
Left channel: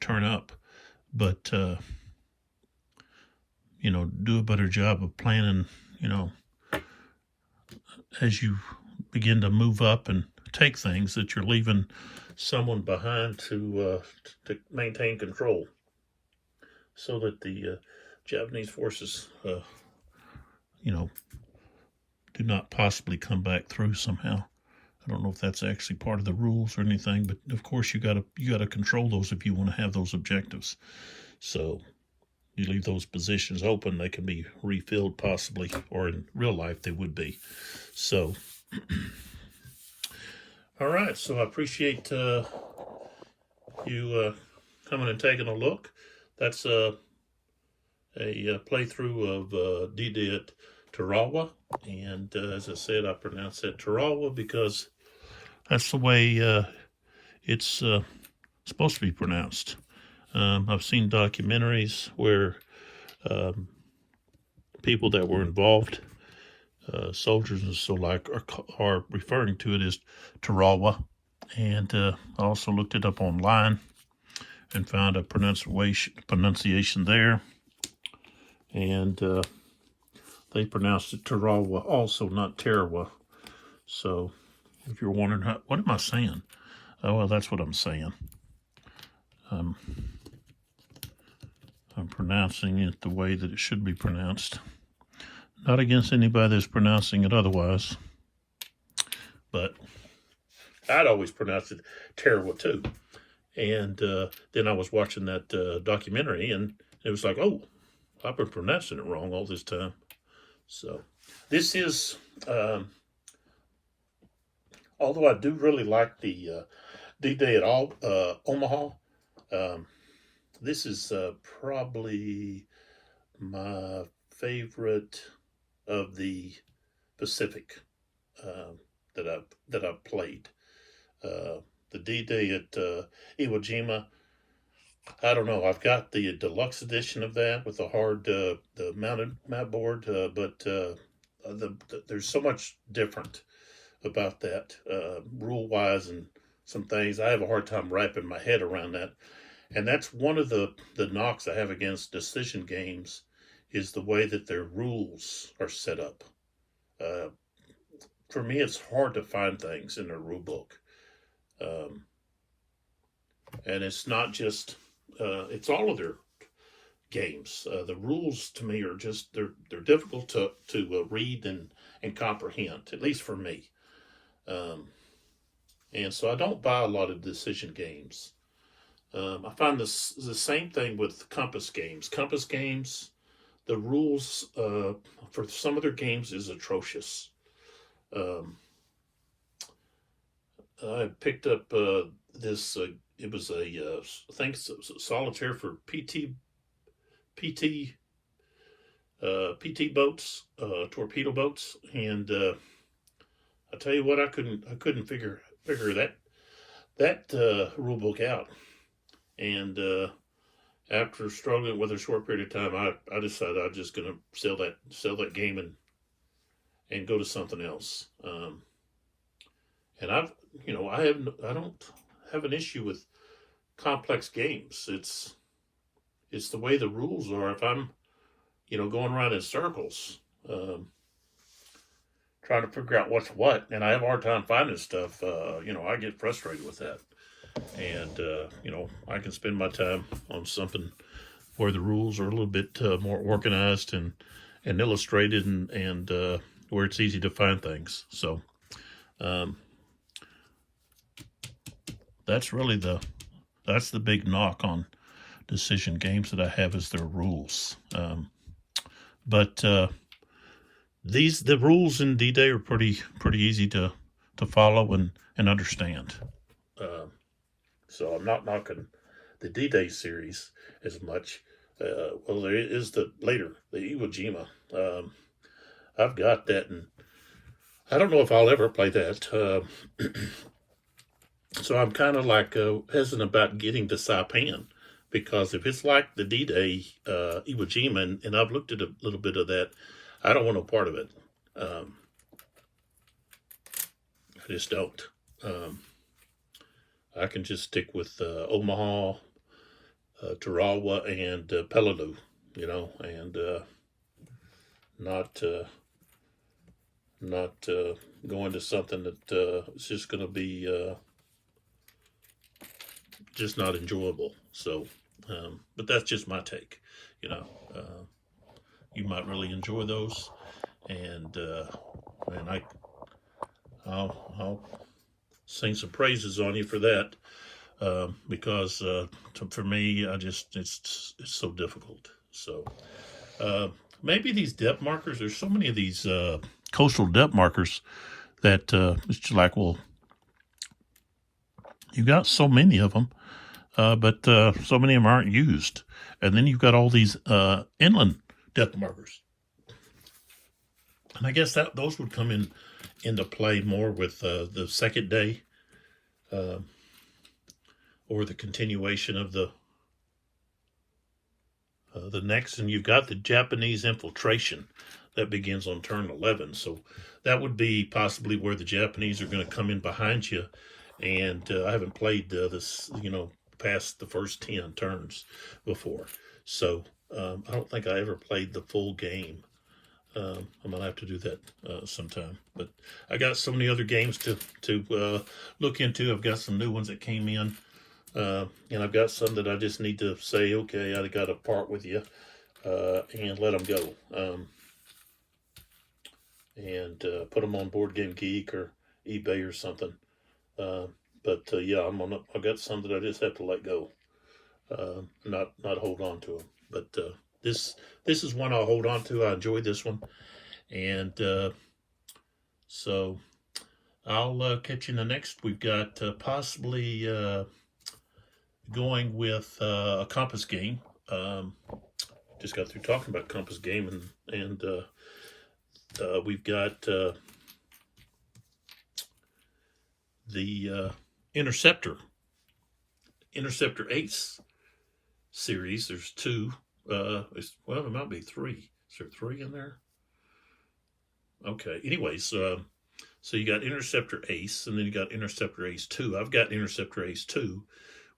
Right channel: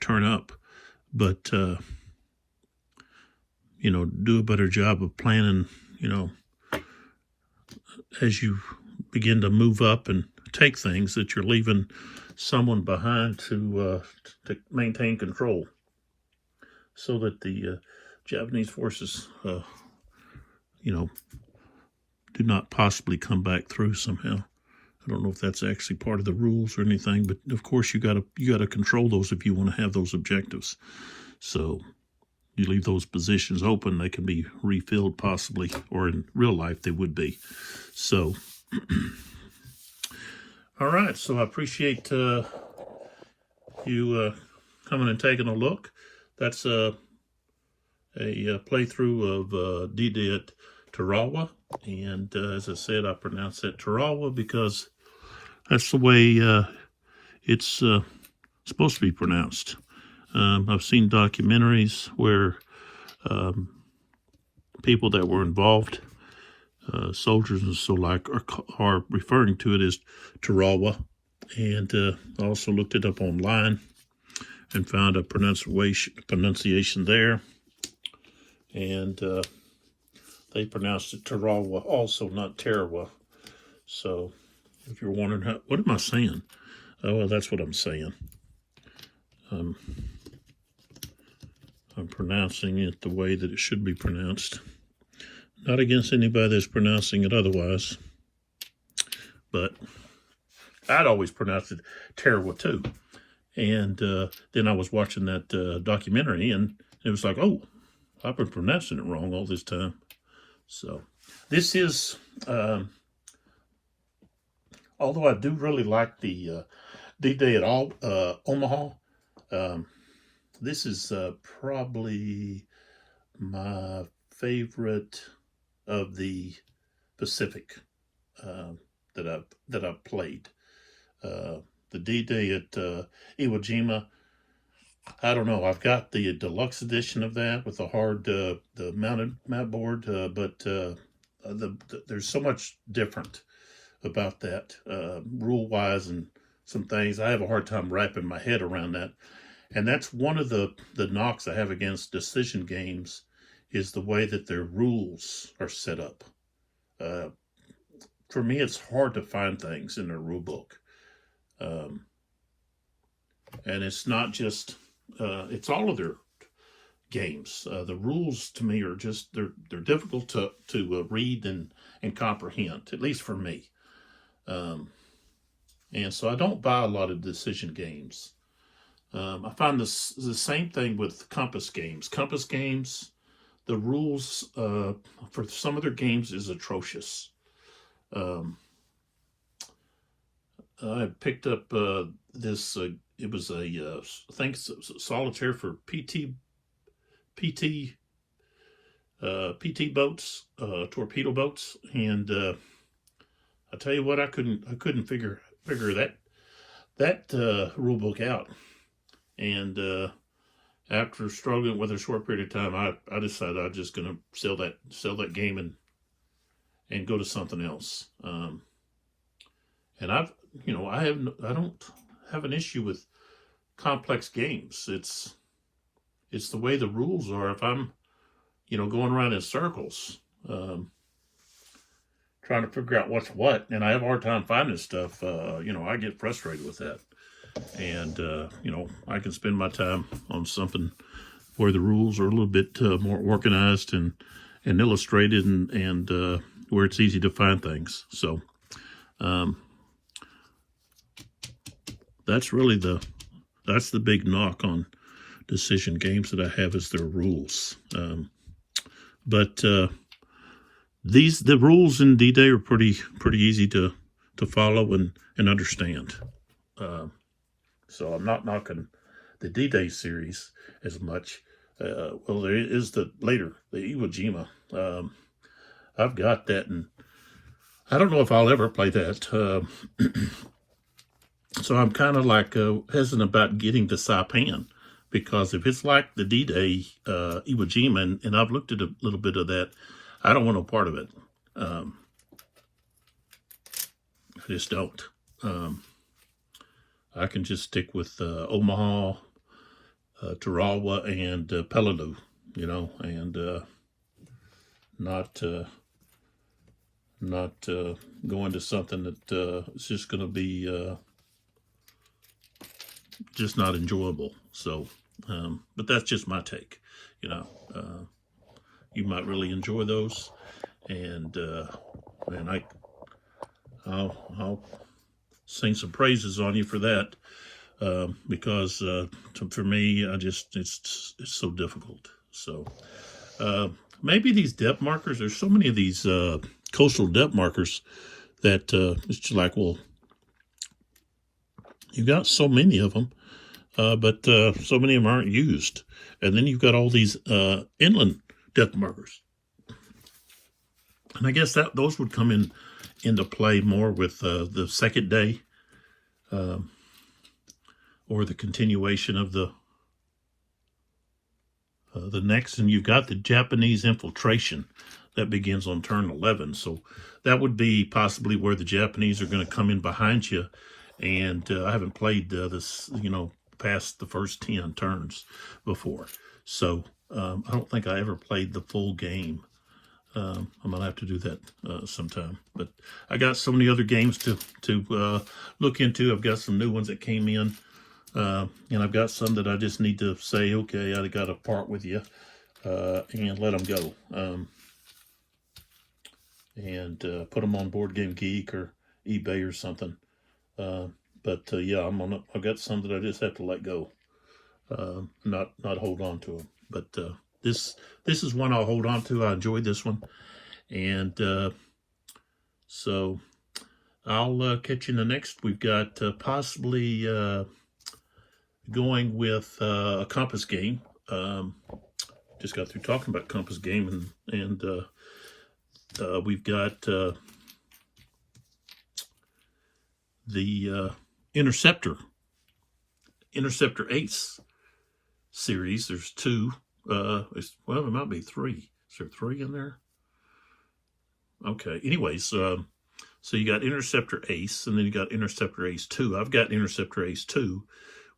turn up. But, do a better job of planning, as you begin to move up and take things, that you're leaving someone behind to maintain control, so that the Japanese forces, do not possibly come back through somehow. I don't know if that's actually part of the rules or anything, but of course you gotta control those if you want to have those objectives. So you leave those positions open, they can be refilled possibly, or in real life they would be. So, all right. So I appreciate you coming and taking a look. That's a playthrough of D-Day at Tarawa, and as I said, I pronounce that Tarawa because that's the way it's supposed to be pronounced. I've seen documentaries where people that were involved, soldiers and so like, are referring to it as Tarawa, and I also looked it up online and found a pronunciation there, and they pronounced it Tarawa also, not Tarawa. So if you're wondering, what am I saying? Oh, well, that's what I'm saying. I'm pronouncing it the way that it should be pronounced. Not against anybody that's pronouncing it otherwise, but I'd always pronounced it Tarawa too. And then I was watching that documentary, and it was like, oh, I've been pronouncing it wrong all this time. So this is, although I do really like the D-Day at Omaha, this is probably my favorite of the Pacific that I've played. The D-Day at Iwo Jima, I don't know. I've got the deluxe edition of that with the hard, the mounted map board, but there's so much different about that, rule-wise, and some things. I have a hard time wrapping my head around that. And that's one of the knocks I have against decision games, is the way that their rules are set up. For me, it's hard to find things in their rule book. And it's not just, it's all of their games. The rules to me are just, they're difficult to read and comprehend, at least for me. And so I don't buy a lot of decision games. I find the same thing with compass games. Compass games, the rules for some of their games is atrocious. I picked up this, it was I think solitaire for PT PT PT boats, torpedo boats, and I tell you what, I couldn't figure that rule book out. And after struggling with a short period of time, I decided I'm just gonna sell that game and go to something else. And I don't have an issue with complex games. It's the way the rules are. If I'm going around in circles, trying to figure out what's what, and I have a hard time finding stuff. I get frustrated with that, and I can spend my time on something where the rules are a little bit more organized and illustrated, and where it's easy to find things. So that's really that's the big knock on decision games that I have, is their rules. But the rules in D-Day are pretty easy to follow and understand. So I'm not knocking the D-Day series as much. Well, there is the Iwo Jima. I've got that, and I don't know if I'll ever play that. So I'm kind of like hesitant about getting to Saipan, because if it's like the D-Day Iwo Jima, and I've looked at a little bit of that, I don't want no part of it. I just don't. I can just stick with Omaha, Tarawa, and Peleliu, and not go into something that is just going to be just not enjoyable. So, but that's just my take. You might really enjoy those, and man, I'll sing some praises on you for that, because for me, it's so difficult. So maybe these depth markers. There's so many of these coastal depth markers that it's like, well, you got so many of them, but so many of them aren't used. And then you've got all these inland depth markers. And I guess those would come into play more with the second day, or the continuation of the next. And you've got the Japanese infiltration that begins on turn 11. So that would be possibly where the Japanese are going to come in behind you. And I haven't played this, past the first 10 turns before. So I don't think I ever played the full game. I'm going to have to do that sometime. But I got so many other games to look into. I've got some new ones that came in. And I've got some that I just need to say, okay, I got to part with you and let them go. And put them on Board Game Geek or eBay or something. But yeah, I've got some that I just have to let go, not hold on to them. But this is one I'll hold on to. I enjoyed this one, and so I'll catch you in the next. We've got possibly going with a compass game. Just got through talking about compass game, and we've got the Interceptor Ace series. There's two. Well, there might be three. Is there three in there? Okay. Anyways, so you got Interceptor Ace, and then you got Interceptor Ace 2. I've got Interceptor Ace 2,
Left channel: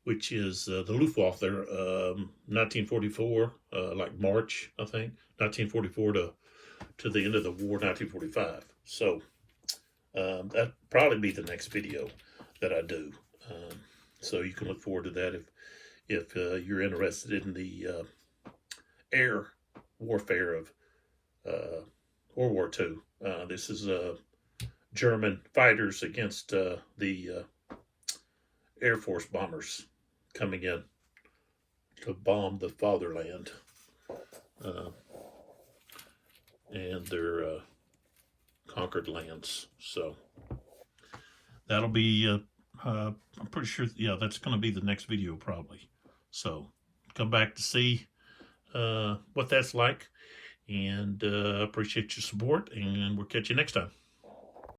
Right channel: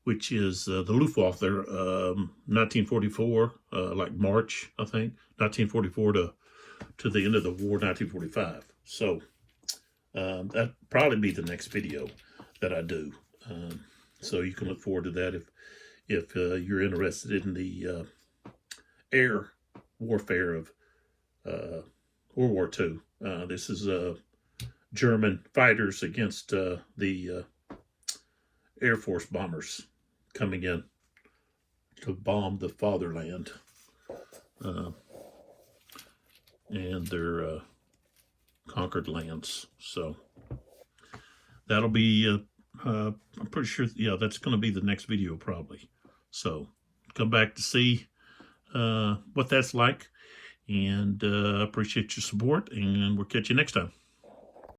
which is the Luftwaffe there, 1944, like March, I think, 1944 to the end of the war, 1945. So that'd probably be the next video that I do. So you can look forward to that if you're interested in the air warfare of World War II. This is German fighters against the Air Force bombers coming in to bomb the fatherland and their conquered lands. So that'll be I'm pretty sure, yeah, that's going to be the next video probably. So come back to see what that's like. And appreciate your support, and we'll catch you next time.